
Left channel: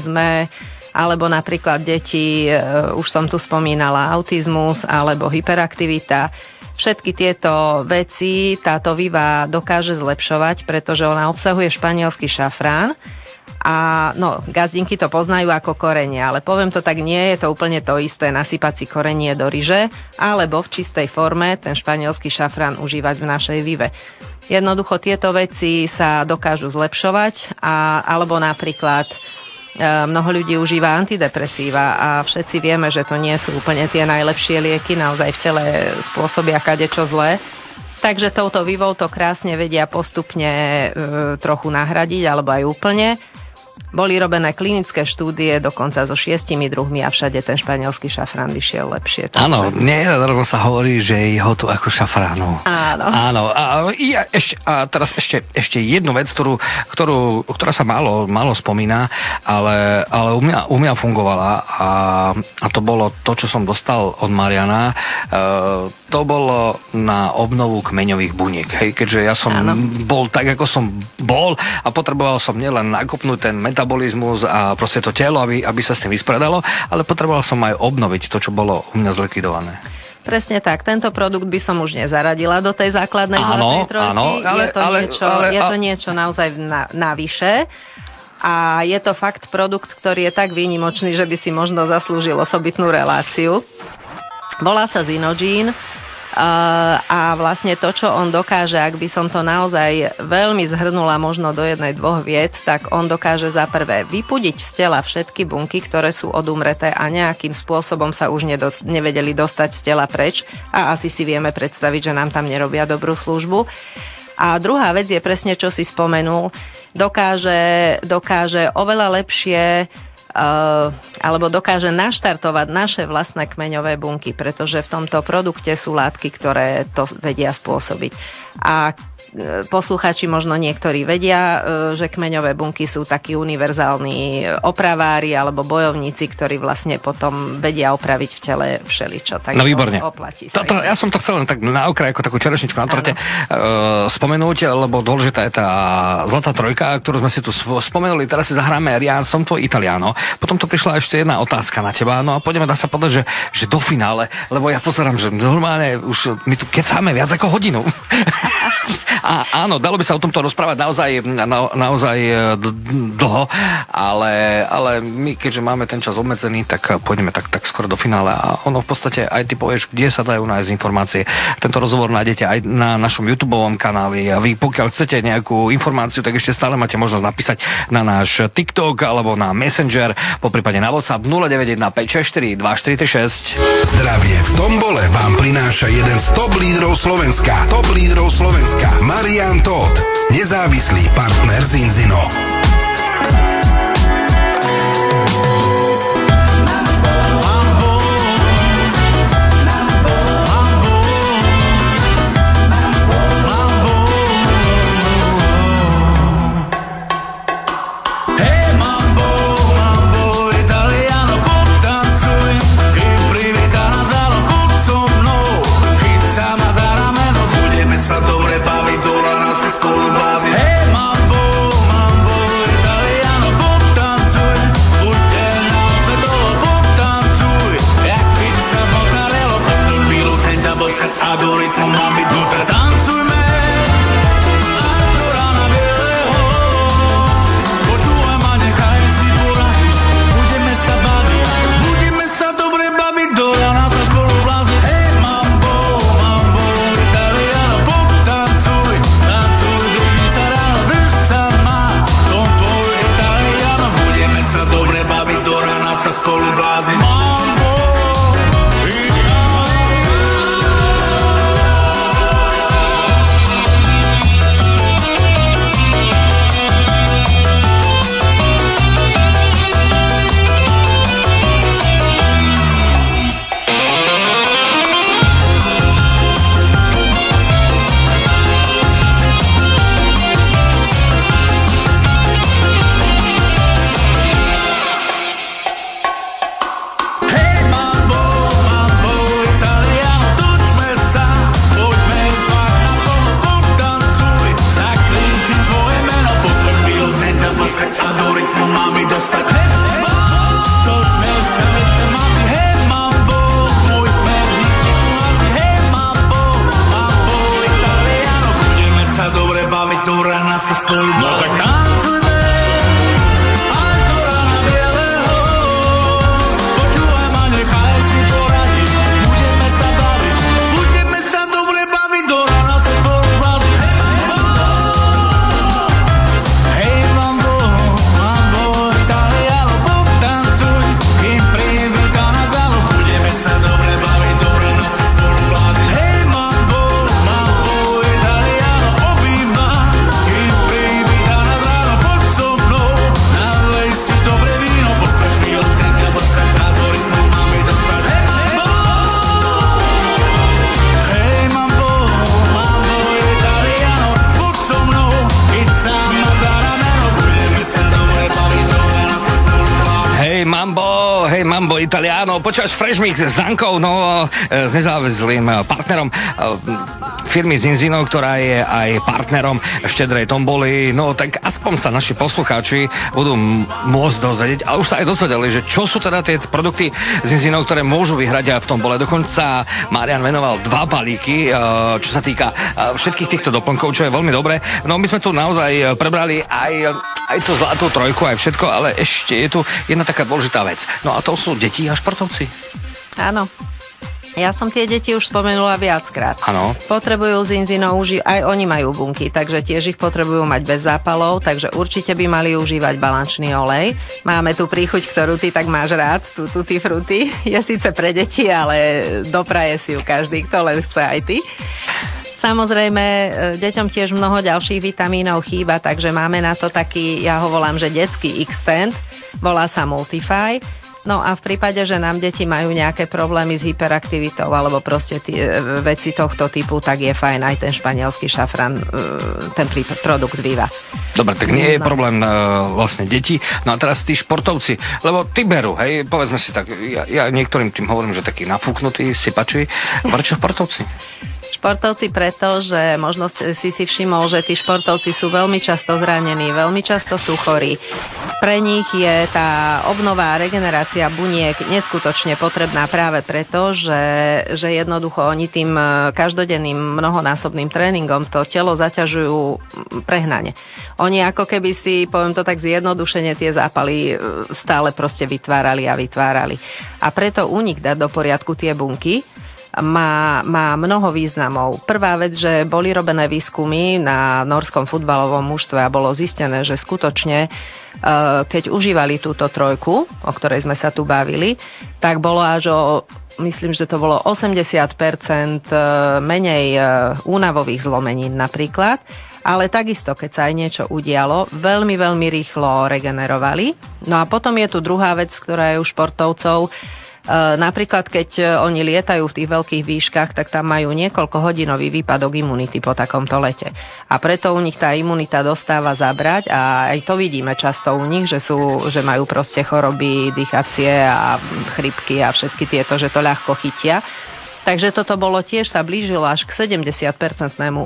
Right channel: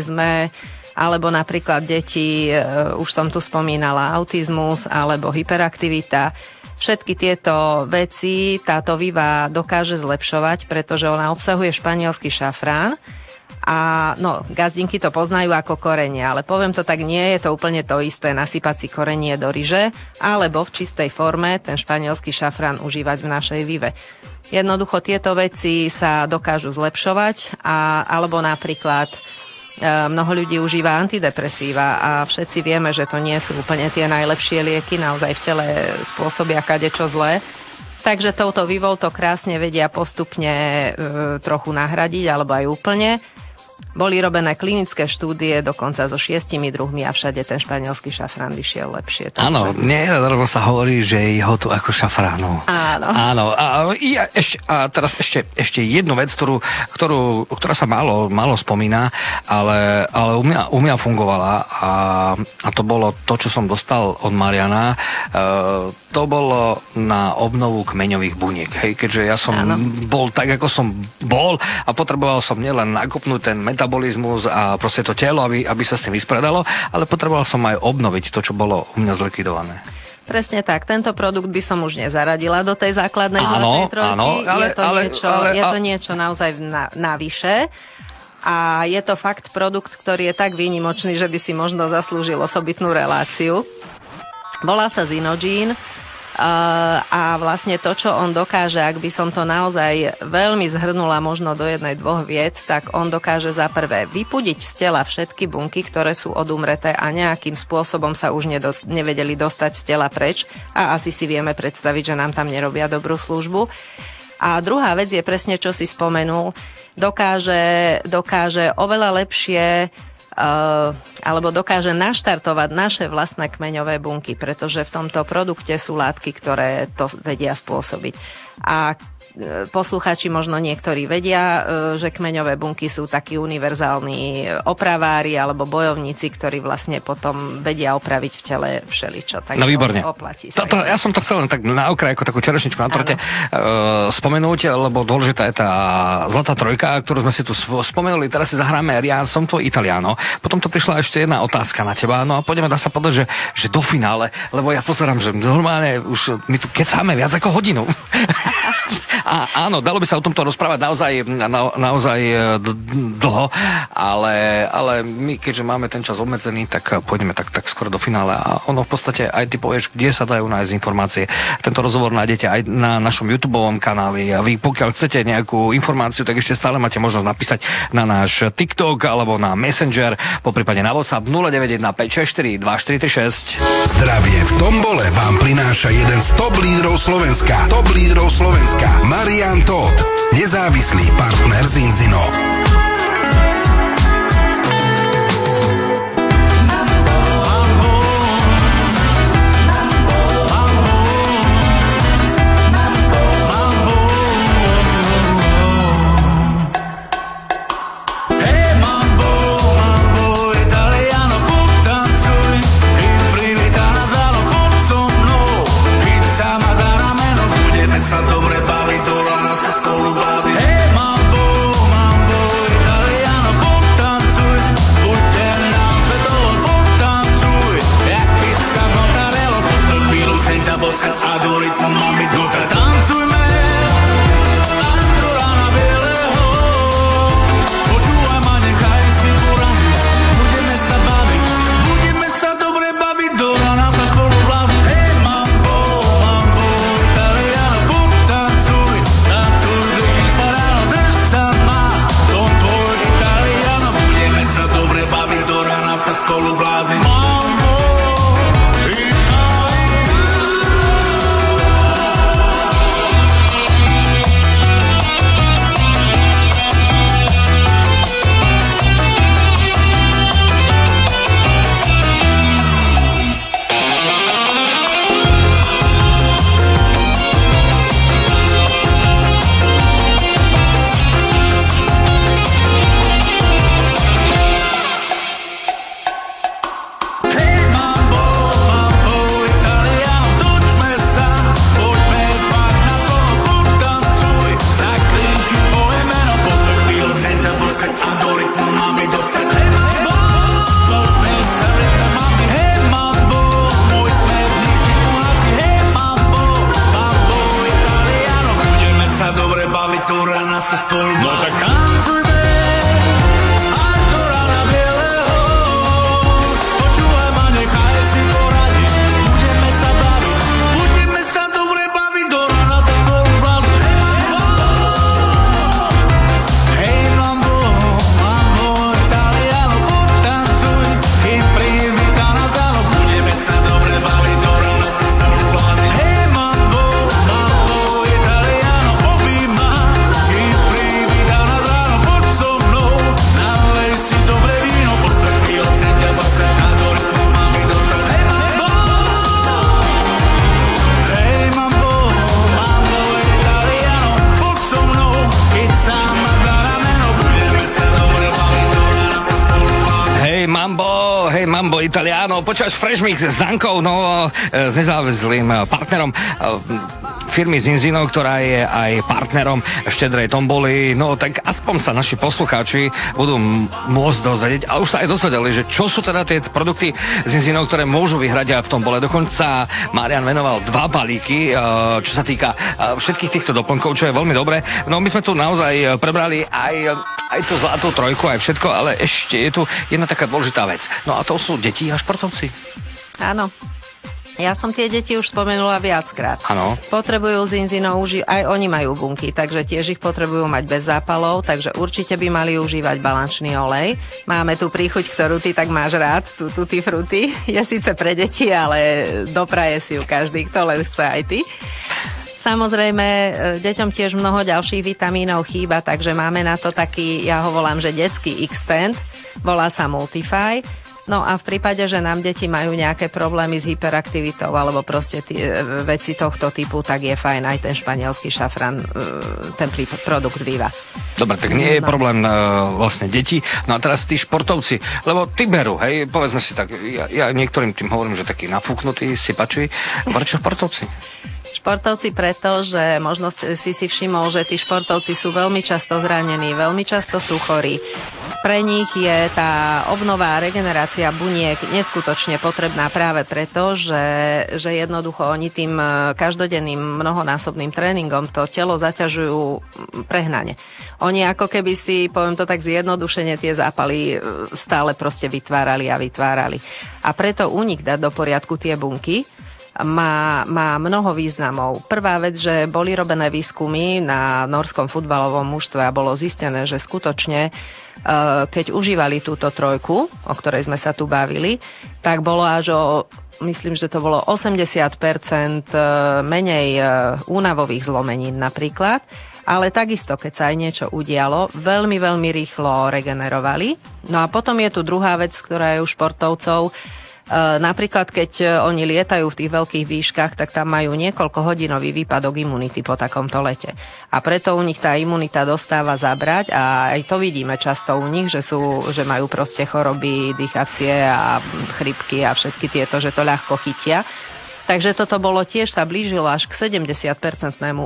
alebo napríklad deti, už som tu spomínala, autizmus alebo hyperaktivita. Všetky tieto veci táto Viva dokáže zlepšovať, pretože ona obsahuje španielský šafrán. A no, gazdinky to poznajú ako korenie, ale poviem to tak, nie je to úplne to isté nasypať si korenie do ryže, alebo v čistej forme ten španielský šafrán užívať v našej Vive. Jednoducho tieto veci sa dokážu zlepšovať, alebo napríklad mnoho ľudí užíva antidepresíva a všetci vieme, že to nie sú úplne tie najlepšie lieky, naozaj v tele spôsobia kadečo zlé. Takže touto vývou to krásne vedia postupne trochu nahradiť, alebo aj úplne. Boli robené klinické štúdie dokonca so 6 druhmi a všade ten španielský šafrán vyšiel lepšie. Áno, lebo sa hovorí, že je ho tu ako šafránu. Áno. A teraz ešte jednu vec, ktorá sa málo spomína, ale u mňa fungovala a to bolo to, čo som dostal od Mariana. To bolo na obnovu kmeňových buniek. Hej, keďže ja som bol tak, ako som bol a potreboval som nielen nakopnúť ten metabolizmus a proste to telo, aby sa s tým vyspredalo, ale potreboval som aj obnoviť to, čo bolo u mňa zlikvidované. Presne tak, tento produkt by som už nezaradila do tej základnej zlatej trojky. Je to niečo naozaj navyše a je to fakt produkt, ktorý je tak výnimočný, že by si možno zaslúžil osobitnú reláciu. Volá sa Zinogene. A vlastne to, čo on dokáže, ak by som to naozaj veľmi zhrnula možno do 1-2 vied, tak on dokáže za prvé vypudiť z tela všetky bunky, ktoré sú odumreté a nejakým spôsobom sa už nevedeli dostať z tela preč a asi si vieme predstaviť, že nám tam nerobia dobrú službu. A druhá vec je presne, čo si spomenul, dokáže oveľa lepšie alebo dokáže naštartovať naše vlastné kmeňové bunky, pretože v tomto produkte sú látky, ktoré to vedia spôsobiť. A poslucháči možno niektorí vedia, že kmeňové bunky sú takí univerzálni opravári alebo bojovníci, ktorí vlastne potom vedia opraviť v tele všeličo. Takže výborne. Oplatí sa. Ja som to chcel len tak na okraj, ako takú čerešničku na torte spomenúť, lebo dôležitá je tá zlatá trojka, ktorú sme si tu spomenuli. Teraz si zahráme Ja som tvoj Italiano. Potom to prišla ešte jedna otázka na teba. No a poďme, dá sa povedať, že do finále, lebo ja pozerám, že normálne už my tu kecáme viac ako hodinu. A áno, dalo by sa o tomto rozprávať naozaj dlho, ale my, keďže máme ten čas obmedzený, tak pôjdeme tak skoro do finále a ono v podstate aj ty povieš, kde sa dajú nájsť informácie. Tento rozhovor nájdete aj na našom YouTubeovom kanáli a vy, pokiaľ chcete nejakú informáciu, tak ešte stále máte možnosť napísať na náš TikTok alebo na Messenger, poprípade na WhatsApp 0915642436. Zdravie v tombole vám prináša jeden z top lídrov Slovenska. Marian Todt, nezávislý partner Zinzino. Mambo Italiano, počúvaš Fresh Mix s Dankou, no s nezávislým partnerom firmy Zinzino, ktorá je aj partnerom Štedrej tomboly, no tak aspoň sa naši poslucháči budú môcť dozvedieť a už sa aj dozvedeli, že čo sú teda tie produkty Zinzino, ktoré môžu vyhrať aj v tombole. Dokonca Marian venoval 2 balíky, čo sa týka všetkých týchto doplnkov, čo je veľmi dobré. No my sme tu naozaj prebrali aj tú zlatú trojku, aj všetko, ale ešte je tu jedna taká dôležitá vec. No a to sú deti a športovci. Áno. Ja som tie deti už spomenula viackrát. Áno. Potrebujú Zinzino, aj oni majú bunky, takže tiež ich potrebujú mať bez zápalov, takže určite by mali užívať balančný olej. Máme tu príchuť, ktorú ty tak máš rád, tú tutti frutti. Je síce pre deti, ale dopraje si ju každý, kto len chce, aj ty. Samozrejme, deťom tiež mnoho ďalších vitamínov chýba, takže máme na to taký, ja ho volám, že detský X-Tent, volá sa Multify. No a v prípade, že nám deti majú nejaké problémy s hyperaktivitou alebo proste tie veci tohto typu, tak je fajn aj ten španielský šafran, ten produkt Viva. Dobre, tak nie je problém vlastne deti. No a teraz tí športovci, lebo tí berú, hej, povedzme si tak, ja niektorým tým hovorím, že takí nafúknutí, sypači, prečo športovci? Športovci preto, že možno si všimol, že tí športovci sú veľmi často zranení, veľmi často sú chorí. Pre nich je tá obnova a regenerácia buniek neskutočne potrebná práve preto, že jednoducho oni tým každodenným mnohonásobným tréningom to telo zaťažujú prehnane. Oni ako keby si, poviem to tak zjednodušene, tie zápaly stále proste vytvárali. A preto u nich dať do poriadku tie bunky má mnoho významov. Prvá vec, že boli robené výskumy na norskom futbalovom mužstve a bolo zistené, že skutočne keď užívali túto trojku, o ktorej sme sa tu bavili, tak bolo až myslím, že to bolo 80% menej únavových zlomenín napríklad, ale takisto, keď sa aj niečo udialo, veľmi, veľmi rýchlo regenerovali. No a potom je tu druhá vec, ktorá je u športovcov. Napríklad, keď oni lietajú v tých veľkých výškach, tak tam majú niekoľkohodinový výpadok imunity po takomto lete. A preto u nich tá imunita dostáva zabrať a aj to vidíme často u nich, že majú proste choroby dýchacie a chrypky a všetky tieto, že to ľahko chytia. Takže toto bolo tiež sa blížilo až k 70%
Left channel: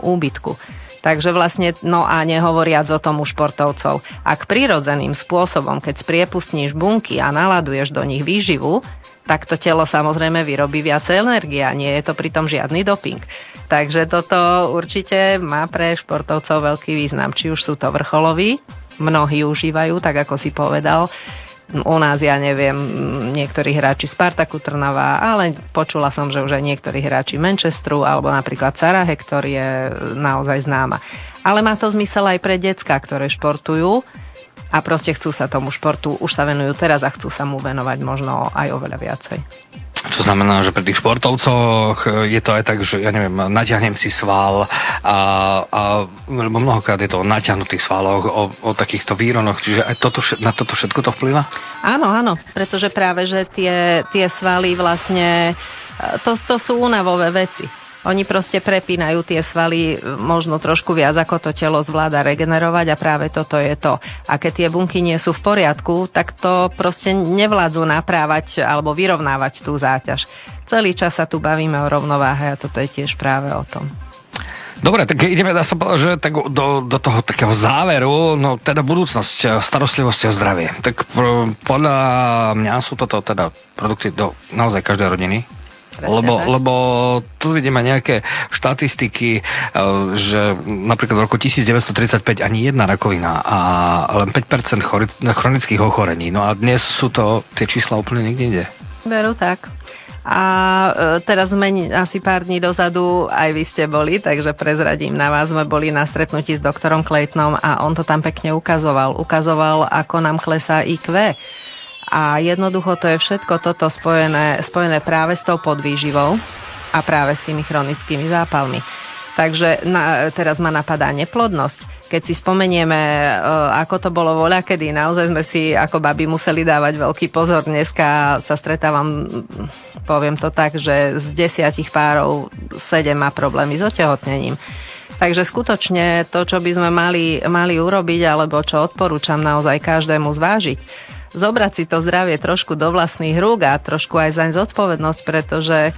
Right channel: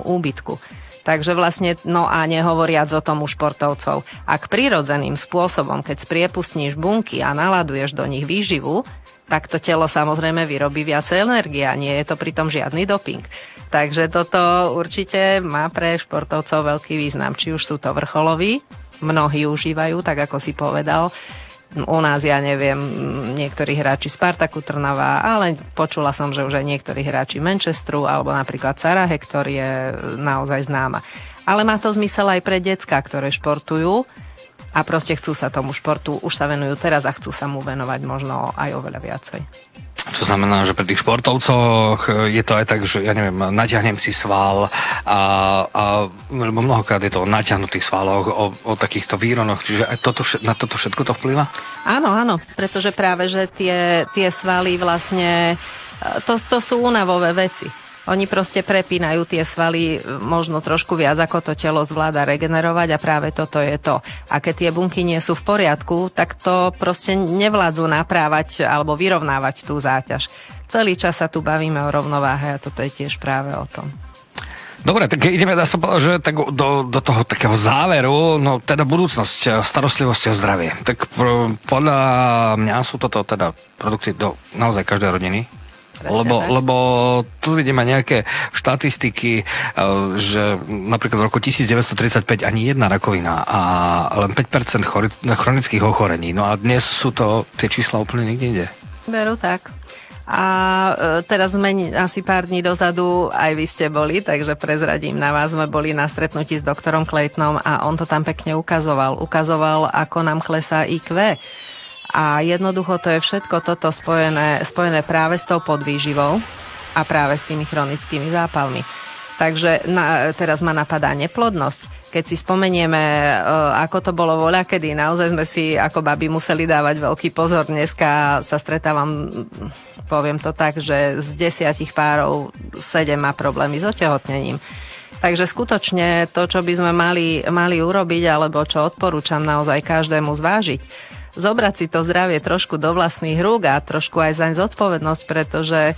úbytku. Takže vlastne, no a nehovoriac o tom u športovcov, ak prirodzeným spôsobom, keď spriepustníš bunky a naladuješ do nich výživu, tak to telo samozrejme vyrobí viacej energie a nie je to pritom žiadny doping. Takže toto určite má pre športovcov veľký význam. Či už sú to vrcholoví, mnohí užívajú, tak ako si povedal. U nás, ja neviem, niektorí hráči Spartaku Trnava, ale počula som, že už aj niektorí hráči Manchesteru alebo napríklad Sarah Hector je naozaj známa. Ale má to zmysel aj pre decká, ktoré športujú a proste chcú sa tomu športu, už sa venujú teraz a chcú sa mu venovať možno aj oveľa viacej. To znamená, že pri tých športovcoch je to aj tak, že ja neviem, natiahnem si sval lebo mnohokrát je to o natiahnutých svaloch, o takýchto výronoch, čiže aj na toto všetko to vplyva? Áno, pretože práve, že tie svaly vlastne, to sú únavové veci. Oni proste prepínajú tie svaly možno trošku viac, ako to telo zvláda regenerovať a práve toto je to. A keď tie bunky nie sú v poriadku, tak to proste nevládzu naprávať alebo vyrovnávať tú záťaž. Celý čas sa tu bavíme o rovnováhe a toto je tiež práve o tom. Dobre, tak ideme, dá sa povedať, že tak do toho takého záveru, no teda budúcnosť starostlivosti o zdravie. Tak podľa mňa sú toto teda produkty do naozaj každej rodiny. Lebo tu vidíme nejaké štatistiky, že napríklad v roku 1935 ani jedna rakovina a len 5% chronických ochorení. No a dnes sú to tie čísla úplne niekde inde. Veru tak. A teraz sme asi pár dní dozadu, aj vy ste boli, takže prezradím na vás, sme boli na stretnutí s doktorom Claytonom a on to tam pekne ukazoval. Ukazoval, ako nám klesá IQ. A jednoducho to je všetko toto spojené práve s tou podvýživou a práve s tými chronickými zápalmi. Takže teraz ma napadá neplodnosť. Keď si spomenieme, ako to bolo voľakedy, naozaj sme si ako babi museli dávať veľký pozor. Dneska sa stretávam, poviem to tak, že z 10 párov 7 má problémy s otehotnením. Takže skutočne to, čo by sme mali urobiť, alebo čo odporúčam naozaj každému zvážiť, zobrať si to zdravie trošku do vlastných rúk a trošku aj zaň zodpovednosť, pretože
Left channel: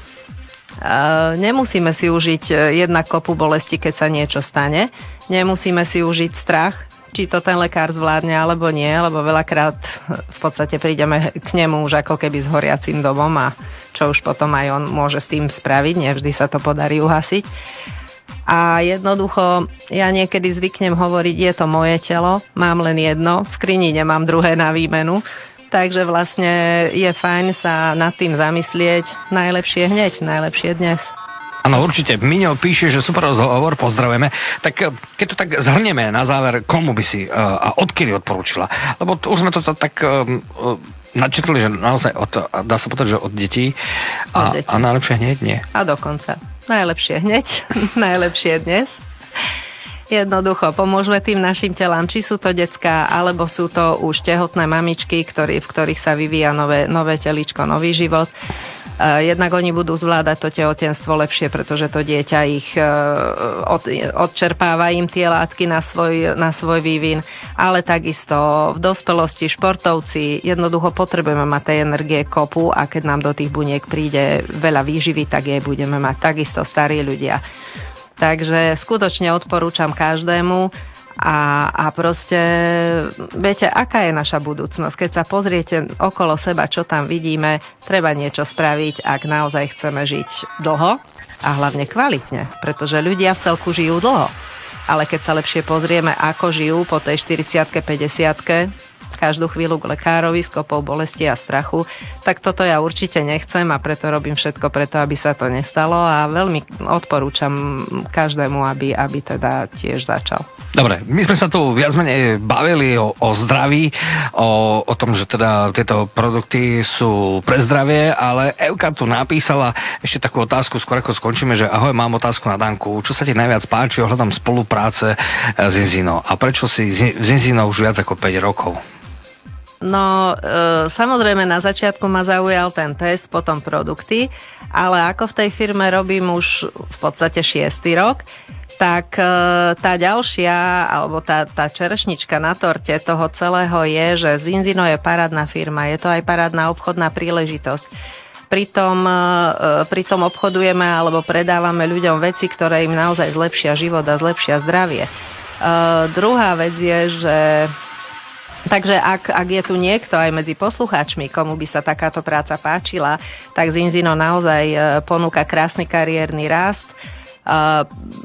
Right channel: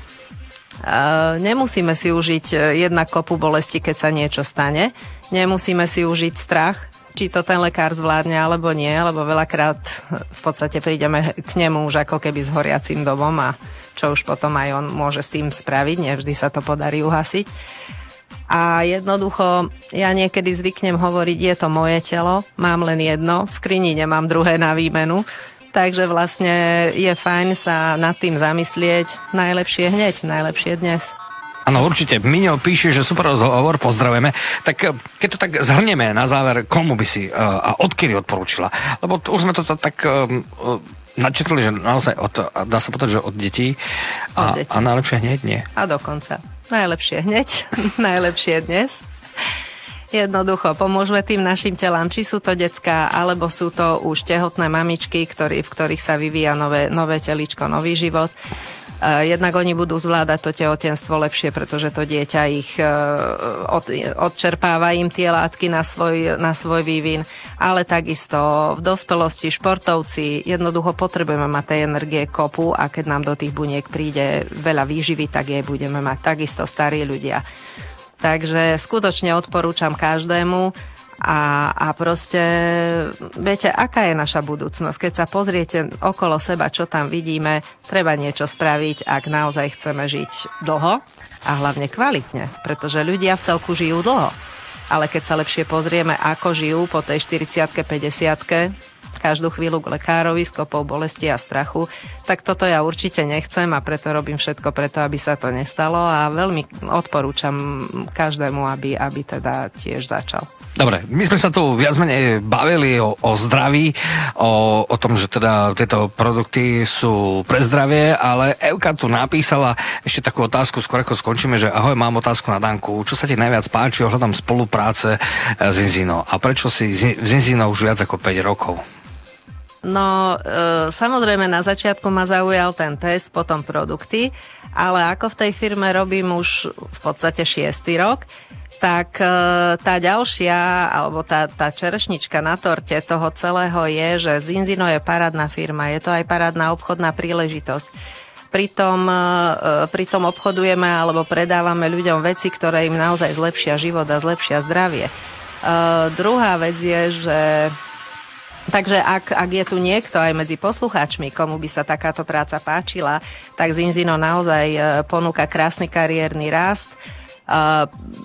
nemusíme si užiť jednak kopu bolesti, keď sa niečo stane. Nemusíme si užiť strach, či to ten lekár zvládne alebo nie, lebo veľakrát v podstate prídeme k nemu už ako keby s horiacím domom a čo už potom aj on môže s tým spraviť, nevždy sa to podarí uhasiť. A jednoducho, ja niekedy zvyknem hovoriť, je to moje telo, mám len jedno, v skrini nemám druhé na výmenu, takže vlastne je fajn sa nad tým zamyslieť, najlepšie hneď, najlepšie dnes. Áno, určite. Miňo píše, že super rozhovor, pozdravujeme. Tak keď to tak zhrnieme na záver, komu by si a odkiaľ odporúčila? Lebo už sme to tak načetli, že naozaj dá sa povedať, že od detí a najlepšie hneď nie. A dokonca. Najlepšie hneď, najlepšie dnes. Jednoducho pomôžeme tým našim telám, či sú to decká, alebo sú to už tehotné mamičky, v ktorých sa vyvíja nové telíčko, nový život. Jednak oni budú zvládať to tehotenstvo lepšie, pretože to dieťa ich odčerpáva im tie látky na svoj vývin, ale takisto v dospelosti športovci jednoducho potrebujeme mať tej energie kopu a keď nám do tých buniek príde veľa výživy, tak jej budeme mať takisto starí ľudia. Takže skutočne odporúčam každému a proste viete, aká je naša budúcnosť. Keď sa pozriete okolo seba, čo tam vidíme, treba niečo spraviť, ak naozaj chceme žiť dlho a hlavne kvalitne, pretože ľudia v celku žijú dlho. Ale keď sa lepšie pozrieme, ako žijú po tej 40-ke, 50-ke, každú chvíľu k lekárovi s kopou bolesti a strachu, tak toto ja určite nechcem a preto robím všetko preto, aby sa to nestalo a veľmi odporúčam každému, aby teda tiež začal. Dobre, my sme sa tu viac menej bavili o zdraví, o tom, že teda tieto produkty sú pre zdravie, ale Evka tu napísala ešte takú otázku, skôr ako skončíme, že ahoj, mám otázku na Danku. Čo sa ti najviac páči ohľadom spolupráce s Inzinou? A prečo si s Inzinou už viac ako 5 rokov? No, samozrejme na začiatku ma zaujal ten test, potom produkty, ale ako v tej firme robím už v podstate 6. rok, tak tá ďalšia, alebo tá čerešnička na torte toho celého je, že Zinzino je parádna firma, je to aj parádna obchodná príležitosť. Pritom obchodujeme alebo predávame ľuďom veci, ktoré im naozaj zlepšia život a zlepšia zdravie. Druhá vec je, že takže ak je tu niekto aj medzi poslucháčmi, komu by sa takáto práca páčila, tak Zinzino naozaj ponúka krásny kariérny rast.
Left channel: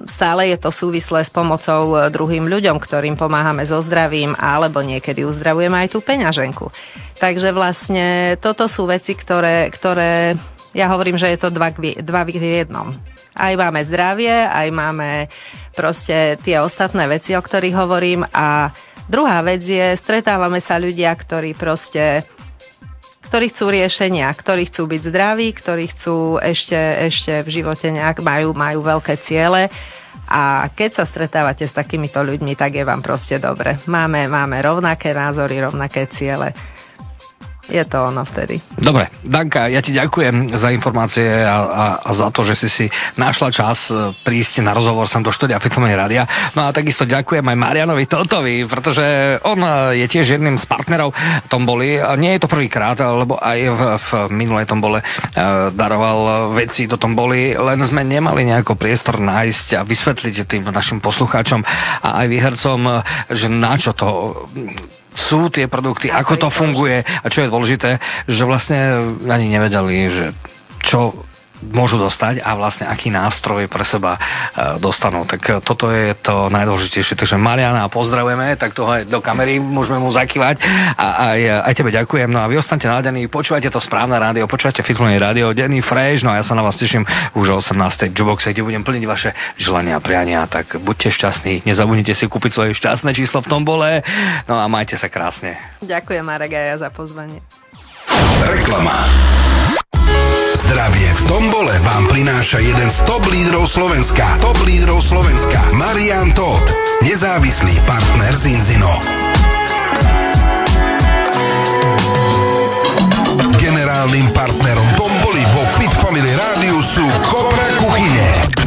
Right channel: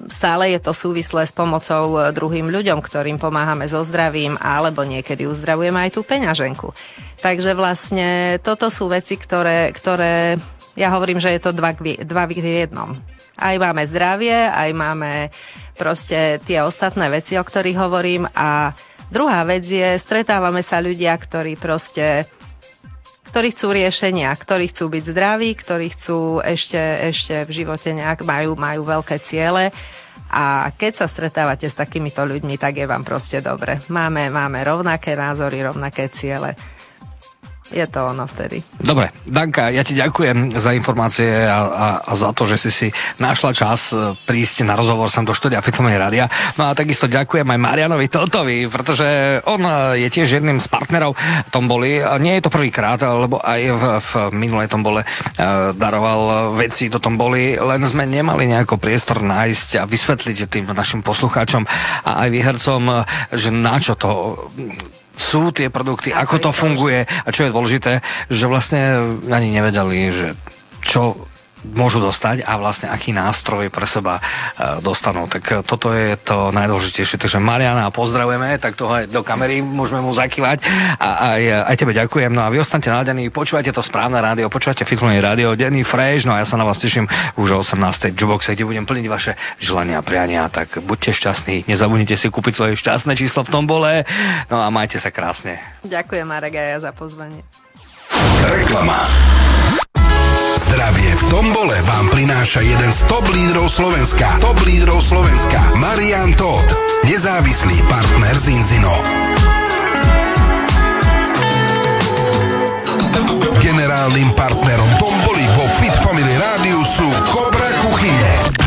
Stále je to súvislé s pomocou druhým ľuďom, ktorým pomáhame so zdravím, alebo niekedy uzdravujeme aj tú peňaženku. Takže vlastne toto sú veci, ktoré ja hovorím, že je to dva v jednom. Aj máme zdravie, aj máme proste tie ostatné veci, o ktorých hovorím a druhá vec je, stretávame sa ľudia, ktorí chcú riešenia, ktorí chcú byť zdraví, ktorí chcú ešte v živote nejak majú veľké ciele a keď sa stretávate s takýmito ľuďmi, tak je vám proste dobre. Máme rovnaké názory, rovnaké ciele. Je to ono vtedy. Dobre, Danka, ja ti ďakujem za informácie a za to, že si našla čas prísť na rozhovor sem do štúdia Fitfamily Rádia. No a takisto ďakujem aj Marianovi Totovi, pretože on je tiež jedným z partnerov Tomboli. Nie je to prvýkrát, lebo aj v minulej Tombole daroval veci do Tomboli, len sme nemali nejako priestor nájsť a vysvetliť tým našim poslucháčom a aj výhercom, že na čo to sú tie produkty, ako to funguje a čo je dôležité, že vlastne ani nevedeli, že čo môžu dostať a vlastne aký nástroj pre seba dostanú. Tak toto je to najdôležitejšie. Takže Mariana pozdravujeme, tak toho aj do kamery môžeme mu zakývať a aj tebe ďakujem. No a vy ostaňte naladení, počúvajte to správne rádio, počúvajte Fitfamily Rádio, denný fresh, no a ja sa na vás teším už o 18. Juboxe, kde budem plniť vaše želania a priania. Tak buďte šťastní, nezabudnite si kúpiť svoje šťastné číslo v tombole, no a majte sa krásne. Ďakujem Marek a ja za pozvanie. Reklama. Zdravie v tombole vám prináša jeden z top lídrov Slovenska. Marian Todt, nezávislý partner Zinzino. Generálnym partnerom tomboly vo Fitfamily Rádiu sú Kobra kuchyne.